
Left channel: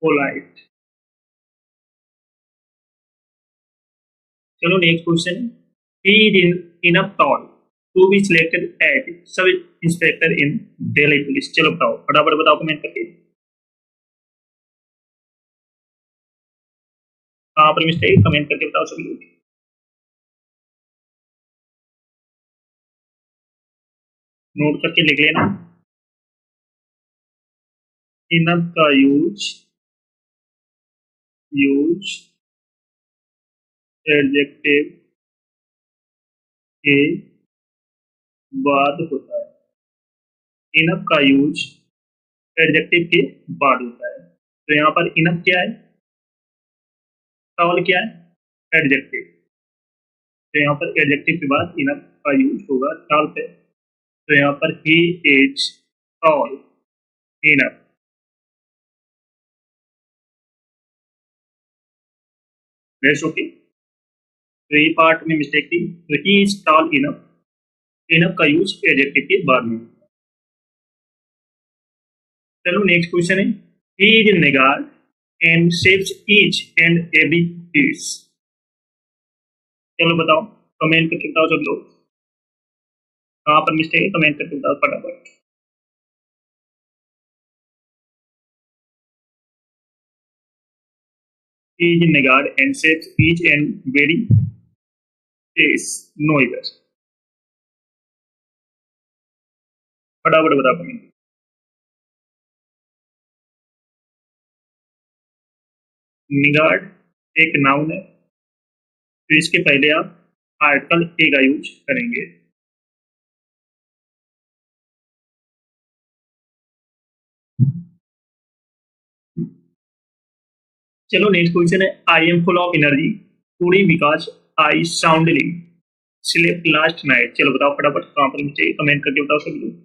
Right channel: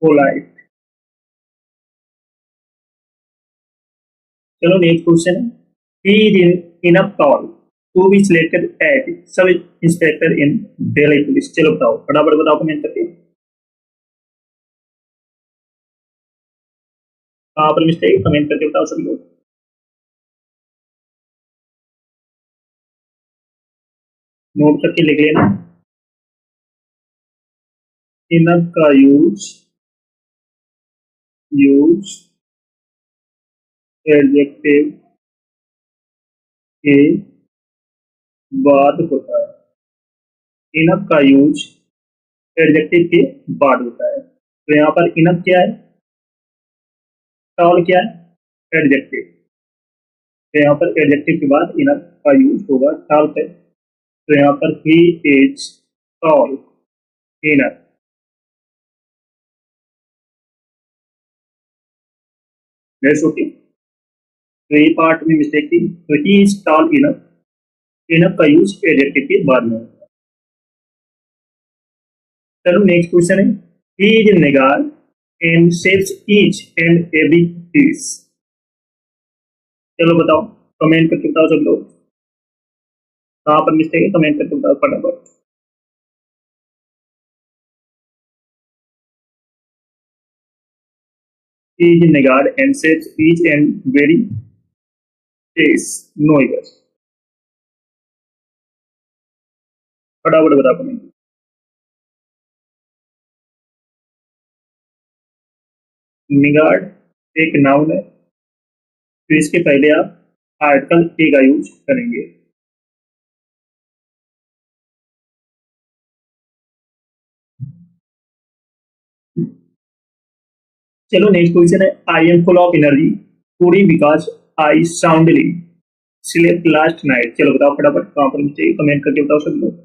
पोलाइट। चलो नेक्स्ट क्वेश्चन है, he is enough tall to be selected as sub inspector in Delhi police. चलो बताओ फटाफट बताओ कमेंट करके कहाँ पर मिस्टेक, कमेंट करके बताओ सभी लोग। नोट करके लिख लेना, इनफ का यूज एडजेक्टिव के बाद होता है। इनफ का यूज एडजेक्टिव के बाद होता है। तो यहाँ पर इनफ क्या है, टॉल क्या है, एडजेक्टिव। तो यहाँ पर एडजेक्टिव के बाद इनफ का यूज होगा टॉल पे। तो यहाँ पर he is tall enough. That's okay। तो ये पार्ट में मिस्टेक थी, तो he is tall enough, enough का यूज एडजेक्टिव के बाद में। चलो नेक्स्ट क्वेश्चन है, He is Negar and saves each and every piece. चलो बताओ, कमेंट करके बताओ सब लोग, कहाँ पर मिस्टेक है कमेंट करके बताओ फटाफट। He is Negar and saves each and very piece. No इधर, फटाफट बताओ कमेंट। निगार्ड एक नाउन है, तो इसके पहले आप आर्टिकल ए का यूज करेंगे। चलो नेक्स्ट क्वेश्चन है, I M full of energy today because I soundly slept last night. चलो बताओ फटाफट कहाँ पर मिस्टेक, कमेंट करके बताओ सब लोग।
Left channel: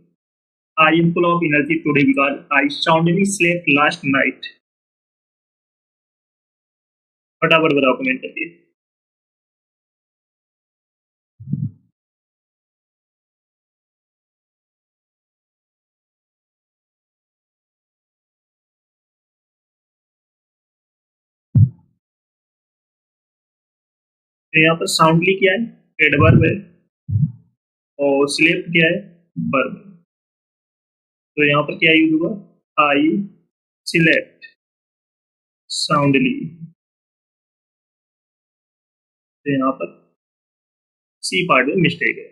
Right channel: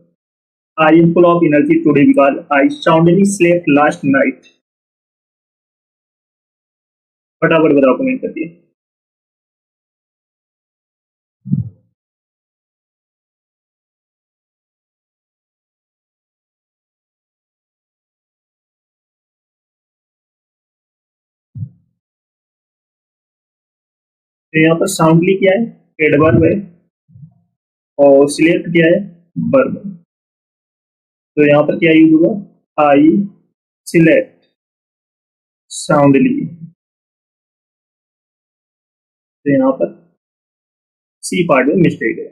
I am full of energy today because I soundly slept last night. फटाफट बताओ कमेंट करके। तो यहाँ पर साउंडली क्या है, एडवर्ब है, और स्लेप्ट क्या है, वर्ब है। तो यहाँ पर क्या यूज हुआ, आई स्लेप्ट साउंडली। तो यहाँ पर सी पार्ट में मिस्टेक है,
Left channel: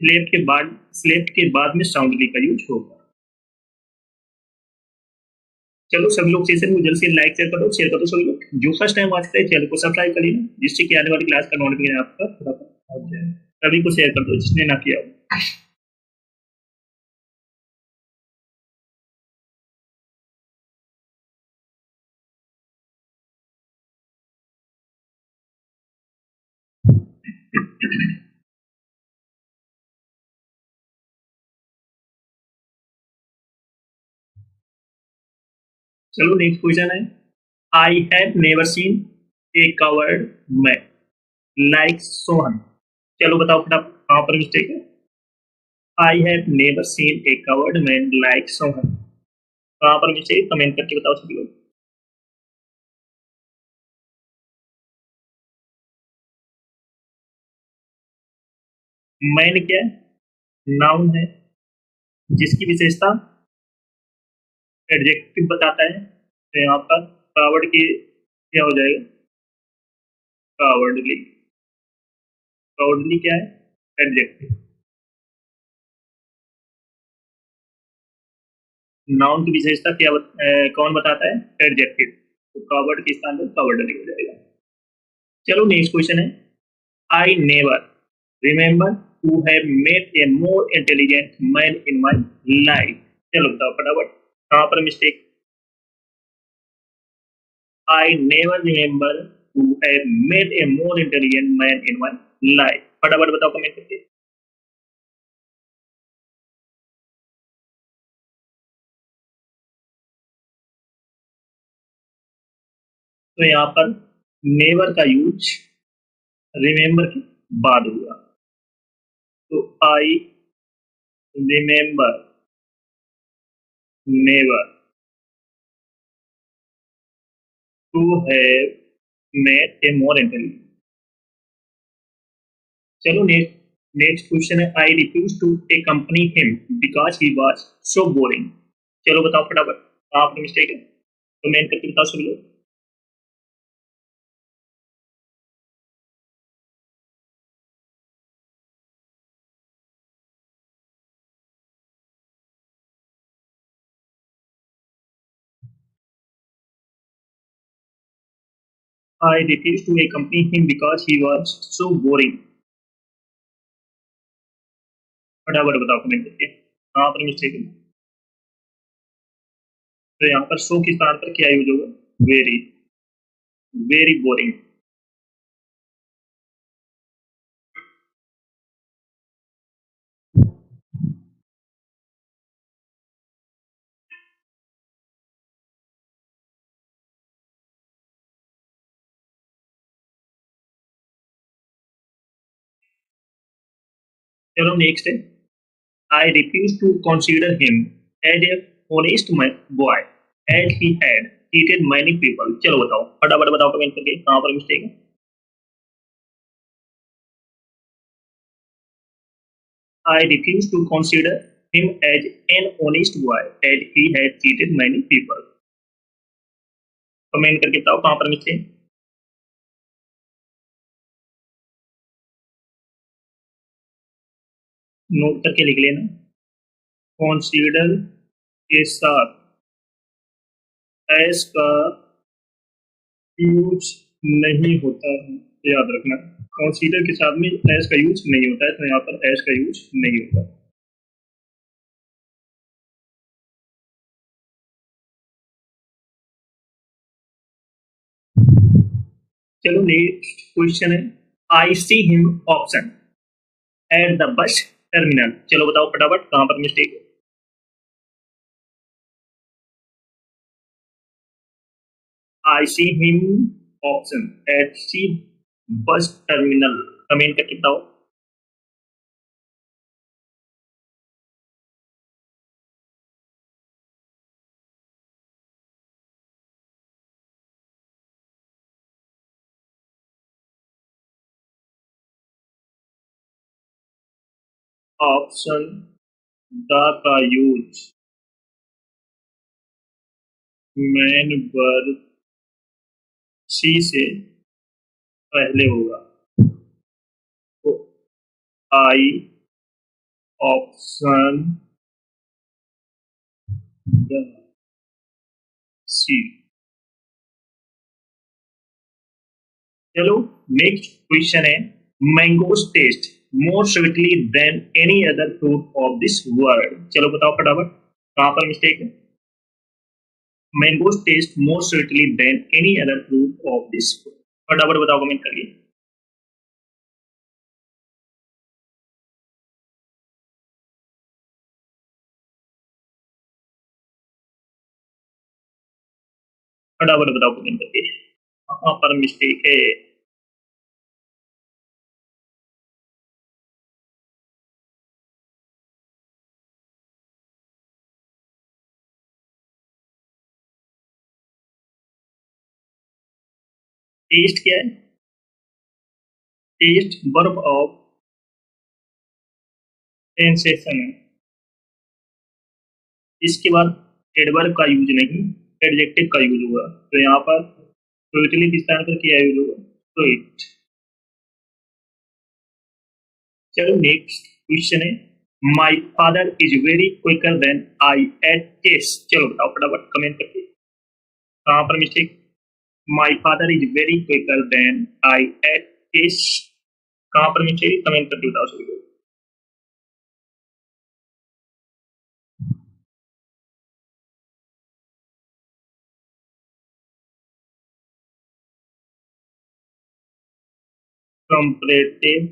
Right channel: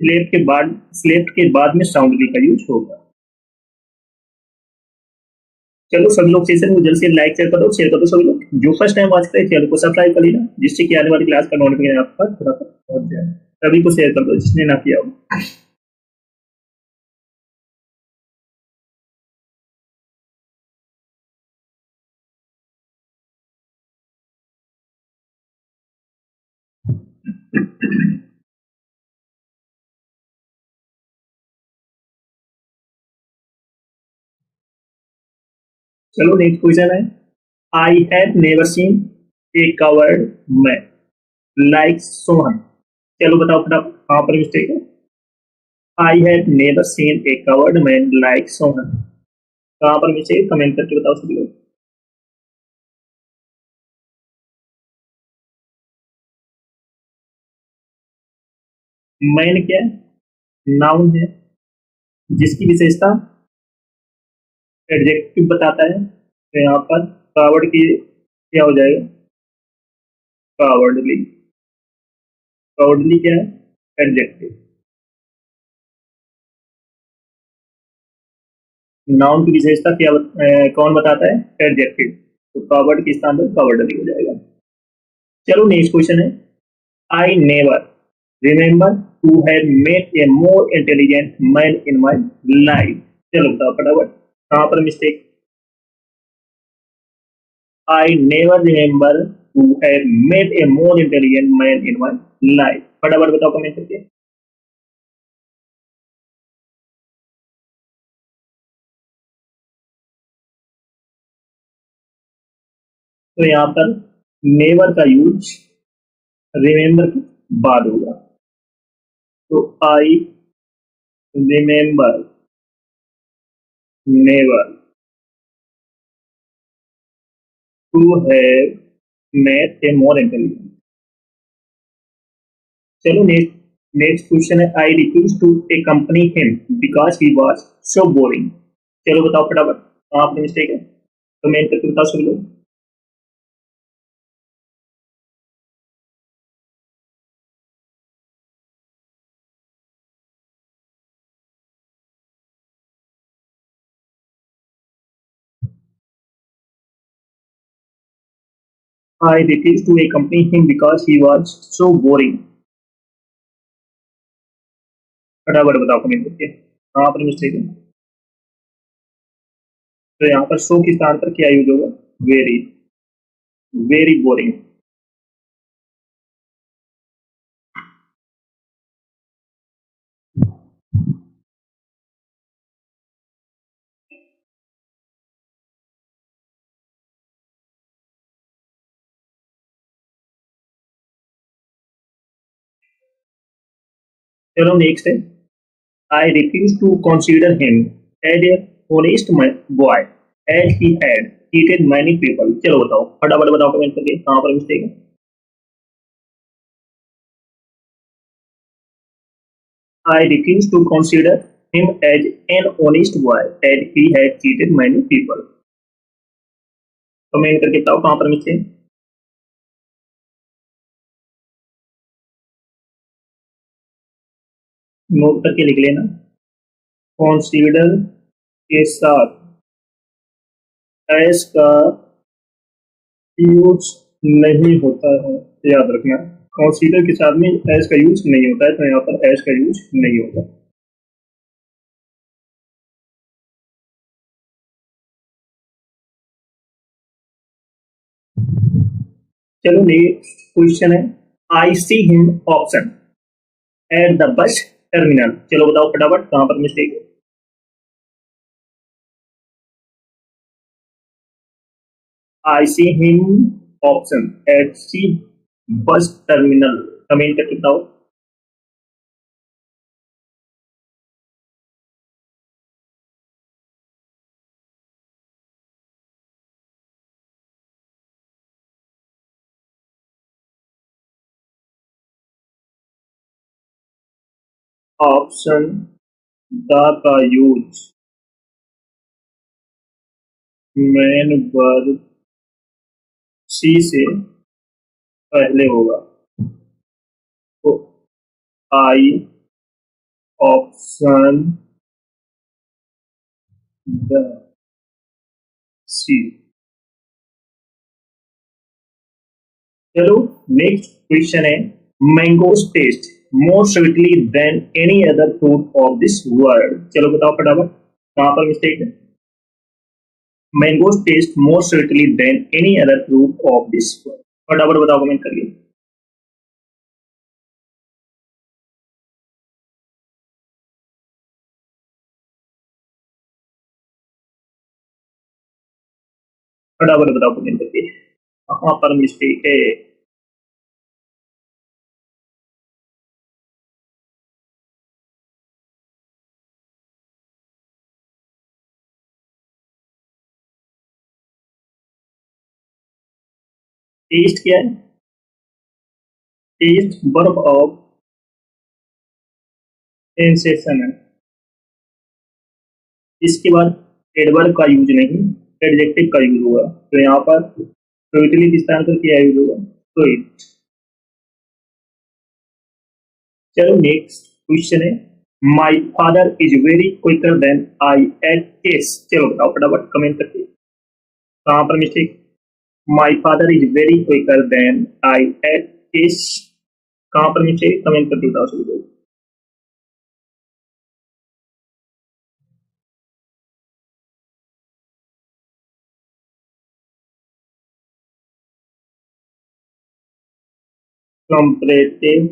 स्लेप्ट के बाद में साउंडली का यूज होगा। चलो सभी लोग सेशन को जल्द से लाइक शेयर कर दो सभी लोग। जो फर्स्ट टाइम वॉच करे चैनल को सब्सक्राइब कर लेना, जिससे कि आने वाली क्लास का नोटिफिकेशन आप तक पहुंच जाए। सभी को शेयर कर दो जिसने ना किया हो। चलो नेक्स्ट क्वेश्चन है, I have never seen A covered man like Sohan. चलो बताओ फटाफट कहाँ पर मिस्टेक है। I have never seen A covered man like Sohan, कहाँ पर मिस्टेक है कमेंट करके बताओ सभी लोग। मैन क्या है, नाउन है, जिसकी विशेषता एडजेक्टिव बताता है। तो यहाँ पर कावर्ड की क्या हो जाएगा, कावर्डली। कावर्डली क्या है, एडजेक्टिव। नाउन की विशेषता क्या कौन बताता है, एडजेक्टिव। तो कावर्ड के स्थान पर कावर्डली हो जाएगा। चलो नेक्स्ट क्वेश्चन है, I never remember to have met a more intelligent man in my life. चलो बताओ फटाफट कहाँ पर mistake. I never remember to have met a more intelligent man in my life। फटाफट बताओ कमेंट करके। तो यहाँ पर नेवर का यूज रिमेंबर के बाद होगा। तो I remember never to have met a more intelligent. चलो नेक्स्ट नेक्स्ट क्वेश्चन है, I refuse to accompany him because he was so boring। चलो बताओ फटाफट कहाँ पर मिस्टेक है, कमेंट करके बताओ सभी लोग। I refused to accompany him because he was so boring। फटाफट बताओ कमेंट करके कहाँ पर मिस्टेक है। तो यहाँ पर सो के स्थान पर क्या यूज होगा, वेरी। Very boring. चलो नेक्स्ट है, I refuse to consider him as a honest boy. As he had cheated many people. चलो बताओ, फटाफट बताओ कमेंट करके कहां पर मिस्टेक है। I refuse to consider him as an honest boy as he had cheated many people। Comment करके बताओ कहां पर मिस्टेक। नोट करके लिख लेना। कॉन्सिडर के साथ एस का यूज नहीं होता है, याद रखना। कॉन्सिडर के साथ में एस का यूज नहीं होता है, तो यहाँ पर एस का यूज नहीं होगा। चलो नेक्स्ट क्वेश्चन है, I see him option at the bus terminal. चलो बताओ फटाफट कहां पर मिस्टेक है। I see him option at see bus terminal. Comment करके बताओ। ऑप्शन द का यूज मैन वर्ब सी से पहले होगा, तो आई ऑप्शन द सी। चलो नेक्स्ट क्वेश्चन है, mangoes taste more sweetly than any other fruit of this world. चलो बताओ फटाफट कहां पर मिस्टेक है। Mangoes taste more sweetly than any other fruit of this world. फटाफट बताओ कमेंट करिए। फटाफट बताओ कमेंट करके कहां पर मिस्टेक है। टेस्ट क्या है। टेस्ट वर्ब ऑफ सेंसेशन है। इसके बाद एडवर्ब का यूज नहीं, एडजेक्टिव का यूज होगा, तो यहाँ पर स्वीटली किस स्थान पर क्या यूज होगा, स्वीट। चलो नेक्स्ट क्वेश्चन है, my father is very quicker than I at chess. चलो बताओ फटाफट कमेंट करके कहां पर mistake. My father is very quicker than I at chess. कहां पर मिस्टेक, कमेंट करके बताओ सभी लोग। कंपैरेटिव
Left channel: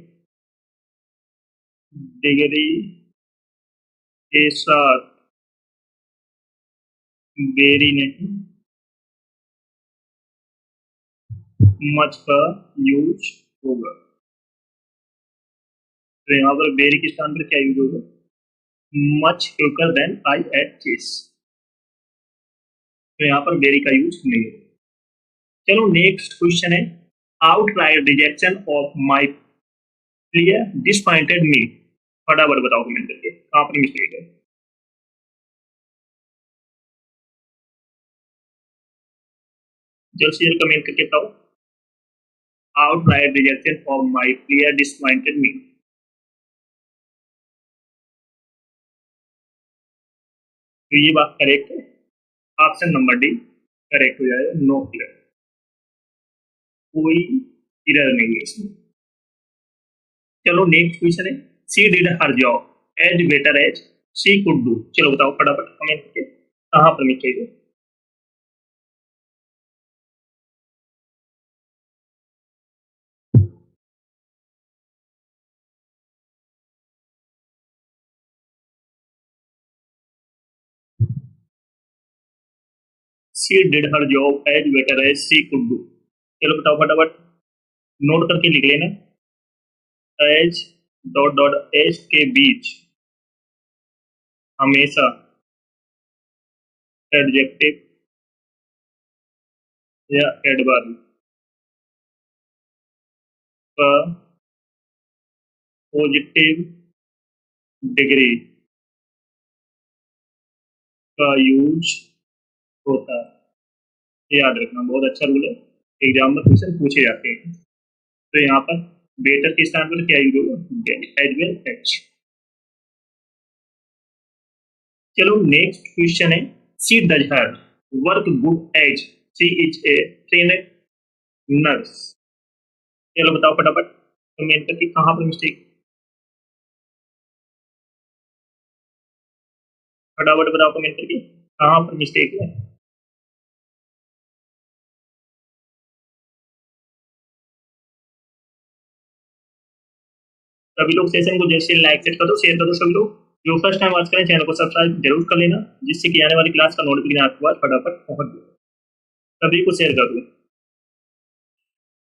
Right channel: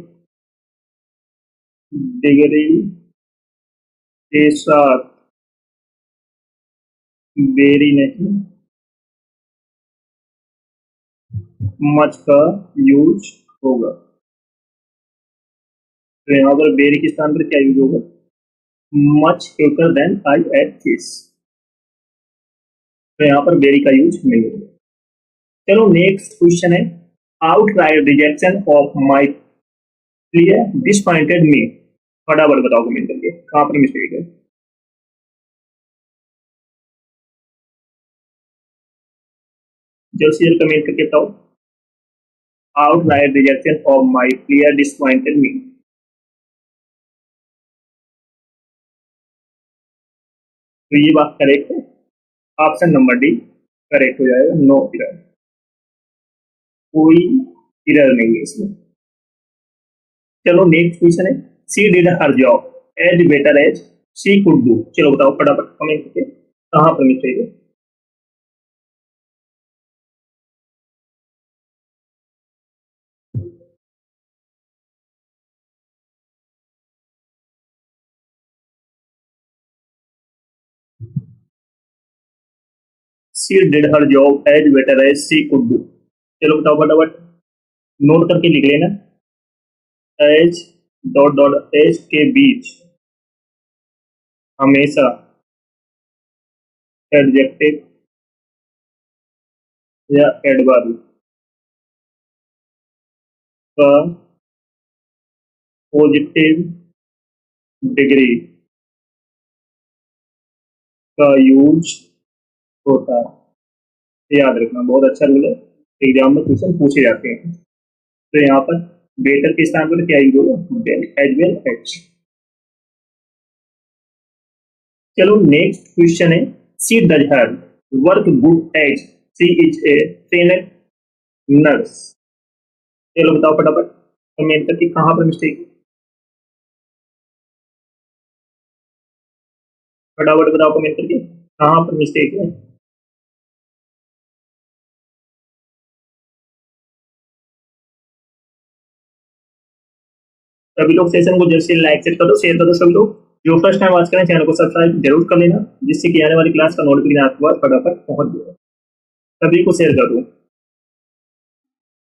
डिग्री के साथ वेरी नहीं मच का यूज होगा, तो यहाँ पर वेरी के स्थान पर क्या यूज होगा, much quicker than I at chess, तो यहाँ पर वेरी का यूज नहीं होगा। चलो नेक्स्ट क्वेश्चन है, outright rejection of my player disappointed me. फटाफट बताओ कमेंट करके कहां पर मिस्टेक है। जल्द से जल्द कमेंट करके बताओ। Outright rejection of my player disappointed me. तो ये बात करेक्ट है, ऑप्शन नंबर डी करेक्ट हो जाएगा, नो इरर, कोई इरर नहीं है इसमें। चलो नेक्स्ट क्वेश्चन है, she did her job as better as she could do. चलो बताओ फटाफट कमेंट करके कहां पर मिस्टेक है। She did her job as better as she could do. चलो बताओ फटाफट, नोट करके लिख लेना। एज डॉट डॉट एज के बीच हमेशा एडजेक्टिव या एडवर्ब का पॉजिटिव डिग्री का यूज होता है। याद रखना, बहुत अच्छा रूल है, एग्जाम में क्वेश्चन पूछे जाते हैं। तो यहाँ पर बेटर के स्थान पर क्या यूज होगा, एज वेल एच। चलो नेक्स्ट क्वेश्चन है, she does her work good as she is a trained nurse. चलो बताओ फटाफट कमेंट करके कहाँ पर मिस्टेक, फटाफट बताओ कमेंट करके कहाँ पर मिस्टेक है। सभी लोग सेशन को जल्द से लाइक सेट कर दो, शेयर कर दो। सभी लोग जो फर्स्ट टाइम वॉच करें चैनल को सब्सक्राइब जरूर कर लेना, जिससे कि आने वाली क्लास का नोटिफिकेशन आपके पास फटाफट पहुंच जाए। सभी को शेयर कर दो,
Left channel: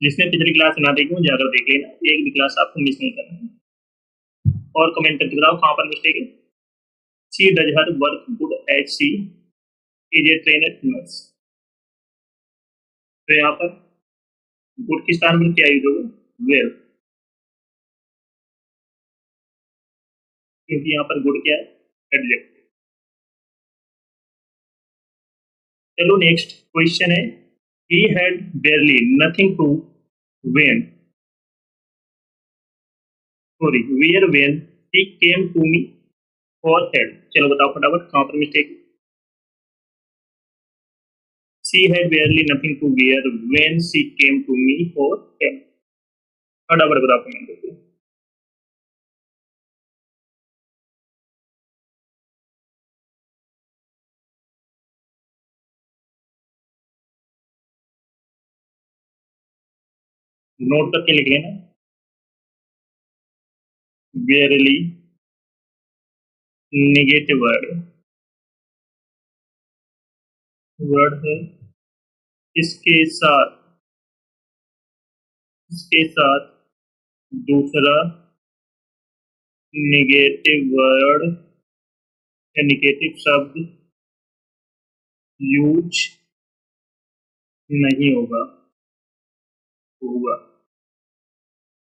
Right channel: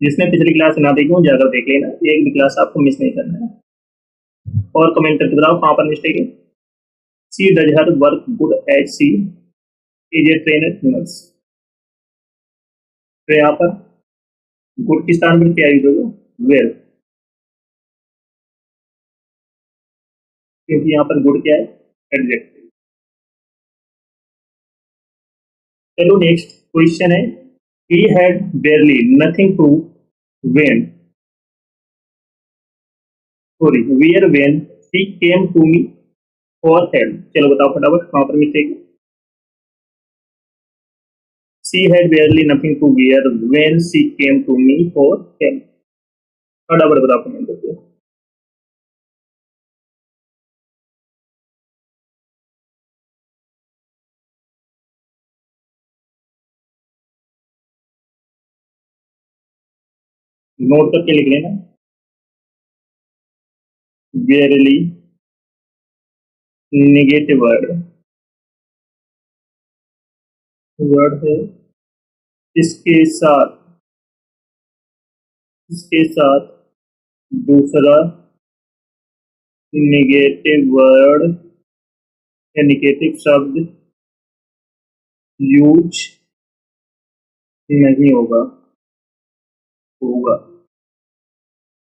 जिसने पिछली क्लास ना देखी हो जाकर देख लेना, एक भी क्लास आपको मिस नहीं करना है। और कमेंट करके बताओ कहाँ पर मिस्टेक है। She does her work good as she is a trained nurse. तो यहाँ पर गुड के स्थान पर क्या यूज होगा, वेल, क्योंकि यहाँ पर गुड क्या है, एडजेक्टिव। चलो नेक्स्ट क्वेश्चन है, he had barely nothing to when sorry wear when she came to me for help. चलो बताओ फटाफट कहाँ पर मिस्टेक है। She had barely nothing to wear when she came to me for help. फटाफट बताओ कमेंट करके। नोट करके लिख लेना, बेयरली निगेटिव वर्ड, वर्ड है इसके साथ, इसके साथ दूसरा निगेटिव वर्ड या निगेटिव शब्द यूज नहीं होगा, होगा।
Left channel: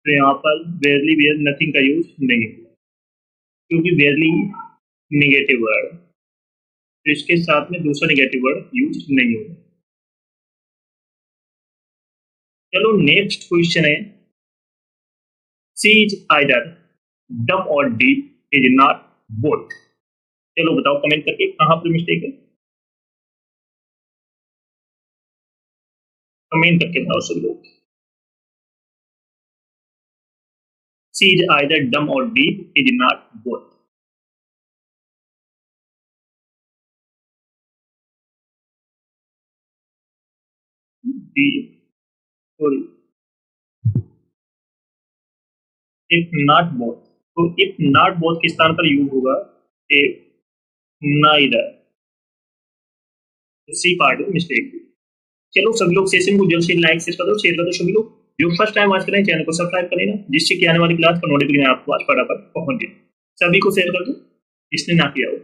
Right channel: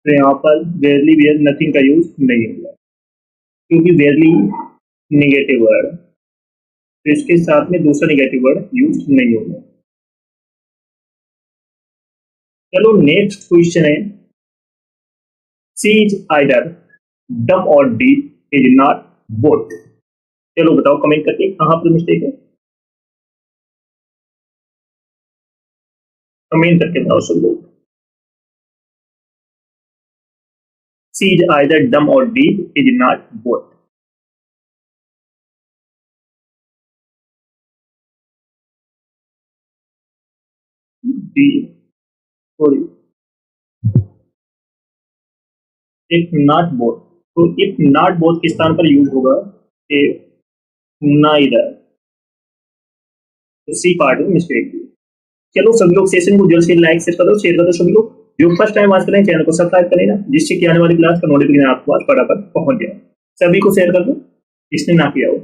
तो यहाँ पर बेयरली वेयर नथिंग का यूज नहीं होगा, क्योंकि बेयरली निगेटिव वर्ड, तो इसके साथ में दूसरा निगेटिव वर्ड यूज नहीं होगा। चलो नेक्स्ट क्वेश्चन है, सी इज आइदर डम और डी इज नॉट बोथ। चलो बताओ कमेंट करके कहां पर मिस्टेक है, कमेंट करके बताओ सब लोग। सी इज आइदर डम और D is not both. D sorry, if not both, तो इफ नॉट बोथ के स्थान पर यूज होगा इफ नाइदर, तो सी पार्ट में मिस्टेक। चलो सभी लोग सेशन को जल्द से लाइक शेयर कर दो, शेयर कर दो। सभी लोग जो फर्स्ट टाइम वॉच करें चैनल को सब्सक्राइब कर लेना, जिससे कि आने वाली क्लास का नोटिफिकेशन आपके पास फटाफट पहुंच जाए। सभी को शेयर कर दो जिसने ना किया हो।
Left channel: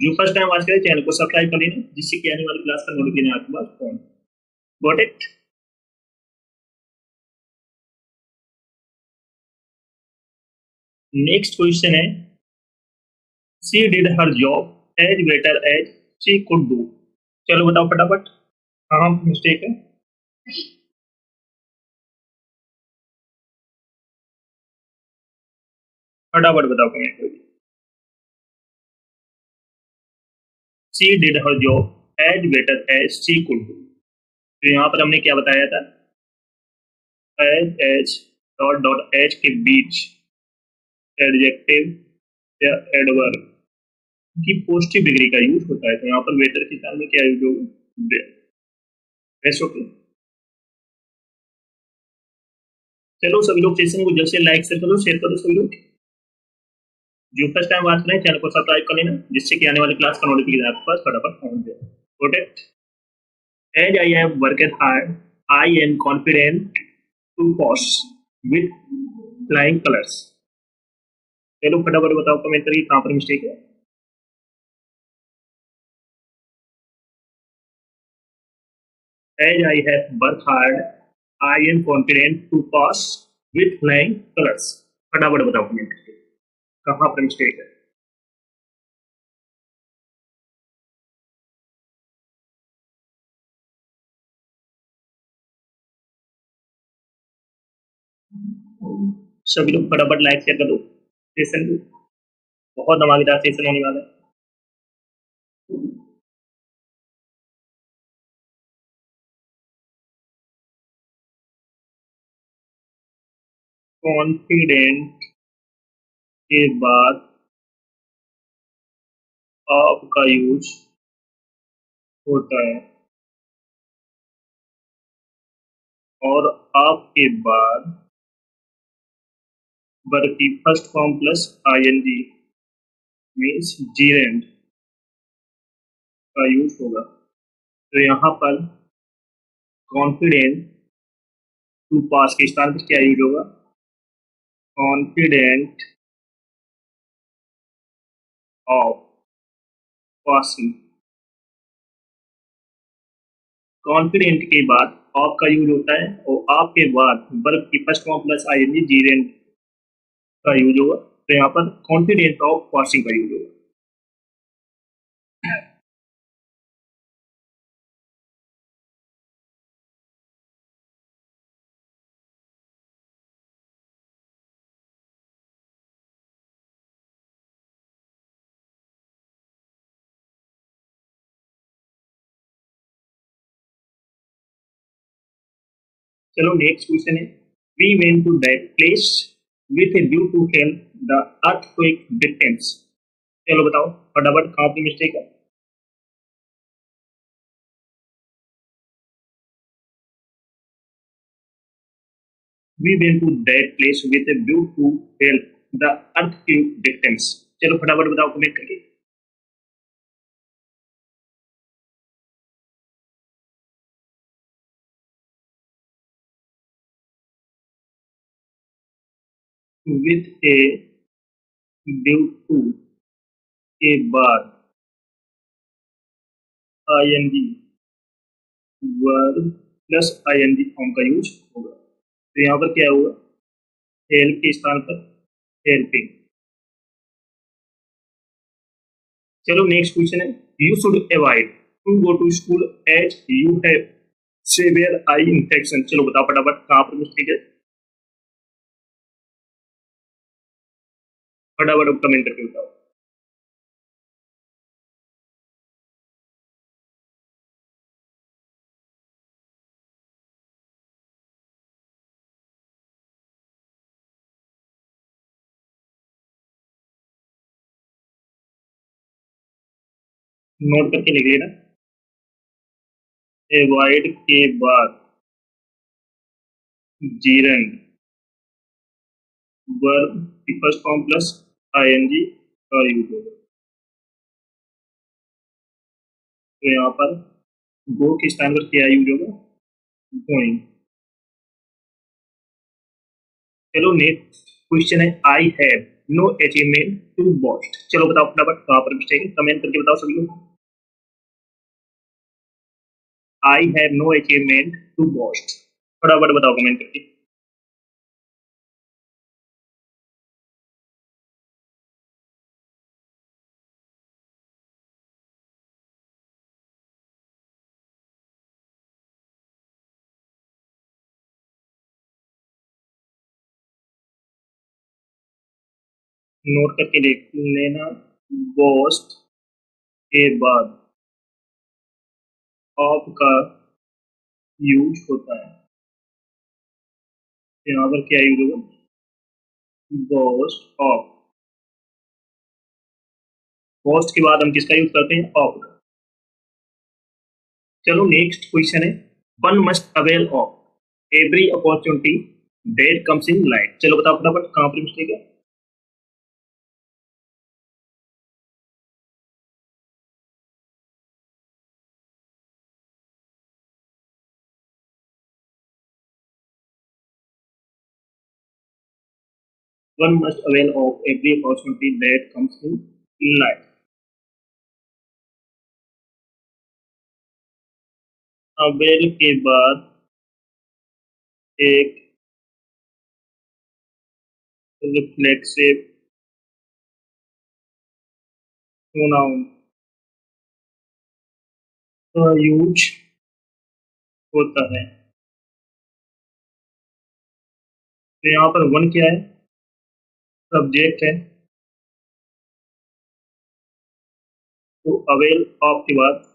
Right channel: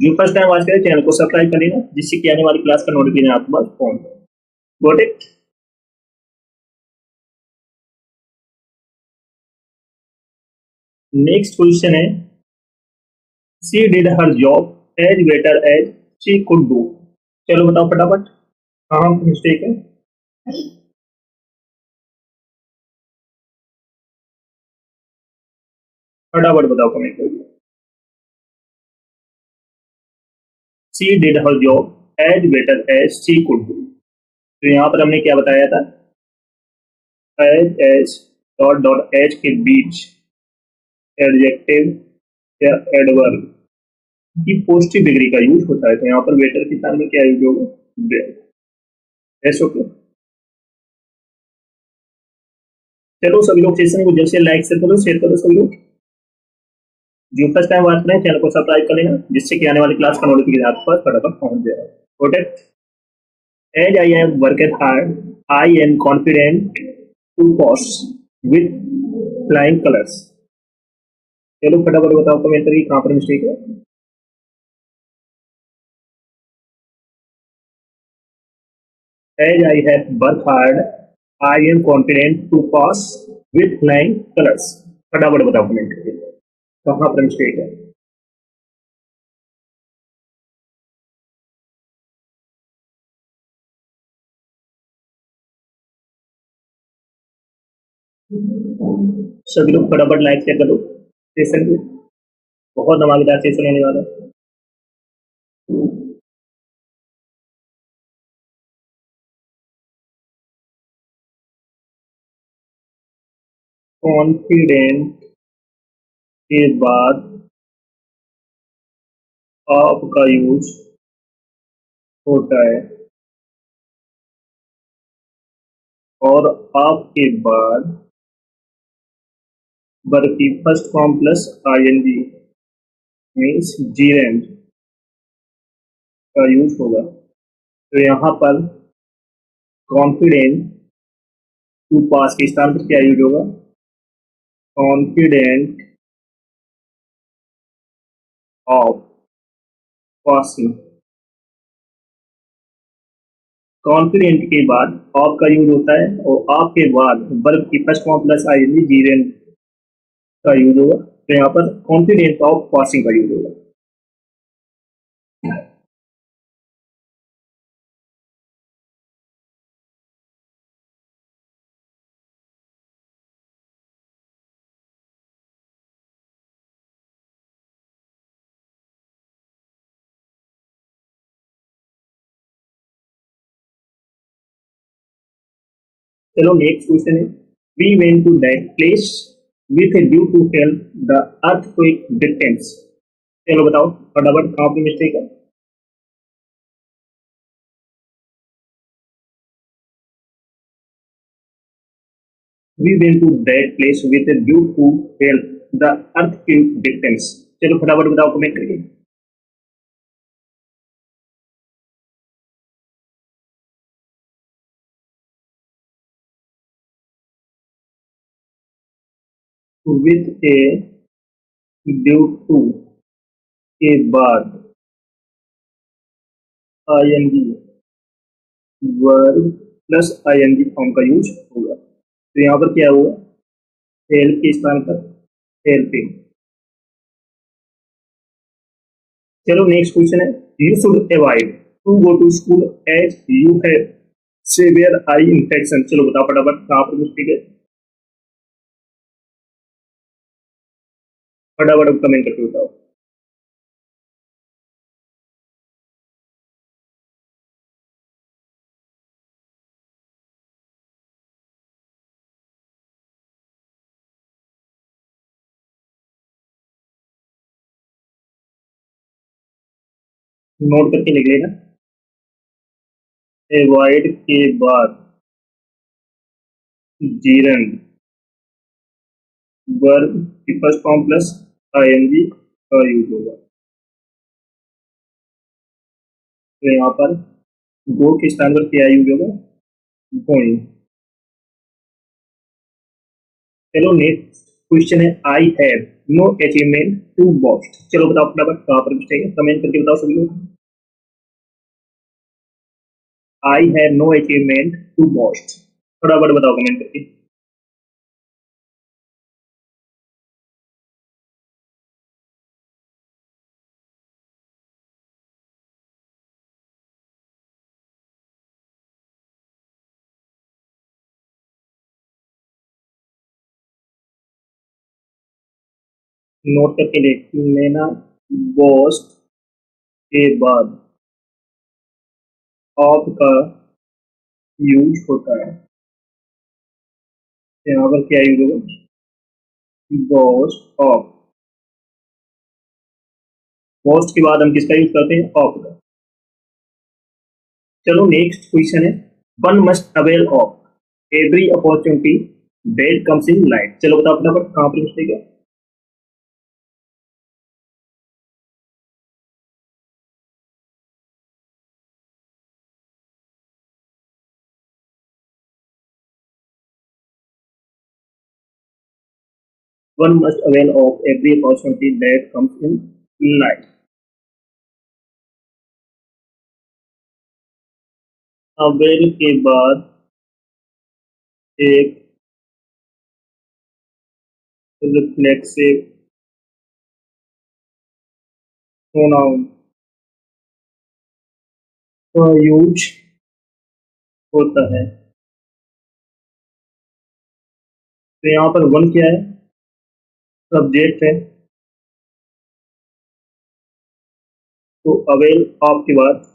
जो फर्स्ट टाइम वॉच करें चैनल को सब्सक्राइब कर लेना, जिससे कि आने वाली क्लास का नोटिफिकेशन आपके पास पहुंच जाए। Got it. नेक्स्ट क्वेश्चन है, she did her job as better as she could do. चलो बताओ फटाफट कहाँ मिस्टेक है, फटाफट बताओ कमेंट करके। She did her job as better as she could do. तो यहाँ पर हमने क्या बताया था, एज डॉट डॉट एज के बीच एडजेक्टिव या एडवर्ब की पॉजिटिव डिग्री का यूज होता है। तो यहाँ पर बेटर के स्थान में क्या यूज होगा, एस। ओके, चलो सभी लोग सेशन को जल्द से लाइक शेयर करो, शेयर करो। सभी लोग जो फर्स्ट टाइम बात करें चैनल को सब्सक्राइब कर लेना, जिससे कि आने वाली क्लास का नोटिफिकेशन आपके पास फटाफट पहुंच जाए। Protect as I have worked hard I am confident to pass with flying colours. चलो फटाफट बताओ कमेंट करके कहाँ पर मिस्टेक है। As I have worked hard, I am confident to pass with flying colors. फटाफट बताओ कमेंट करके कहाँ पर मिस्टेक है। सभी लोग फटाफट लाइक शेयर कर दो सेशन को, बहुत धमाकेदार सेशन होने वाला है। कॉन्फिडेंट के बाद आपका यूज होता है और आपके बाद वर्ब की first form plus ING means gerund का यूज होगा। तो यहाँ पर कॉन्फिडेंट टू पास के स्थान पर क्या यूज होगा? Confident of passing. कॉन्फिडेंट के बाद ऑफ का यूज होता है और ऑफ के बाद वर्ब की first form plus ING gerund का यूज होगा। तो यहाँ पर कॉन्फिडेंट ऑफ पासिंग का यूज होगा। चलो नेक्स्ट क्वेश्चन है, we went to that place with a due to help the earthquake victims. चलो बताओ फटाफट कहाँ पे मिस्टेक है। We went to that place with a due to help the earthquake victims. चलो फटाफट बताओ कमेंट करके। विथ ए ड्यू टू के बाद ING verb plus ING form का यूज होगा। तो यहाँ पर क्या होगा? हेल्प के स्थान पर हेल्पिंग। चलो नेक्स्ट क्वेश्चन है, you should avoid to go to school as you have severe eye infection. चलो बताओ फटाफट कहाँ पर मिस्टेक है, फटाफट कमेंट करके बताओ। नोट करके लिख लेना। अवॉइड के बाद जीरंड वर्ब की फर्स्ट फॉर्म प्लस आईएनजी का यूज होगा। तो यहाँ पर गो के स्थान पर क्या यूज होगा? गोइंग। चलो नेक्स्ट क्वेश्चन है, I have no achievement to boast. चलो बताओ फटाफट कहाँ पर मिस्टेक है, कमेंट करके बताओ सभी लोग। I have no achievement to boast, फटाफट बताओ कमेंट करके। नोट करके लिख लेना, बॉस्ट के बाद ऑफ का यूज होता है। यहाँ पर क्या यूज होगा? बॉस्ट ऑफ। बॉस्ट के बाद हम किसका यूज करते हैं? ऑफ का। चलो नेक्स्ट क्वेश्चन है, one must avail of every opportunity that comes in life. चलो बताओ फटाफट कहाँ पर मिस्टेक है। One must avail of every opportunity that comes in life. Avail के बाद एक रिफ्लेक्सिव प्रोनाउन का यूज होता है। तो यहाँ पर वन क्या है? सब्जेक्ट है। तो अवेल ऑफ के बाद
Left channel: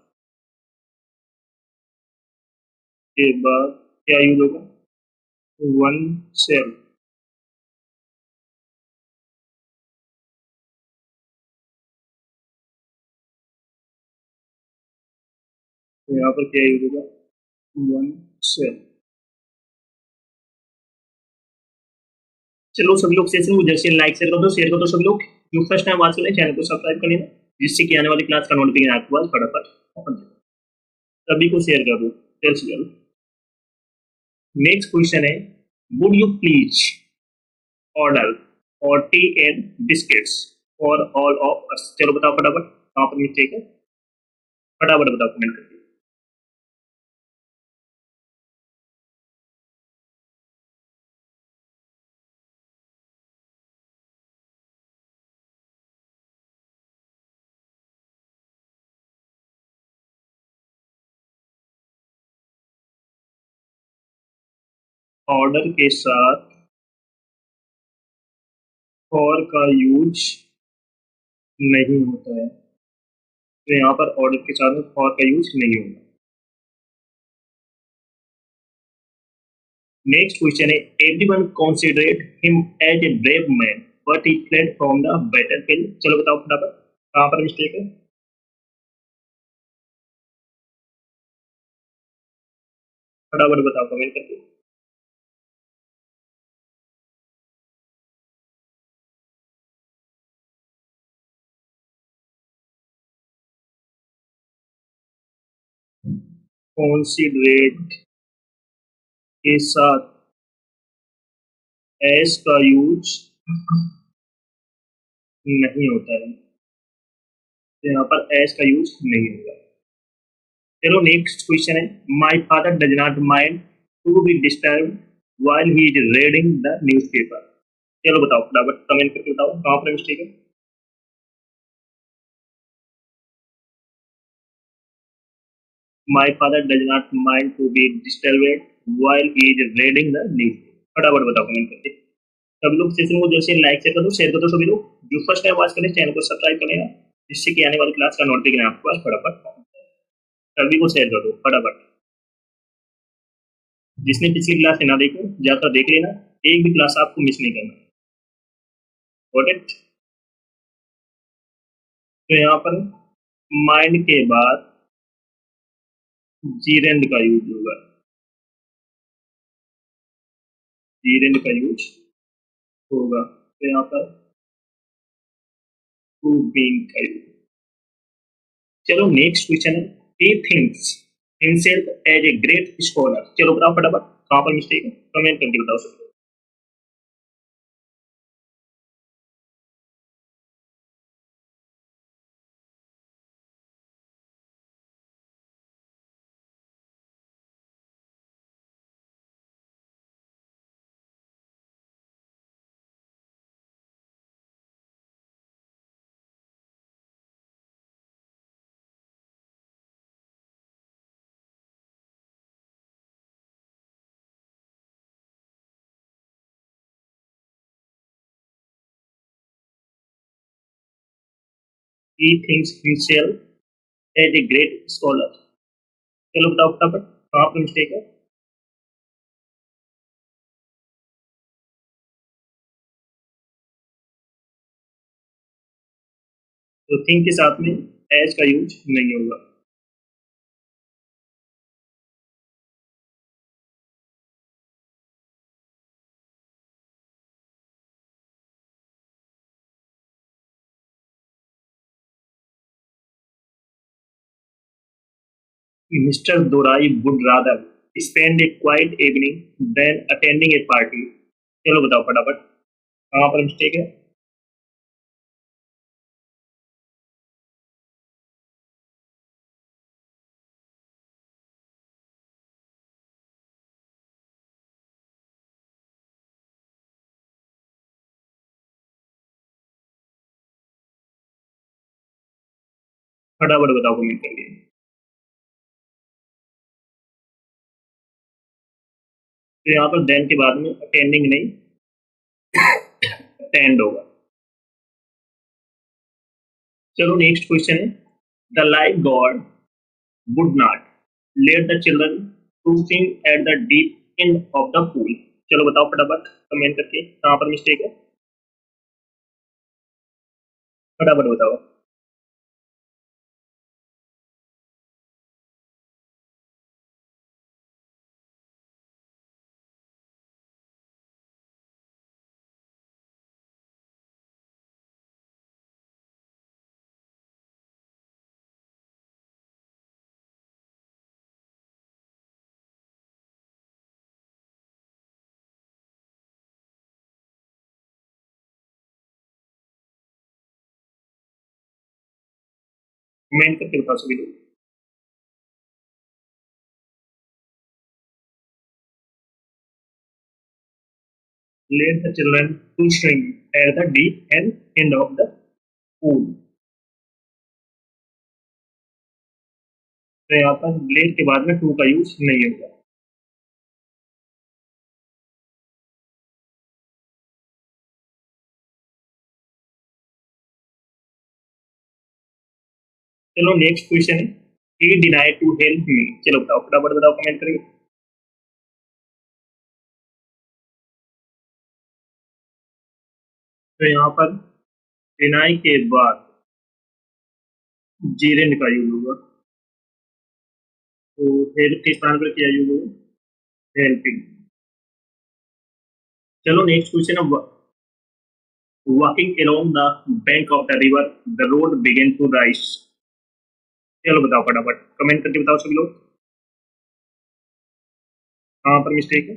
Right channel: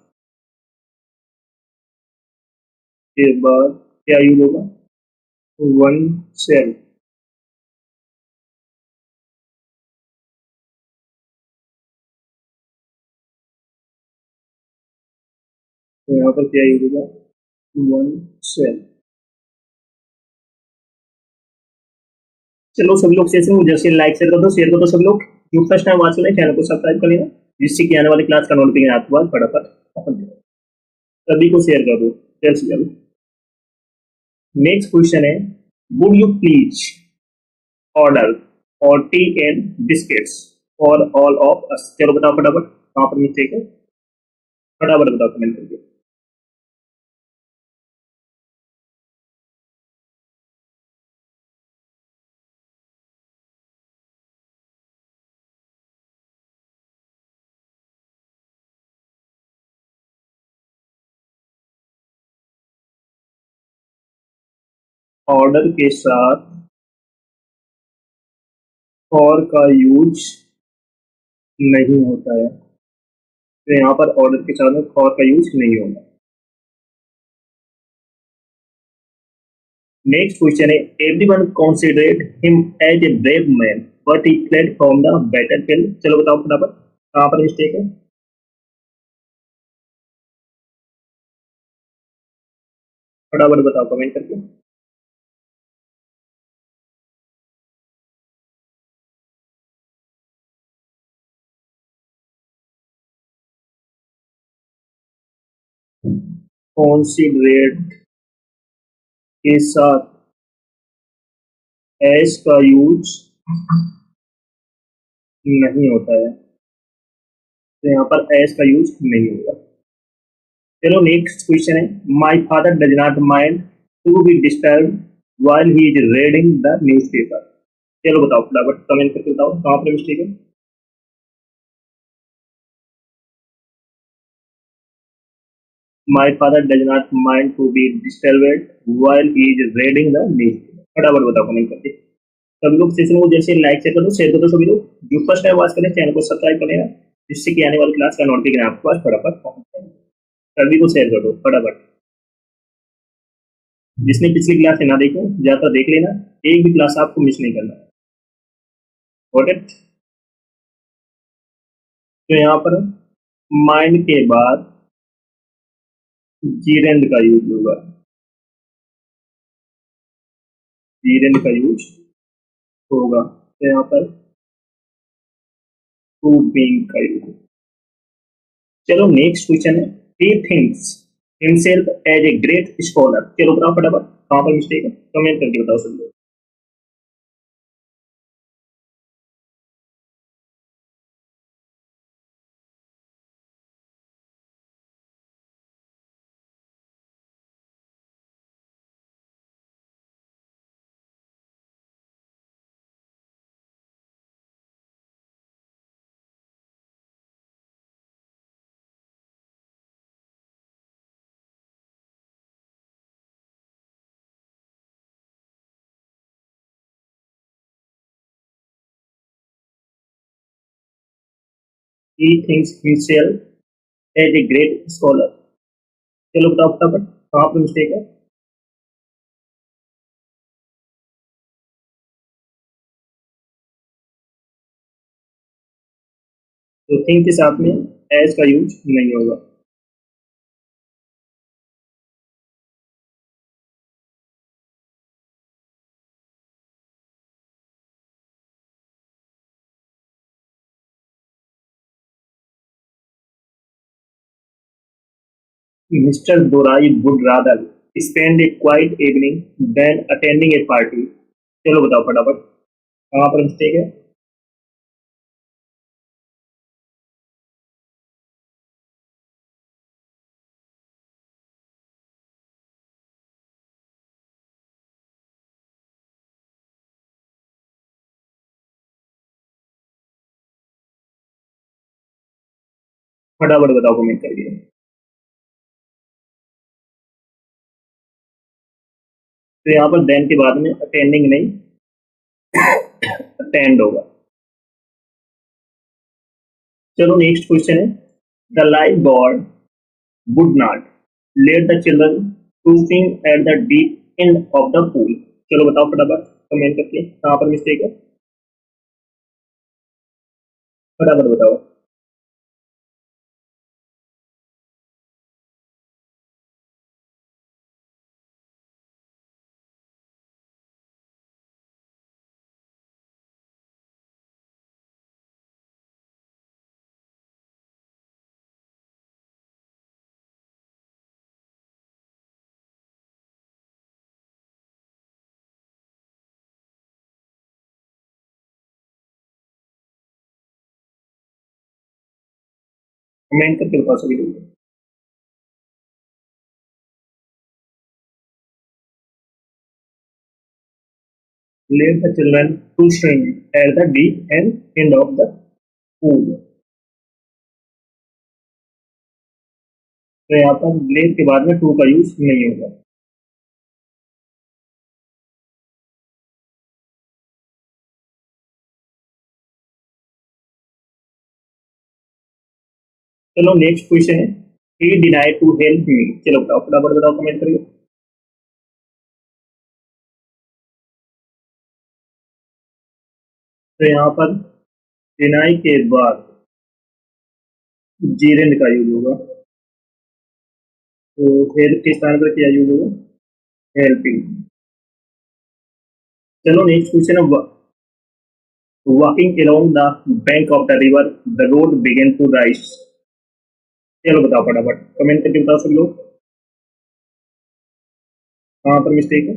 क्या यूज होगा? One self. तो यहाँ पर क्या यूज होगा? One self. चलो सभी लोग सेशन को जैसे लाइक शेयर कर दो, शेयर कर दो सभी लोग। जो फर्स्ट टाइम वॉच कर रहे हैं चैनल को सब्सक्राइब कर लेना, जिससे कि आने वाली क्लास का नोटिफिकेशन आपके पास फटाफट पहुंच जाए। सभी को शेयर कर दो जल्द से जल्द। नेक्स्ट क्वेश्चन है, would you please order 40 and biscuits for all of us. चलो बताओ फटाफट कहाँ पर मिस्टेक है, फटाफट बताओ कमेंट करके। ऑर्डर के साथ फॉर का यूज नहीं होता है। तो यहाँ पर ऑर्डर के साथ में फॉर का यूज नहीं होगा। नेक्स्ट क्वेश्चन है, everyone considered him as a brave man but he fled from the battlefield. चलो बताओ फटाफट कहाँ पर मिस्टेक है, फटाफट बताओ कमेंट करके। कंसिडरेट के साथ एस का यूज नहीं होता है। तो यहाँ पर एस का यूज नहीं होगा। चलो नेक्स्ट क्वेश्चन है, my father does not mind to be disturb while he is reading the newspaper। चलो बताओ फटाफट कमेंट करके बताओ कहाँ पर मिस्टेक है। My father does not mind to be disturb while he is reading the newspaper। फटाफट बताओ कमेंट करके। सभी लोग सेशन को जैसे लाइक शेयर कर दो सभी लोग। जो फर्स्ट टाइम वॉच करें चैनल को सब्सक्राइब कर लेना, जिससे कि आने वाली क्लास का नोटिफिकेशन आपके पास फटाफट पहुंच जाए। सभी को शेयर कर दो फटाफट। जिसने पिछली क्लास ना देखो जाकर देख लेना, एक भी क्लास आपको मिस नहीं करना है। Got it? तो यहाँ पर माइंड के बाद जीरेंड का यूज होगा, जीरेंड का यूज होगा। तो यहाँ पर टू बीइंग का यूज। चलो नेक्स्ट क्वेश्चन है, he thinks himself as a great scholar. चलो बताओ फटाफट कहाँ पर मिस्टेक है, कमेंट करके बताओ सब लोग। He thinks himself as a great scholar. चलो बताओ फटाफट कहाँ पर मिस्टेक है। तो थिंक के साथ में एज का यूज नहीं होगा। Mr Dorai would rather spend a quite evening than attending a party. चलो बताओ फटाफट कहाँ पर मिस्टेक है। फटाफट बताओ कमेंट करके। तो यहाँ पर देन के बाद में अटेंडिंग नहीं, अटेंड होगा। चलो नेक्स्ट क्वेश्चन है, the lifeguard would not let the children to swim at the deep end of the pool. चलो बताओ फटाफट कमेंट करके कहाँ पर मिस्टेक है, फटाफट बताओ। कमेंट करके बताओ सभी लोग। Let the children to swim at the deep end of the pool. तो यहाँ पर लेट के बाद में टू का यूज नहीं होगा। चलो नेक्स्ट क्वेश्चन है, he denied to help me. चलो बताओ फटाफट बताओ कमेंट करके। तो यहाँ पर डिनाई के बाद जीरेंड का यूज होगा, तो हेल्प के स्थान पर क्या यूज होगा, हेल्पिंग। चलो नेक्स्ट क्वेश्चन है, walking along the bank of the river the road began to rise. चलो बताओ फटाफट कमेंट करके बताओ सभी लोग कहाँ पर मिस्टेक है।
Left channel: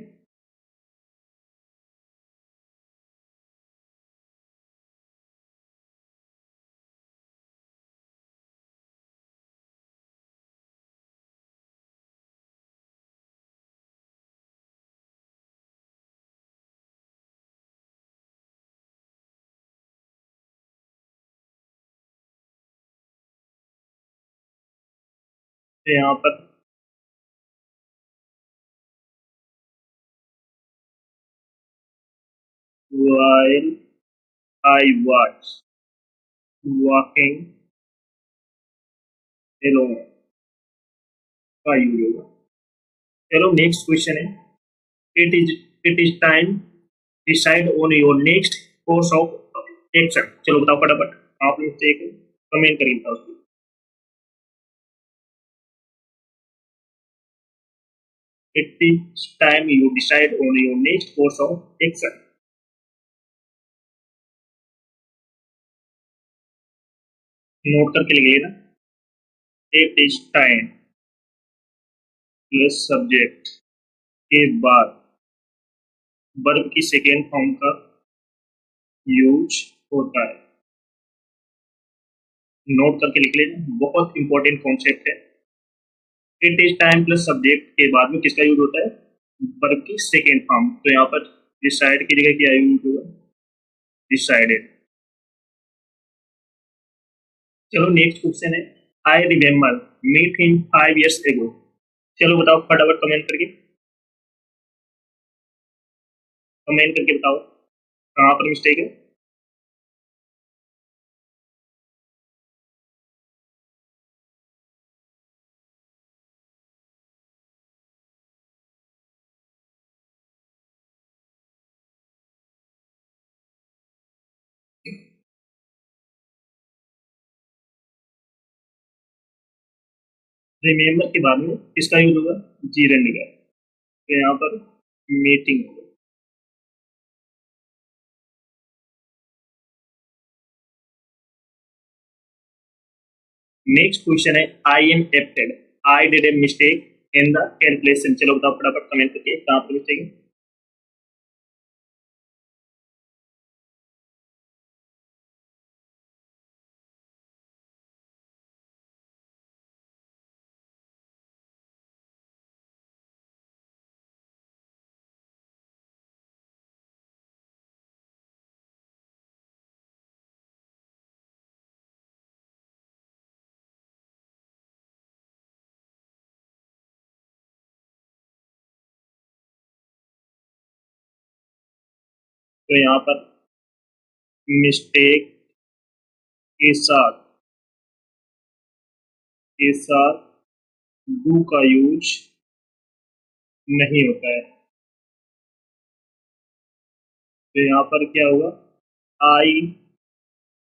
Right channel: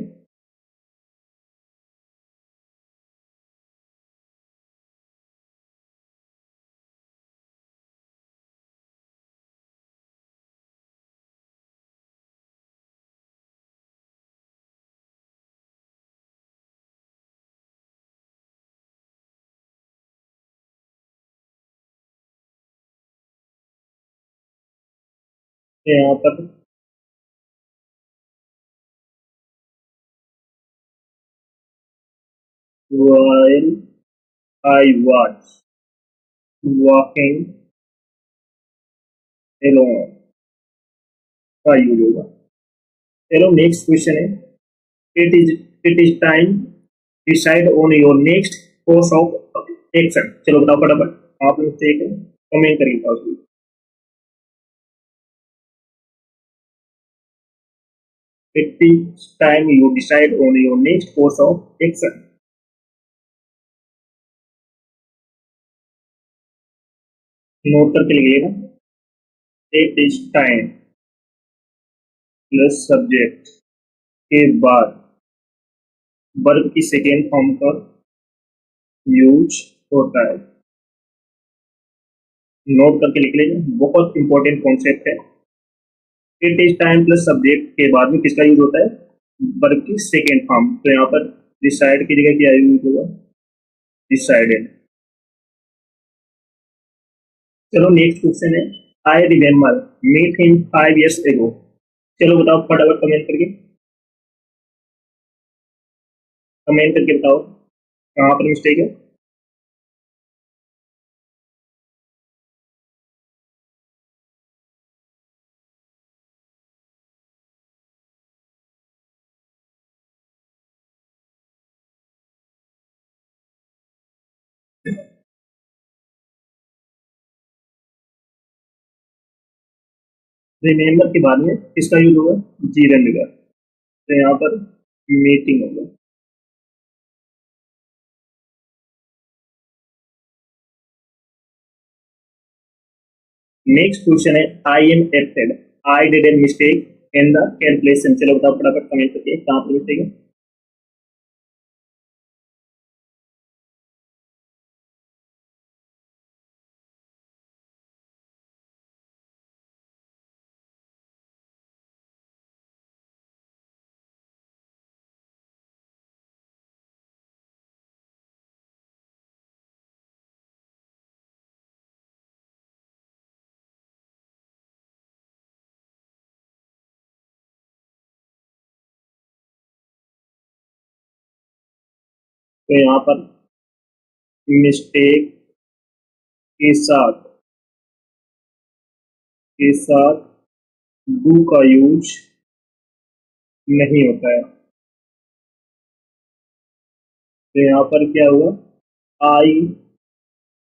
तो यहाँ पर while I was walking alone का यूज होगा। चलो नेक्स्ट क्वेश्चन है, it is it is time decide on your next course of action. चलो बताओ फटाफट आप मिस्टेक है, कमेंट करिए बताओ उसको। It is time you decide on your next course of action. Note करके लिख लेना, it is time plus subject के बाद वर्ब की सेकेंड फॉर्म का यूज होता है। नोट करके लिख लेना, बहुत इंपॉर्टेंट कॉन्सेप्ट है। It is time plus subject के बाद में किसका यूज होता है, वर्ब की सेकेंड फॉर्म। तो यहाँ पर डिसाइड की जगह क्या यूज होगा, डिसाइडेड। चलो नेक्स्ट क्वेश्चन है, I remember meet him 5 years ago। चलो बताओ फटाफट कमेंट करके, कमेंट करके बताओ कहाँ पर मिस्टेक है। रिमेम्बर के बाद में किसका यूज होगा, जीरेंड का। तो यहाँ पर मीटिंग होगा। नेक्स्ट क्वेश्चन है, I am afraid I did a mistake in the calculation. चलो बताओ फटाफट कमेंट करके कहाँ पर मिस्टेक है। तो यहाँ पर मिस्टेक के साथ डू का यूज नहीं होता है। तो यहाँ पर क्या हुआ, आई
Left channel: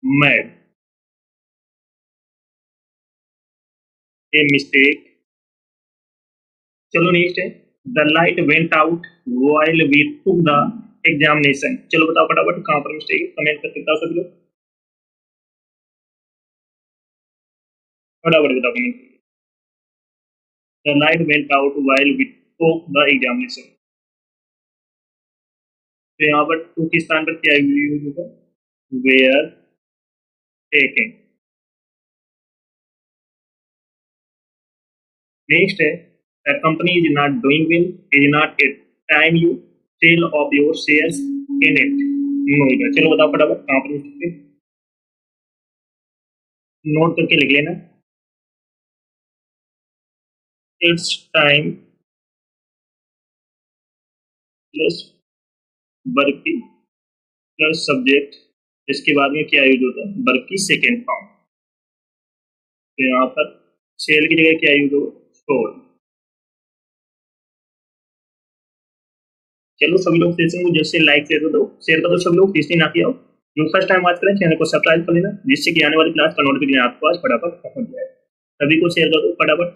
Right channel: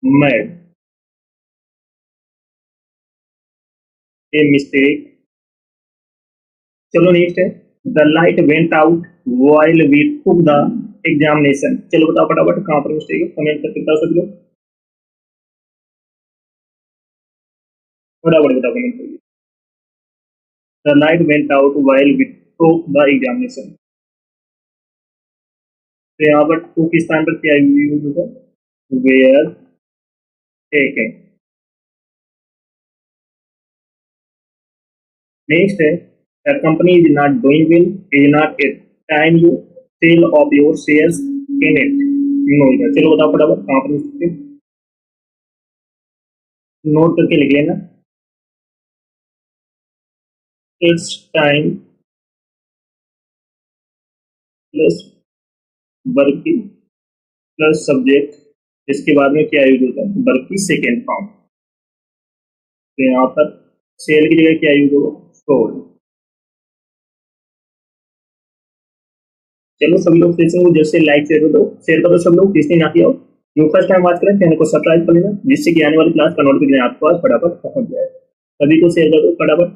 मेड ए मिस्टेक। चलो नेक्स्ट है, the light went out while we took the examination. चलो बताओ फटाफट कहाँ पर मिस्टेक है, कमेंट करके बताओ सभी लोग, फटाफट बताओ कमेंट करके। The light went out while we took the examination. तो यहाँ पर टू के स्थान पर क्या यूज होगा, वेयर टेकन। नेक्स्ट है, the company is not doing well is not a time you sell off your shares in it. No, चलो बताओ फटाफट कहाँ पर मिस्टेक है, नोट करके लिख लेना। इट्स टाइम प्लस वर्ब की प्लस सब्जेक्ट, इसके बाद में क्या यूज होता है, वर्ब की सेकेंड फॉर्म। तो यहाँ पर सेल की जगह क्या यूज होगा, सोल्ड। चलो सभी लोग सेशन को जैसे लाइक शेयर कर दो सब लोग, जिसने ना किया हो। जो फर्स्ट टाइम बात करें चैनल को सब्सक्राइब कर लेना, जिससे कि आने वाली क्लास का नोटिफिकेशन आपके पास फटाफट पहुंच जाए। सभी को शेयर कर दो फटाफट।